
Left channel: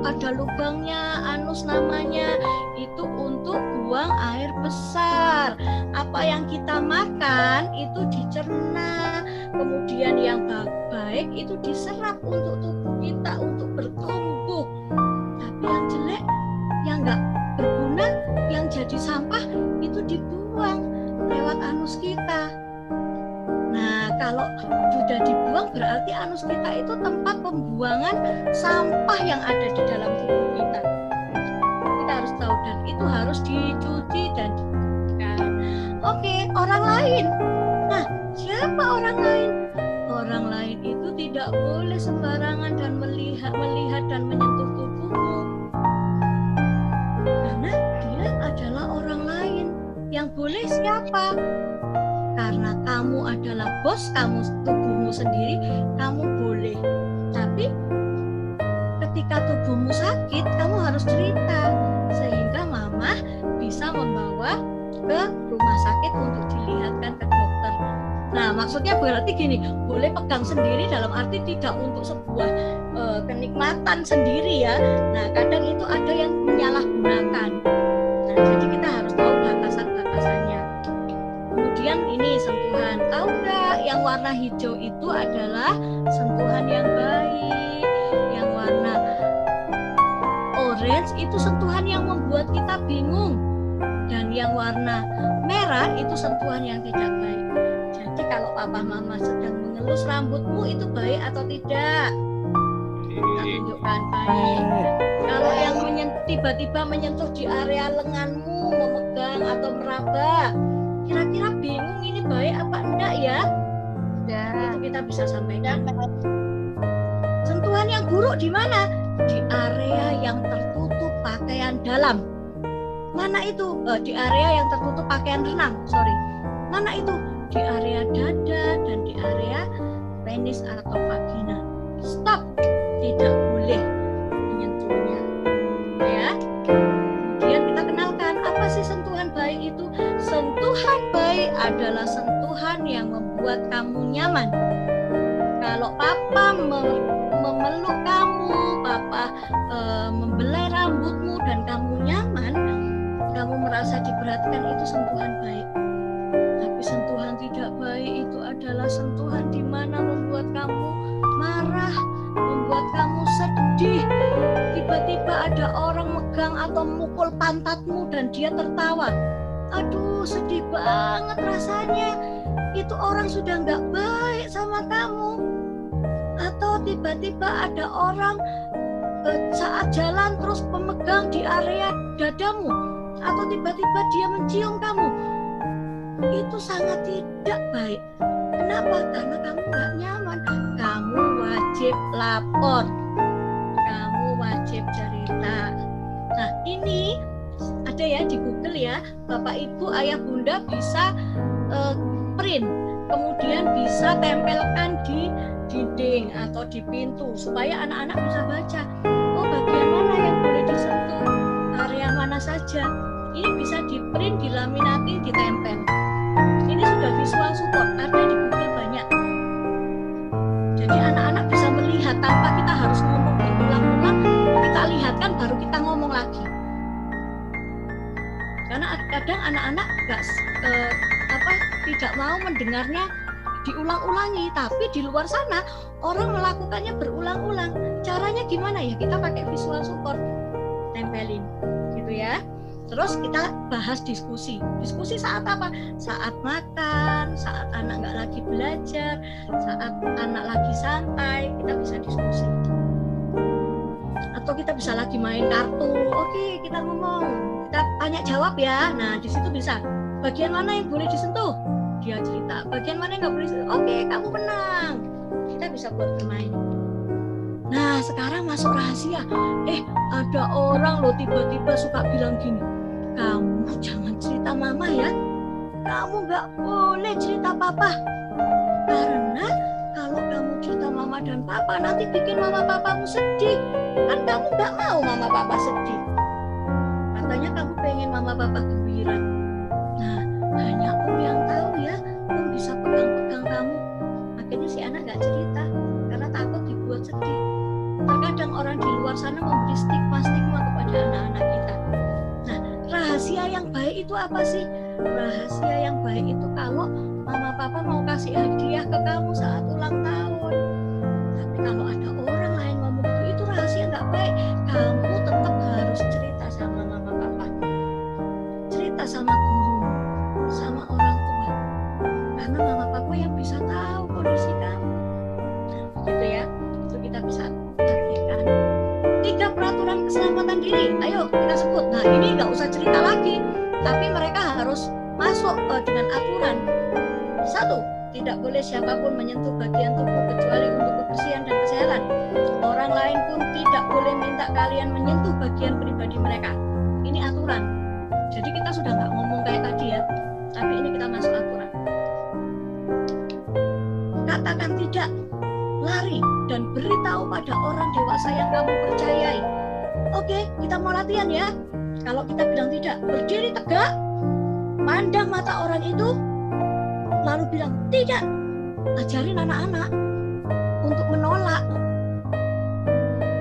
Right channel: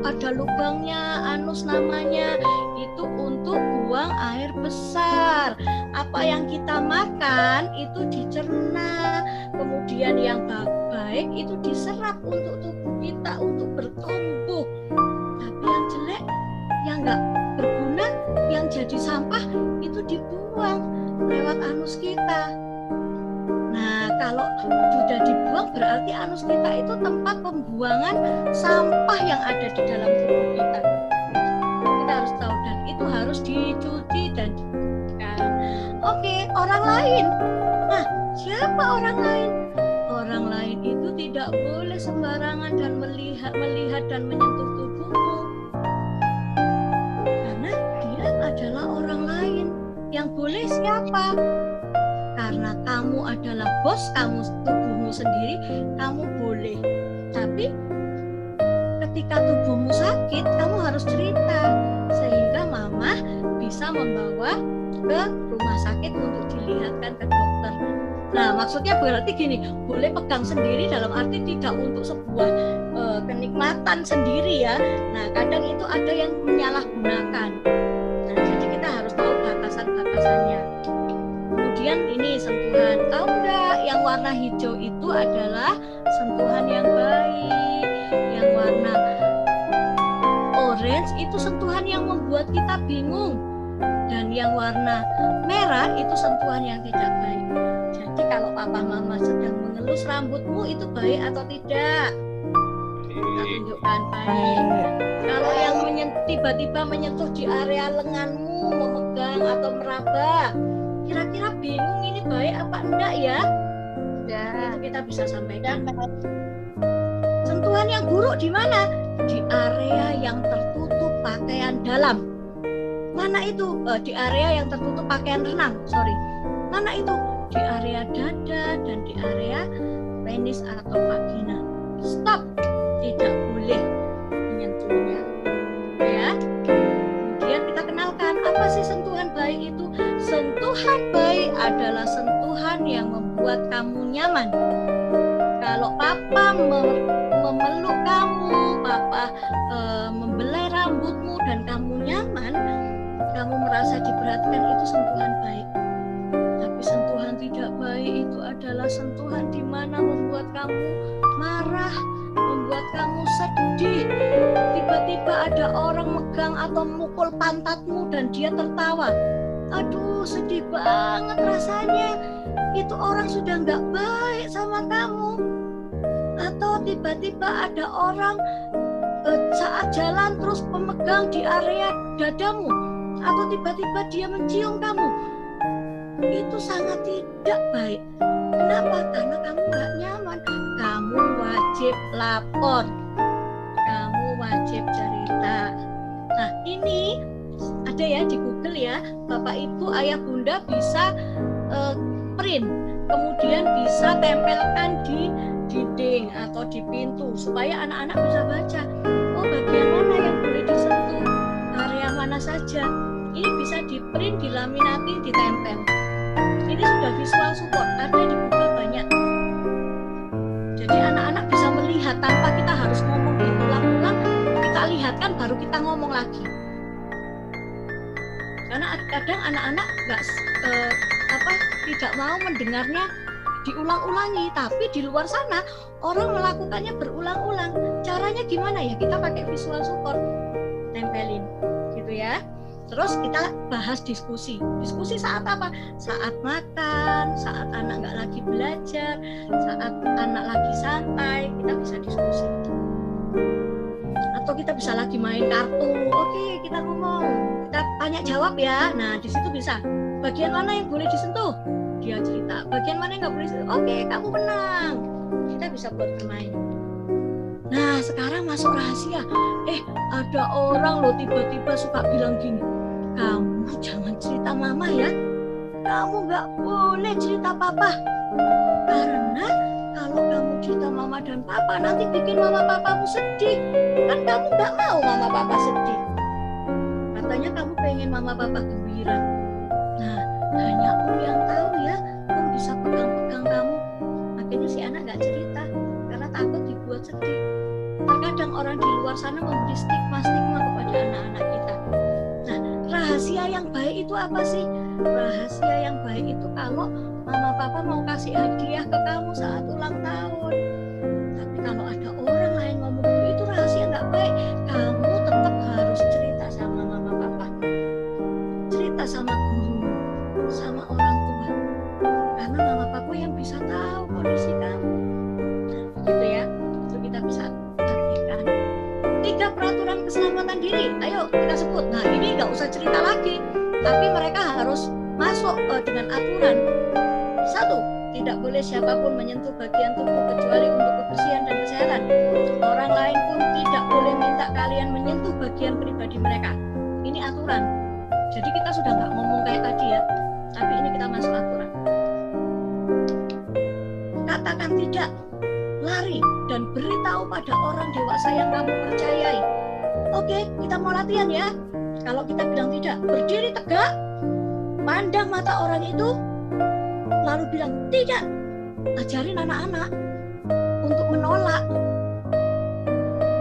ada lubangnya, anus namanya. Itu untuk buang air besar. Apa yang kita makan itu dicerna, kemudian yang baik itu diserap untuk tubuh kita untuk bertumbuh. Tapi yang jelek, yang nggak berguna, yang jadi sampah itu dibuang lewat anus kita. Nah, kalau sudah dibuang berarti anus kita itu tempat pembuangan sampah yang ada di dalam tubuh kita. Kita harus tahu, dan itu harus dicuci dan Oke, orang lain. Nah, siapa orang lain? Orang lain itu tidak boleh sembarangan dan melihat dan menyentuh tubuhmu. Karena dia adalah orang lain. Yang boleh siapa? Karena kamu adalah bos kamu, tubuhmu sendiri, kamu boleh. Tapi ketika tubuhmu sakit, kamu harus cerita sehingga mama bisa membawa ke rumah sakit untuk dilihatkan ke dokter. Nah, maksudnya berarti gini, boleh pegang sendiri dalam arti tidak untuk sebuah kenikmatan sendiri ya. Nah, kadang itu ada yang menyalahgunakan. Nah, jadi kita harus tahu batasan-batasannya. Kemudian ini sentuhan. Tahu nggak yang warna hijau itu adalah sentuhan yang baik. Yang warna orange itu sentuhan yang membuat kita bingung. Dan yang warna merah itu sentuhan yang tidak baik. Jadi kalau papa mama sedang mengelus rambutmu itu baik atau tidak? Kita tunjukkan baik. Kalau yang tiba-tiba menyentuh di area lenganmu, memegang atau meraba, kira-kira bingung ini baik apa enggak ya? Itu kita bisa sampaikan. Sentuhan yang buruk di mana? Di area yang tertutup pakaian dalam. Mana itu? Di area yang tertutup pakaian renang. Mana itu? Di area dada dan di area penis atau vagina. Stop, tidak boleh menyentuhnya. Ya. Kemudian kita kenalkan apa sih sentuhan baik itu? Sentuhan baik adalah sentuhan yang membuat kamu nyaman. Kalau papa memeluk kamu, papa membelai rambutmu dan kamu nyaman, kamu merasa diperhatikan, itu sentuhan baik. Tapi sentuhan tidak baik itu adalah sentuhan di mana membuat kamu marah, membuat kamu sedih. Tiba-tiba ada orang megang atau mukul pantatmu dan dia tertawa. Aduh, sedih banget rasanya. Itu orang sudah nggak baik sama kamu. Atau tiba-tiba ada orang saat jalan terus pemegang di area dadamu. Atau tiba-tiba dia mencium kamu. Itu sangat tidak baik. Kenapa? Karena kamu nggak nyaman. Kamu wajib lapor. Kamu wajib cerita. Nah, ini ada ya di Google ya. Bapak, Ibu, Ayah, Bunda bisa print. Kemudian bisa tempelkan di dinding atau di pintu supaya anak-anak bisa baca. Oh, bagian mana yang boleh disentuh? Area mana saja? Ini bisa di print, dilaminati, ditempel. Ini sudah visual support, ada di Google banyak. Jadi anak-anak bisa melihat tanpa kita harus ngomong diulang-ulang, kita lihatkan baru kita ngomong lagi. Karena kadang anak-anak tidak mau mendengarnya diulang-ulangi, tapi di luar sana orang melakukannya berulang-ulang. Caranya gimana ya? Kita pakai visual support, tempelin, gitu ya. Terus kita bahas diskusi. Diskusi saat apa? Saat makan, saat anak nggak lagi belajar, saat anak lagi santai, kita bisa diskusi. Atau kita bisa lagi main kartu. Oke, kita ngomong, kita tanya jawab ya. Nah, di situ bisa. Bagian mana yang boleh disentuh? Dia cerita. Bagian mana yang nggak boleh disentuh? Oke, kamu menang. Kita bisa buat bermain. Nah, sekarang masuk rahasia. Ada orang loh tiba-tiba suka bilang gini. Kamu jangan cerita mama ya. Kamu nggak boleh cerita papa. Karena kalau kamu cerita mama dan papa nanti bikin mama papamu sedih. Kan kamu nggak mau mama papa sedih. Katanya kamu pengen mama papa gembira. Nah, hanya Om yang tahu ya. Om bisa pegang-pegang kamu. Akhirnya si anak nggak cerita karena takut dibuat sedih. Terkadang orang di luar sana memberi stigma-stigma kepada anak-anak kita. Nah, rahasia yang baik itu apa sih? Rahasia yang baik itu kalau mama papa mau kasih hadiah ke kamu saat ulang tahun. Tapi kalau ada orang lain ngomong itu rahasia nggak baik. Kamu tetap harus cerita sama mama papa. Cerita sama guru, sama orang tua. Karena mama papa yang bisa tahu kondisi kamu. Nah, gitu ya. Itu kita bisa artikan. 3 peraturan keselamatan diri. Ayo kita sebut. Nah, ini nggak usah cerita lagi, tapi mereka harus masuk dengan aturan. 1. Tidak boleh siapapun menyentuh bagian tubuh kecuali untuk kebersihan dan kesehatan. Orang lain pun tidak boleh minta kalian menyentuh bagian pribadi mereka. Ini aturan. Jadi kita sudah nggak ngomong kayak tadi ya, tapi ini kita masuk aturan. Katakan tidak. Lari dan beritahu pada orang dewasa yang kamu percayai. Oke, kita mau latihan ya. Kalau kita bilang tidak, berdiri tegak, pandang mata orang itu, lalu bilang tidak. Ajarin anak-anak untuk menolak.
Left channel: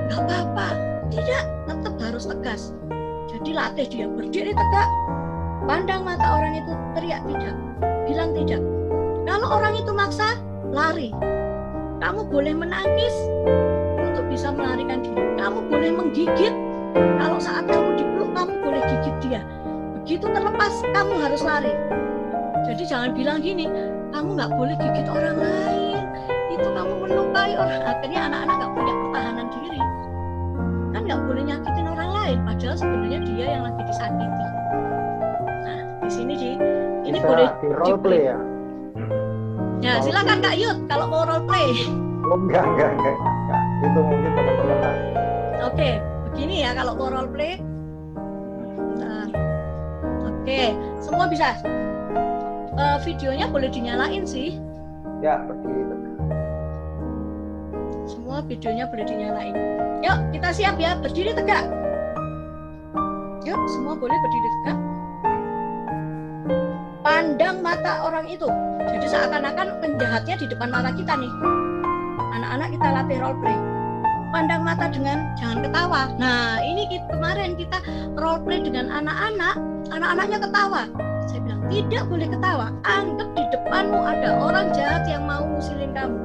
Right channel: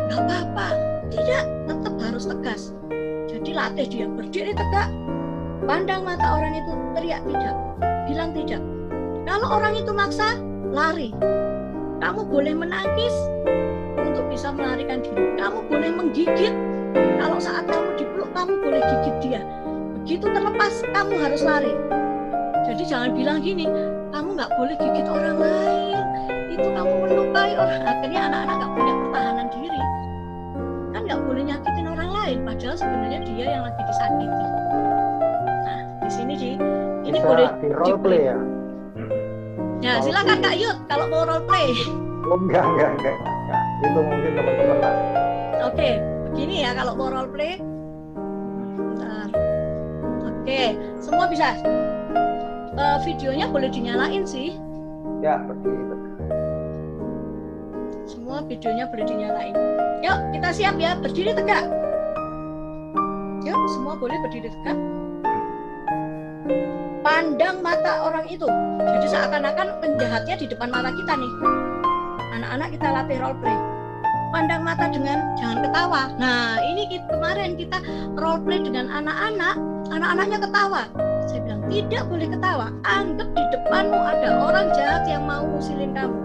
Gak apa-apa, tidak, tetap harus tegas. Jadi latih dia, berdiri tegak, pandang mata orang itu, teriak tidak, bilang tidak. Kalau orang itu maksa, lari. Kamu boleh menangis untuk bisa melarikan diri. Kamu boleh menggigit. Kalau saat kamu dipeluk, kamu boleh gigit dia. Begitu terlepas, kamu harus lari. Jadi jangan bilang gini, kamu nggak boleh gigit orang lain. Itu kamu melukai orang. Akhirnya anak-anak nggak punya pertahanan diri. Kan nggak boleh nyakitin orang lain. Padahal sebenarnya dia yang lagi disakiti. Nah, di sini Ini bisa boleh di role play ya? Ya, Role silakan play. Kak Yud kalau mau role play. Oh, enggak. Itu mungkin teman-teman lah. Oke, begini ya kalau mau role play. Bentar. Oke, semua bisa. Videonya boleh dinyalain sih. Ya, berdiri tegak. Semua videonya boleh dinyalain. Yuk, kita siap ya, berdiri tegak. Yuk, semua boleh berdiri tegak. Pandang mata orang itu. Jadi seakan-akan penjahatnya di depan mata kita nih. Anak-anak kita latih role play. Pandang mata dengan jangan ketawa. Nah, ini kemarin kita role play dengan anak-anak, anak-anaknya ketawa. Saya bilang tidak boleh ketawa. Anggap di depanmu ada orang jahat yang mau ngusilin kamu.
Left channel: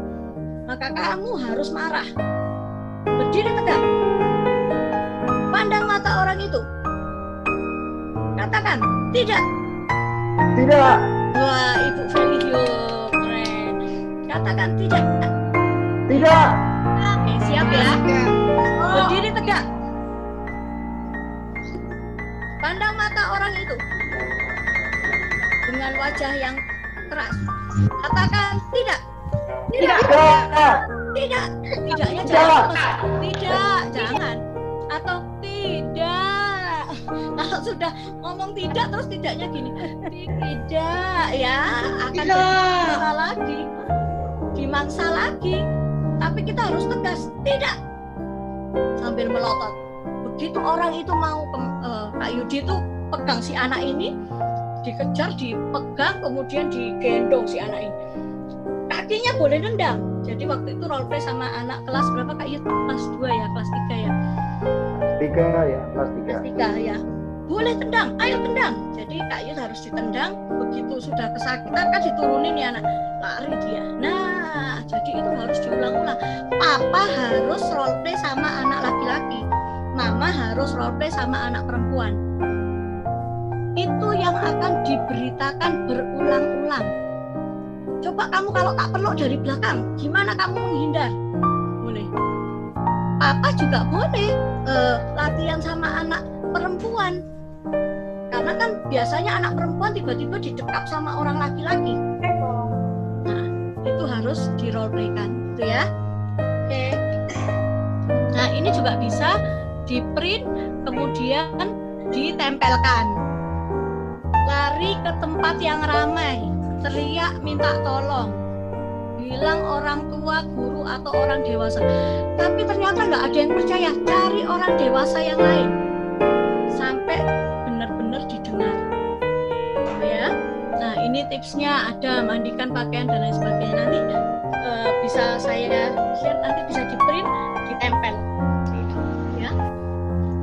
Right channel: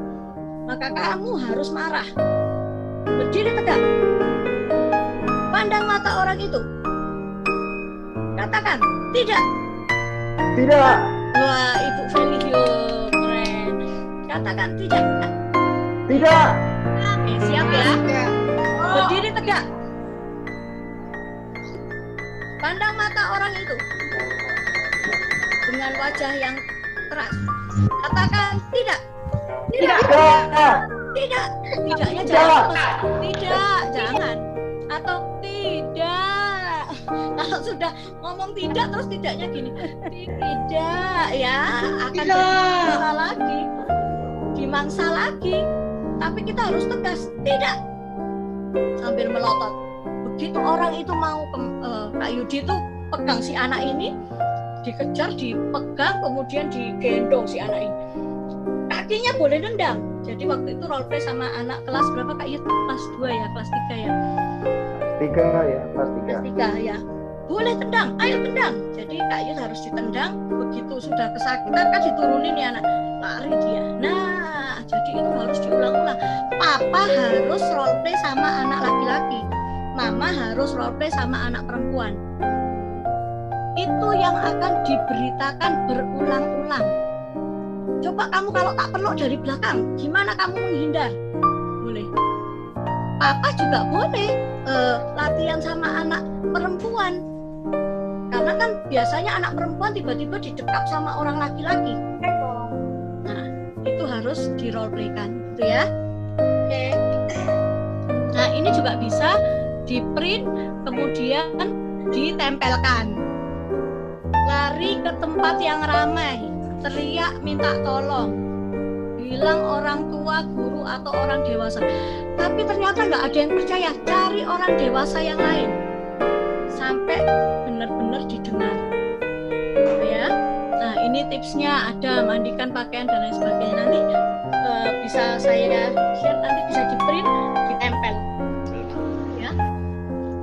Maka kamu harus marah. Berdiri tegak. Pandang mata orang itu. Katakan tidak. Tidak. Wah, Ibu Felio keren. Katakan tidak. Tidak. Oke, siap ya. Berdiri tegak. Pandang mata orang itu dengan wajah yang keras. Katakan tidak. Tidak. Tidak. Tidaknya jangan. Tidak, jangan. Atau tidak. Kalau sudah ngomong tidak terus tidaknya gini. Tidak ya, akan jadi mangsa lagi. Dimangsa lagi. Tapi kita harus tegas. Tidak. Sambil melotot. Begitu orang itu mau Kak Yudi tuh pegang si anak ini, dikejar, dipegang, kemudian digendong si anak ini. Kakinya boleh nendang. Jadi waktu itu role play sama anak kelas berapa Kak Yud? Kelas 2 ya, kelas 3 ya? Kelas 3 ya, kelas 3. Kelas 3 ya. Boleh tendang, ayo tendang. Jadi Kak Yud harus ditendang. Begitu sudah kesakitan kan diturunin ya anak, lari dia. Nah, jadi itu harus diulang-ulang. Papa harus role play sama anak laki-laki. Mama harus role play sama anak perempuan. Itu yang akan diberitakan berulang-ulang. Coba kamu kalau tak peluk dari belakang, gimana kamu menghindar? Boleh. Papa juga boleh latihan sama anak perempuan. Karena kan biasanya anak perempuan tiba-tiba didekap sama orang laki-laki. Nah, itu harus di role playkan, gitu ya. Oke. Nah, ini juga bisa di print kemudian ditempelkan. Lari ke tempat yang ramai, teriak minta tolong, bilang orang tua, guru atau orang dewasa. Tapi ternyata nggak ada yang percaya, cari orang dewasa yang lain sampai benar-benar didengar. Ya. Nah, ini tipsnya ada, mandikan pakaian dan lain sebagainya. Nanti bisa saya share, nanti bisa di print, ditempel. Ya.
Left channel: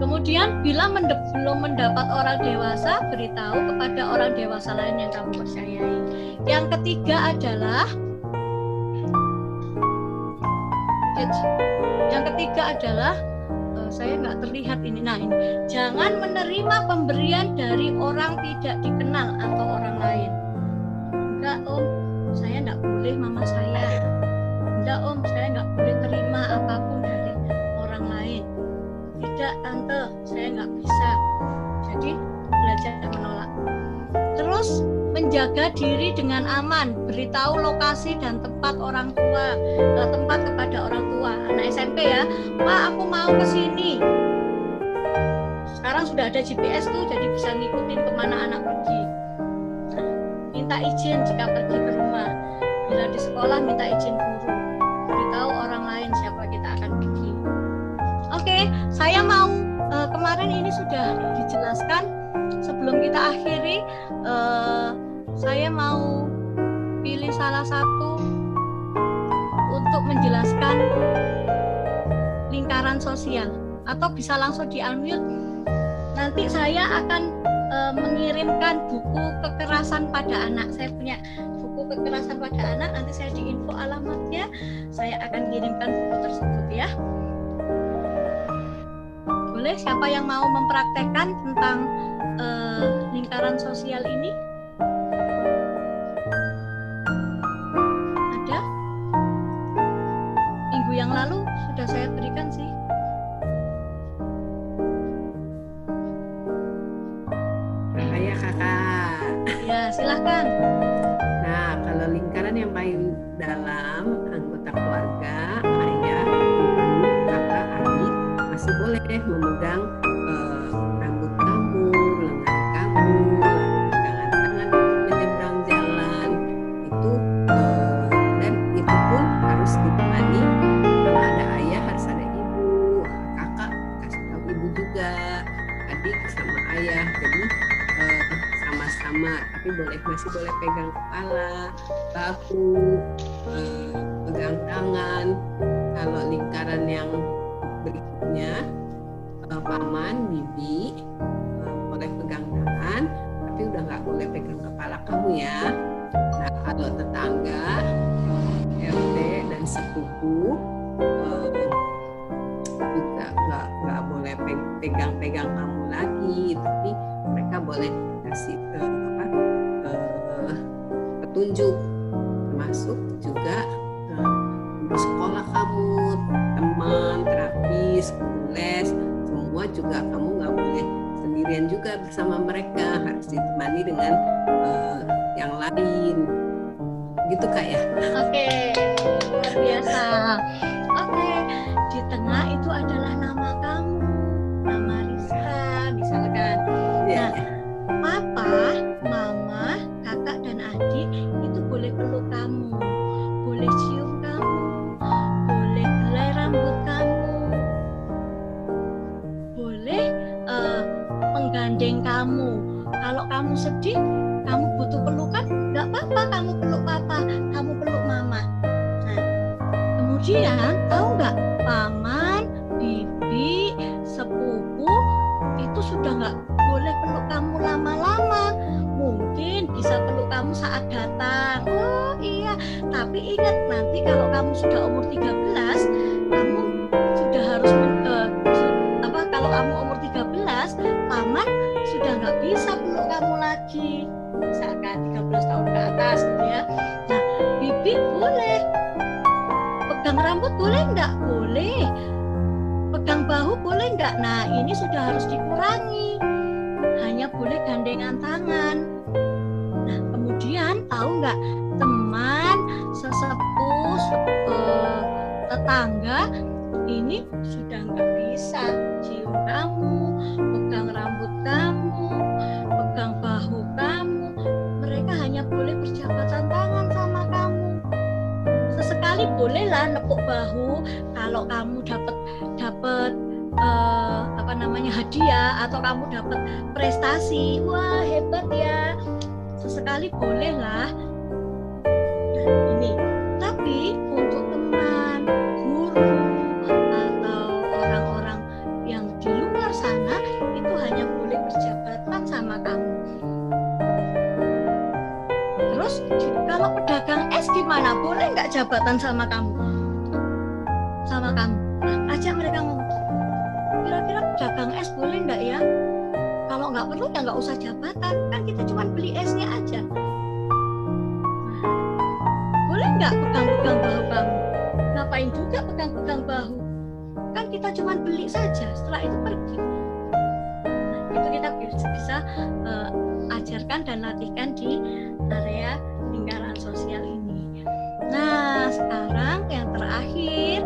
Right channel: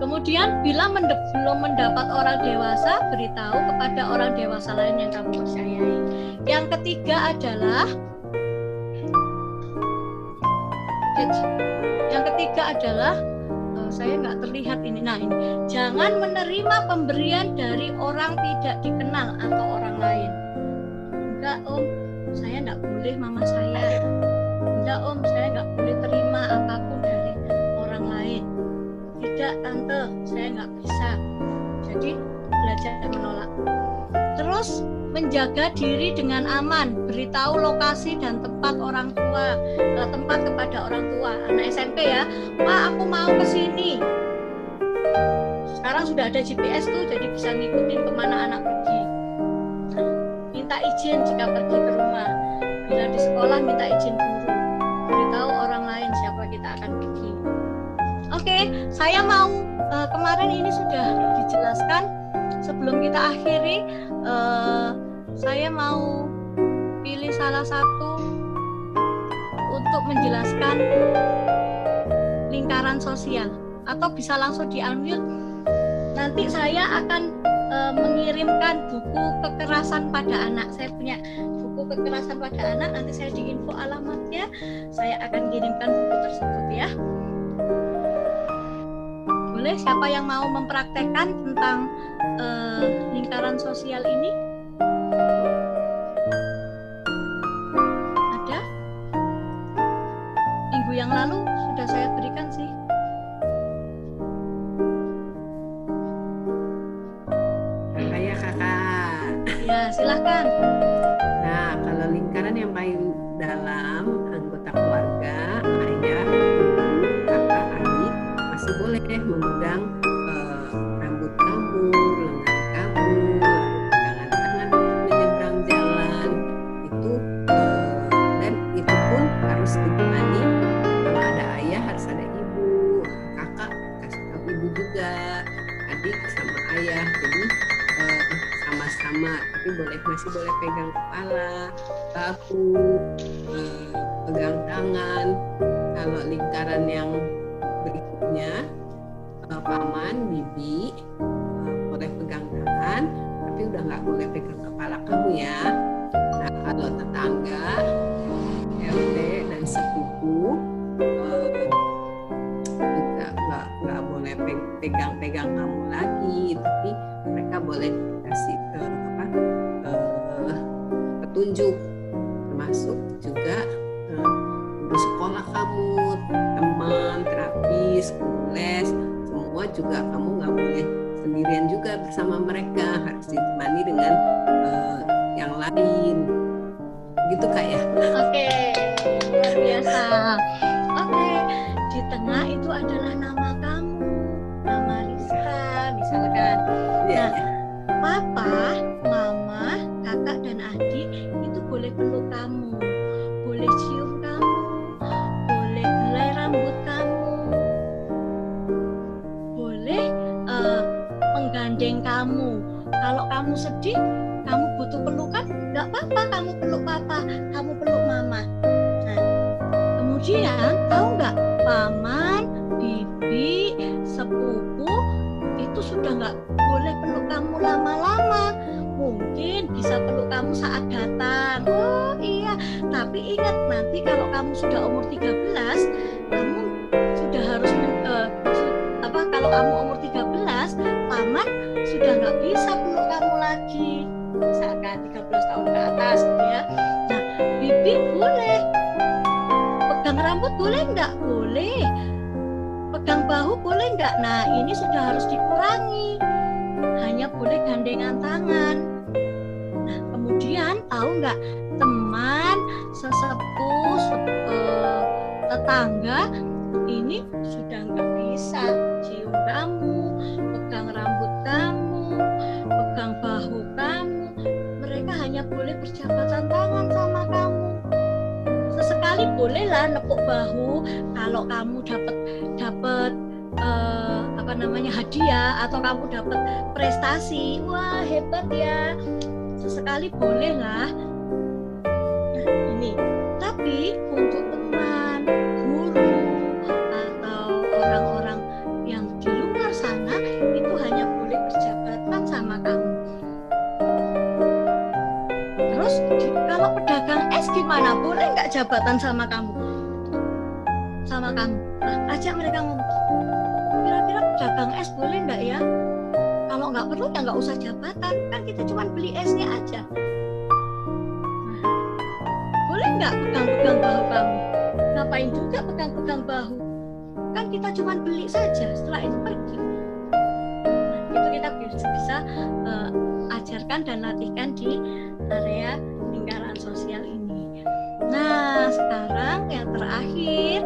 Kemudian bila belum mendapat orang dewasa, beritahu kepada orang dewasa lain yang kamu percayai. Yang ketiga adalah saya nggak terlihat ini. Nah, ini jangan menerima pemberian dari orang tidak dikenal atau orang lain. Enggak om, saya nggak boleh mama saya. Enggak om, saya nggak boleh terima apapun dari orang lain. Tidak tante, saya nggak bisa. Jadi belajar menolak. Terus menjaga diri dengan aman, beritahu lokasi dan tempat orang tua, tempat kepada orang tua. Anak SMP ya, Pak aku mau ke sini. Sekarang sudah ada GPS tuh, jadi bisa ngikutin kemana anak pergi. Nah, minta izin jika pergi ke rumah. Bila di sekolah minta izin guru. Beritahu orang lain siapa kita akan pergi. Oke, saya mau kemarin ini sudah dijelaskan. Sebelum kita akhiri, saya mau pilih salah satu untuk menjelaskan lingkaran sosial, atau bisa langsung di unmute. Nanti saya akan mengirimkan buku kekerasan pada anak. Saya punya buku kekerasan pada anak, nanti saya diinfo alamatnya, saya akan kirimkan buku tersebut ya. Boleh, siapa yang mau mempraktekkan tentang lingkaran sosial ini? Ada? Minggu yang lalu sudah saya berikan sih. Kakak ya kakak. Ya, keluarga. Silahkan. Nah, kalau lingkaran yang paling dalam, anggota keluarga, ayah, ibu, kakak, adik, masih boleh memegang rambut kamu, lengan kamu, lalu pegangan tangan untuk menyeberang jalan. Itu dan itu pun harus ditemani. Kalau ada ayah harus ada ibu, kakak kasih tahu ibu juga, adik sama ayah. Jadi sama-sama, tapi masih boleh pegang kepala, bahu, pegang tangan. Kalau lingkaran yang berikutnya, paman, bibi, boleh pegang tangan, tapi udah nggak boleh pegang kepala kamu ya. Nah, kalau tetangga, RT dan sepupu juga nggak boleh pegang-pegang kamu lagi, tapi mereka boleh kasih petunjuk, termasuk juga guru sekolah kamu, teman, terapis, guru les, semua juga kamu nggak boleh sendirian juga bersama mereka, harus ditemani dengan yang lain. Gitu Kak ya. Oke, luar biasa. Oke, di tengah itu adalah nama kamu, nama Rizka misalkan. Nah, papa, mama, kakak dan adik itu boleh peluk kamu, boleh cium kamu, boleh helai rambut kamu, boleh menggandeng kamu. Kalau kamu sedih, kamu butuh pelukan, nggak apa-apa, kamu peluk papa, kamu peluk mama. Nah, kemudian tahu nggak, paman, bibi, sepupu itu sudah nggak boleh peluk kamu lama-lama. Mungkin bisa peluk kamu saat datang. Oh iya, tapi ingat nanti kalau kamu sudah umur 13, kamu sudah harus kalau kamu umur 13, paman sudah nggak bisa peluk kamu lagi. Misalkan 13 tahun ke atas gitu ya. Nah, bibi boleh. Pegang rambut boleh nggak? Boleh. Pegang bahu boleh nggak? Nah, ini sudah harus dikurangi. Hanya boleh gandengan tangan. Nah, kemudian tahu nggak, teman, sesepuh, tetangga ini sudah nggak bisa cium kamu, pegang rambut kamu, pegang bahu kamu. Mereka hanya boleh berjabatan tangan sama kamu. Sesekali bolehlah nepuk bahu kalau kamu dapat hadiah atau kamu dapat prestasi. Wah, hebat ya. Sesekali bolehlah. Nah, ini. Tapi untuk teman, guru atau orang-orang yang di luar sana itu hanya boleh berjabatan sama kamu. Terus kalau pedagang es gimana? Boleh nggak jabatan sama kamu? Sama kamu. Nah, ajak mereka ngomong. Kira-kira pedagang es boleh nggak ya? Kalau nggak perlu ya nggak usah jabatan. Kan kita cuma beli esnya aja. Nah, boleh nggak pegang-pegang bahu kamu? Ngapain juga pegang-pegang bahu? Kan kita cuma beli saja. Setelah itu pergi. Nah, itu kita bisa ajarkan dan latihkan di area lingkaran sosial ini. Nah, sekarang yang terakhir,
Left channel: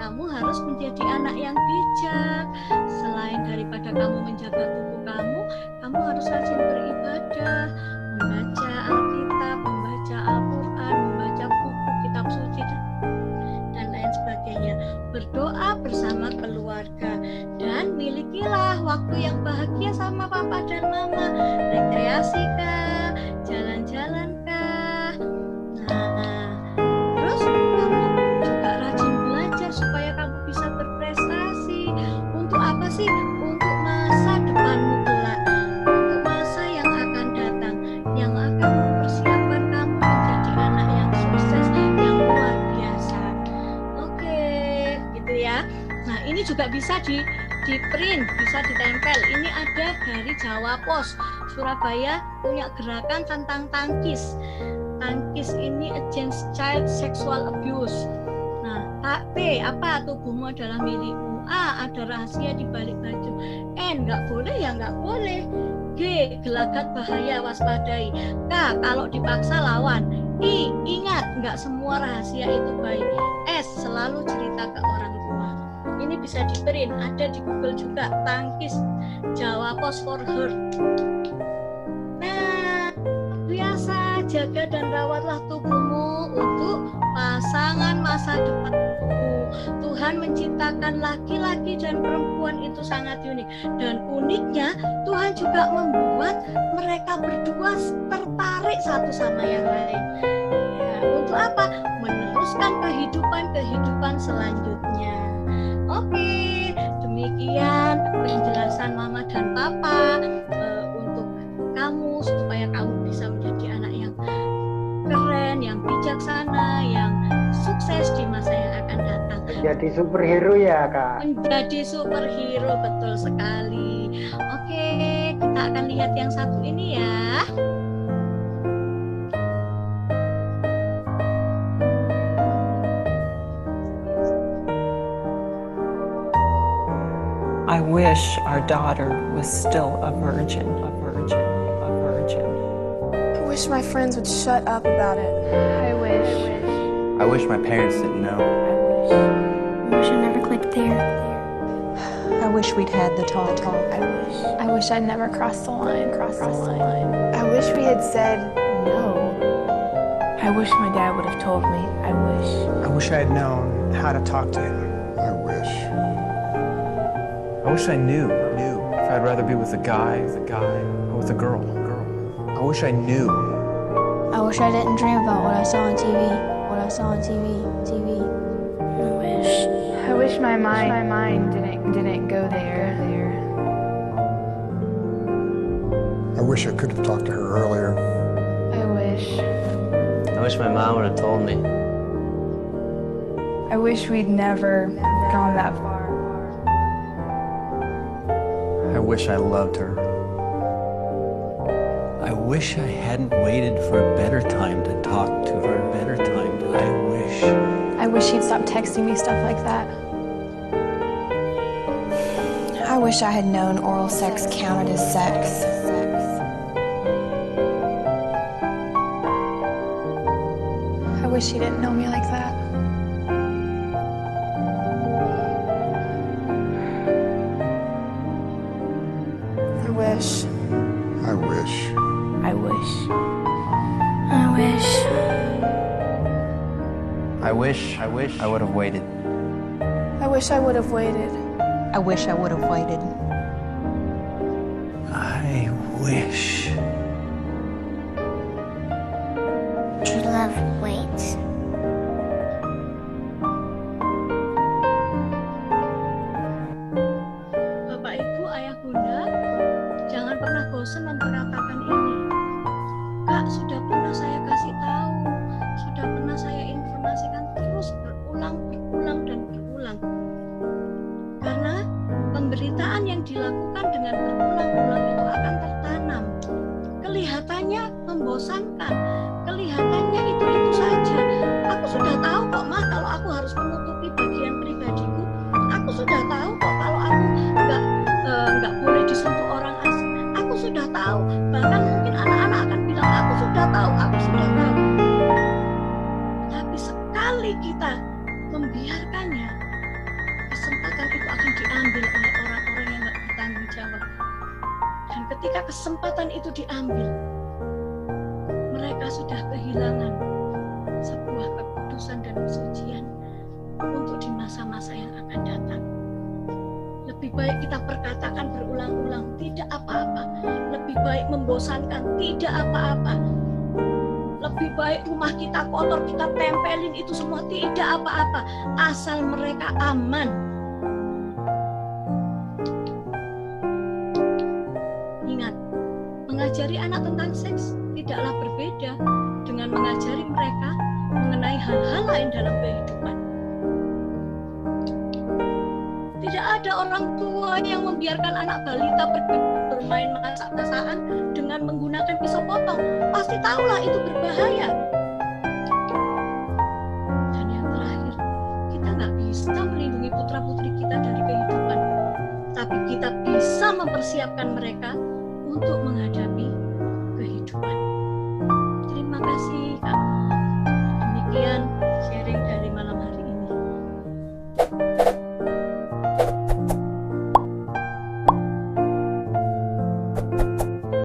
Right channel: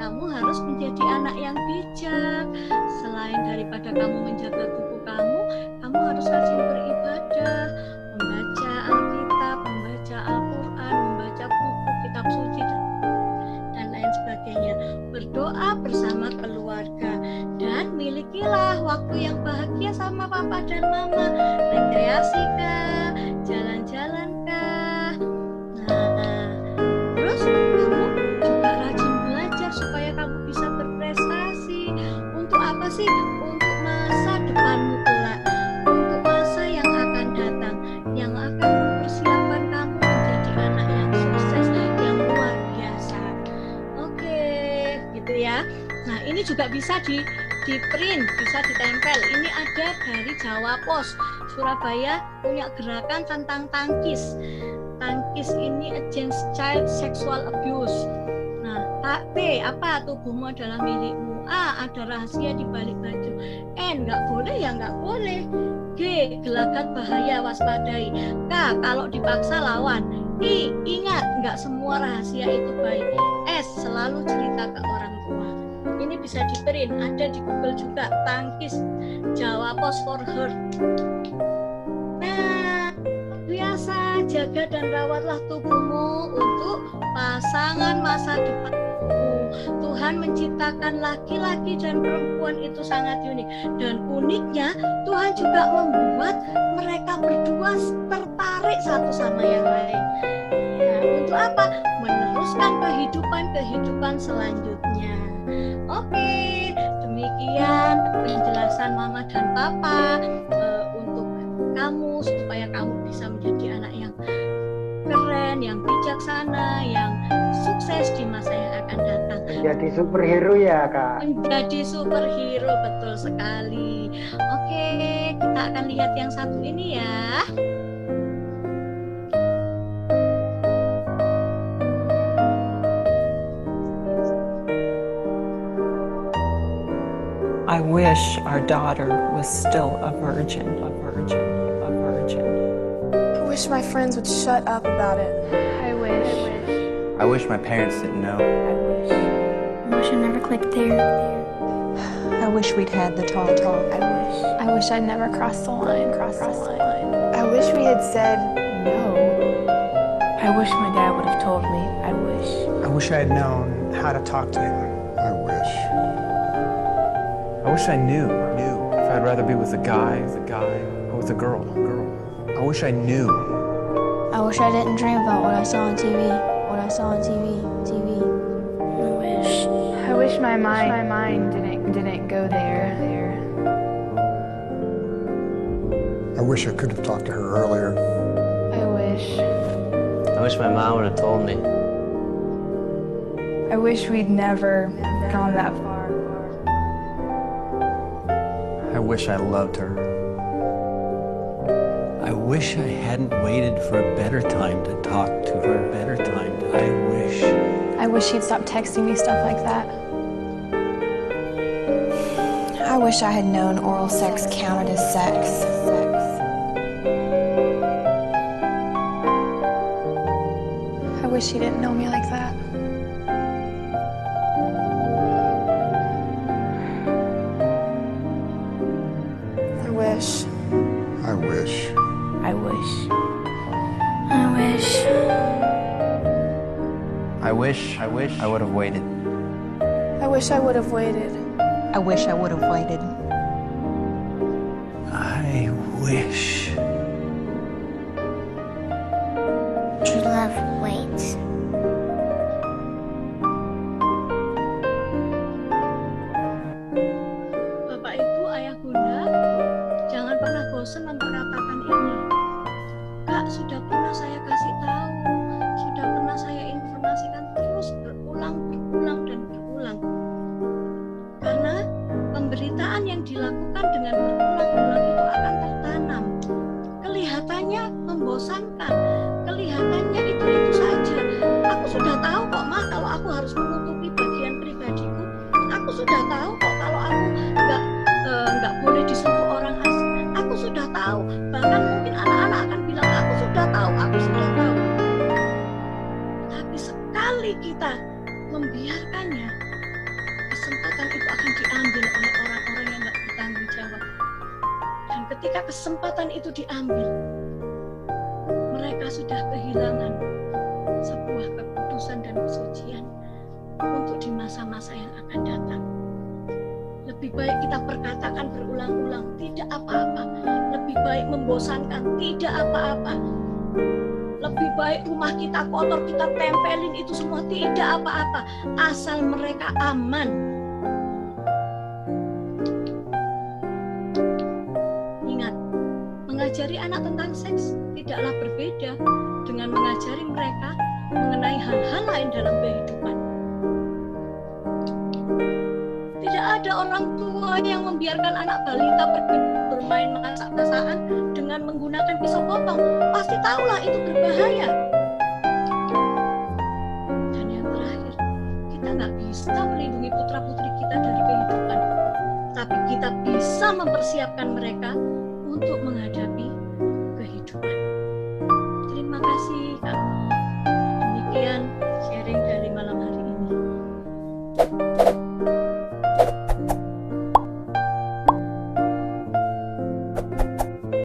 kamu harus menjadi anak yang bijak. Selain daripada kamu menjaga tubuh kamu harus rajin beribadah, membaca Alkitab, membaca Al-Quran, membaca buku kitab suci dan lain sebagainya. Berdoa bersama keluarga dan milikilah waktu yang bahagia sama papa dan mama. Rekreasi kah? Jalan-jalan kah? Nah, terus kamu juga rajin belajar supaya kamu bisa berprestasi. Untuk apa sih? Untuk masa depanmu kelak, untuk masa yang akan datang, yang akan mempersiapkan kamu menjadi anak yang sukses, yang luar biasa. Oke, gitu ya. Nah, ini juga bisa di print, bisa ditempel. Ini ada dari Jawa Pos. Surabaya punya gerakan tentang tangkis. Tangkis ini Against Child Sexual Abuse. Nah, P apa? Tubuhmu adalah milikmu. A. Ada rahasia di balik baju. N. Nggak boleh ya nggak boleh. G. Gelagat bahaya, waspadai. K. Kalau dipaksa lawan. I. Ingat, nggak semua rahasia itu baik. S. Selalu cerita ke orang tua. Ini bisa di-print, ada di Google juga. Tangkis Jawa Post for Her. Nah, biasa jaga dan rawatlah tubuhmu untuk pasangan masa depanmu. Tuhan menciptakan laki-laki dan perempuan itu sangat unik, dan uniknya Tuhan juga membuat mereka berdua tertarik satu sama yang lain. Ya, untuk apa? Meneruskan kehidupan selanjutnya. Oke, demikian penjelasan Mama dan Papa untuk kamu supaya kamu bisa menjadi anak yang keren, yang bijaksana, yang sukses di masa yang akan datang. Menjadi superhero ya, Kak. Menjadi superhero, betul sekali. Oke, kita akan lihat yang satu ini ya. I wish our daughter was still a virgin, a virgin, a virgin. I wish my friends would shut up about it. I wish. I wish my parents didn't know. I wish I never clicked there. I wish we'd had the talk. I wish I'd never crossed the line. I wish we had said no. I wish my dad would have told me. I wish I had known how to talk to him. I wish I knew if I'd rather be with a guy or with a girl. I wish I knew. I wish I didn't dream about what I saw on TV. I wish my mind didn't go there. I wish I could have talked to her earlier. I wish my mom would have told me. I wish we'd never gone that far. I wish I loved her. I wish I hadn't waited for a better time to talk to her. I wish he'd stop texting me stuff like that. I wish I had known oral sex counted as sex. I wish he didn't know me like that. I wish. I wish I would have waited. I wish I would have waited. I wish I would have waited. I wish. True love waits. Bapak, Ibu, Ayah, Bunda, jangan pernah bosan memperkatakan ini. Kak, sudah pernah saya kasih tahu, sudah pernah saya informasikan, terus berulang dan berulang. Karena pemberitaan yang dilakukan dengan berulang-ulang itu akan tertanam. Kelihatannya membosankan, kelihatannya itu saja. Aku sudah tahu kok, Ma, kalau aku harus menutupi bagian pribadiku. Aku sudah tahu kok kalau aku nggak boleh disentuh orang asing. Aku sudah tahu. Bahkan mungkin anak-anak akan bilang, aku sudah tahu. Tapi sekali kita membiarkannya, kesempatan itu akan diambil oleh orang-orang yang nggak bertanggung jawab. Dan ketika kesempatan itu diambil, mereka sudah kehilangan sebuah kekudusan dan kesucian untuk di masa-masa yang akan datang. Lebih baik kita perkatakan berulang-ulang, tidak apa-apa. Lebih baik membosankan, tidak apa-apa. Lebih baik rumah kita kotor, kita tempelin itu semua, tidak apa-apa. Asal mereka aman. Ingat, mengajari anak tentang seks tidaklah berbeda dengan mengajari mereka mengenai hal-hal lain dalam kehidupan. Tidak ada orang tua yang membiarkan anak balita bermain masak-masakan dengan menggunakan pisau potong. Pasti tahulah itu berbahaya. Dan yang terakhir, kita nggak bisa melindungi putra-putri kita dari kehidupan, tapi kita bisa mempersiapkan mereka untuk menghadapi kehidupan. Terima kasih Kak Nok. Demikian sharing dari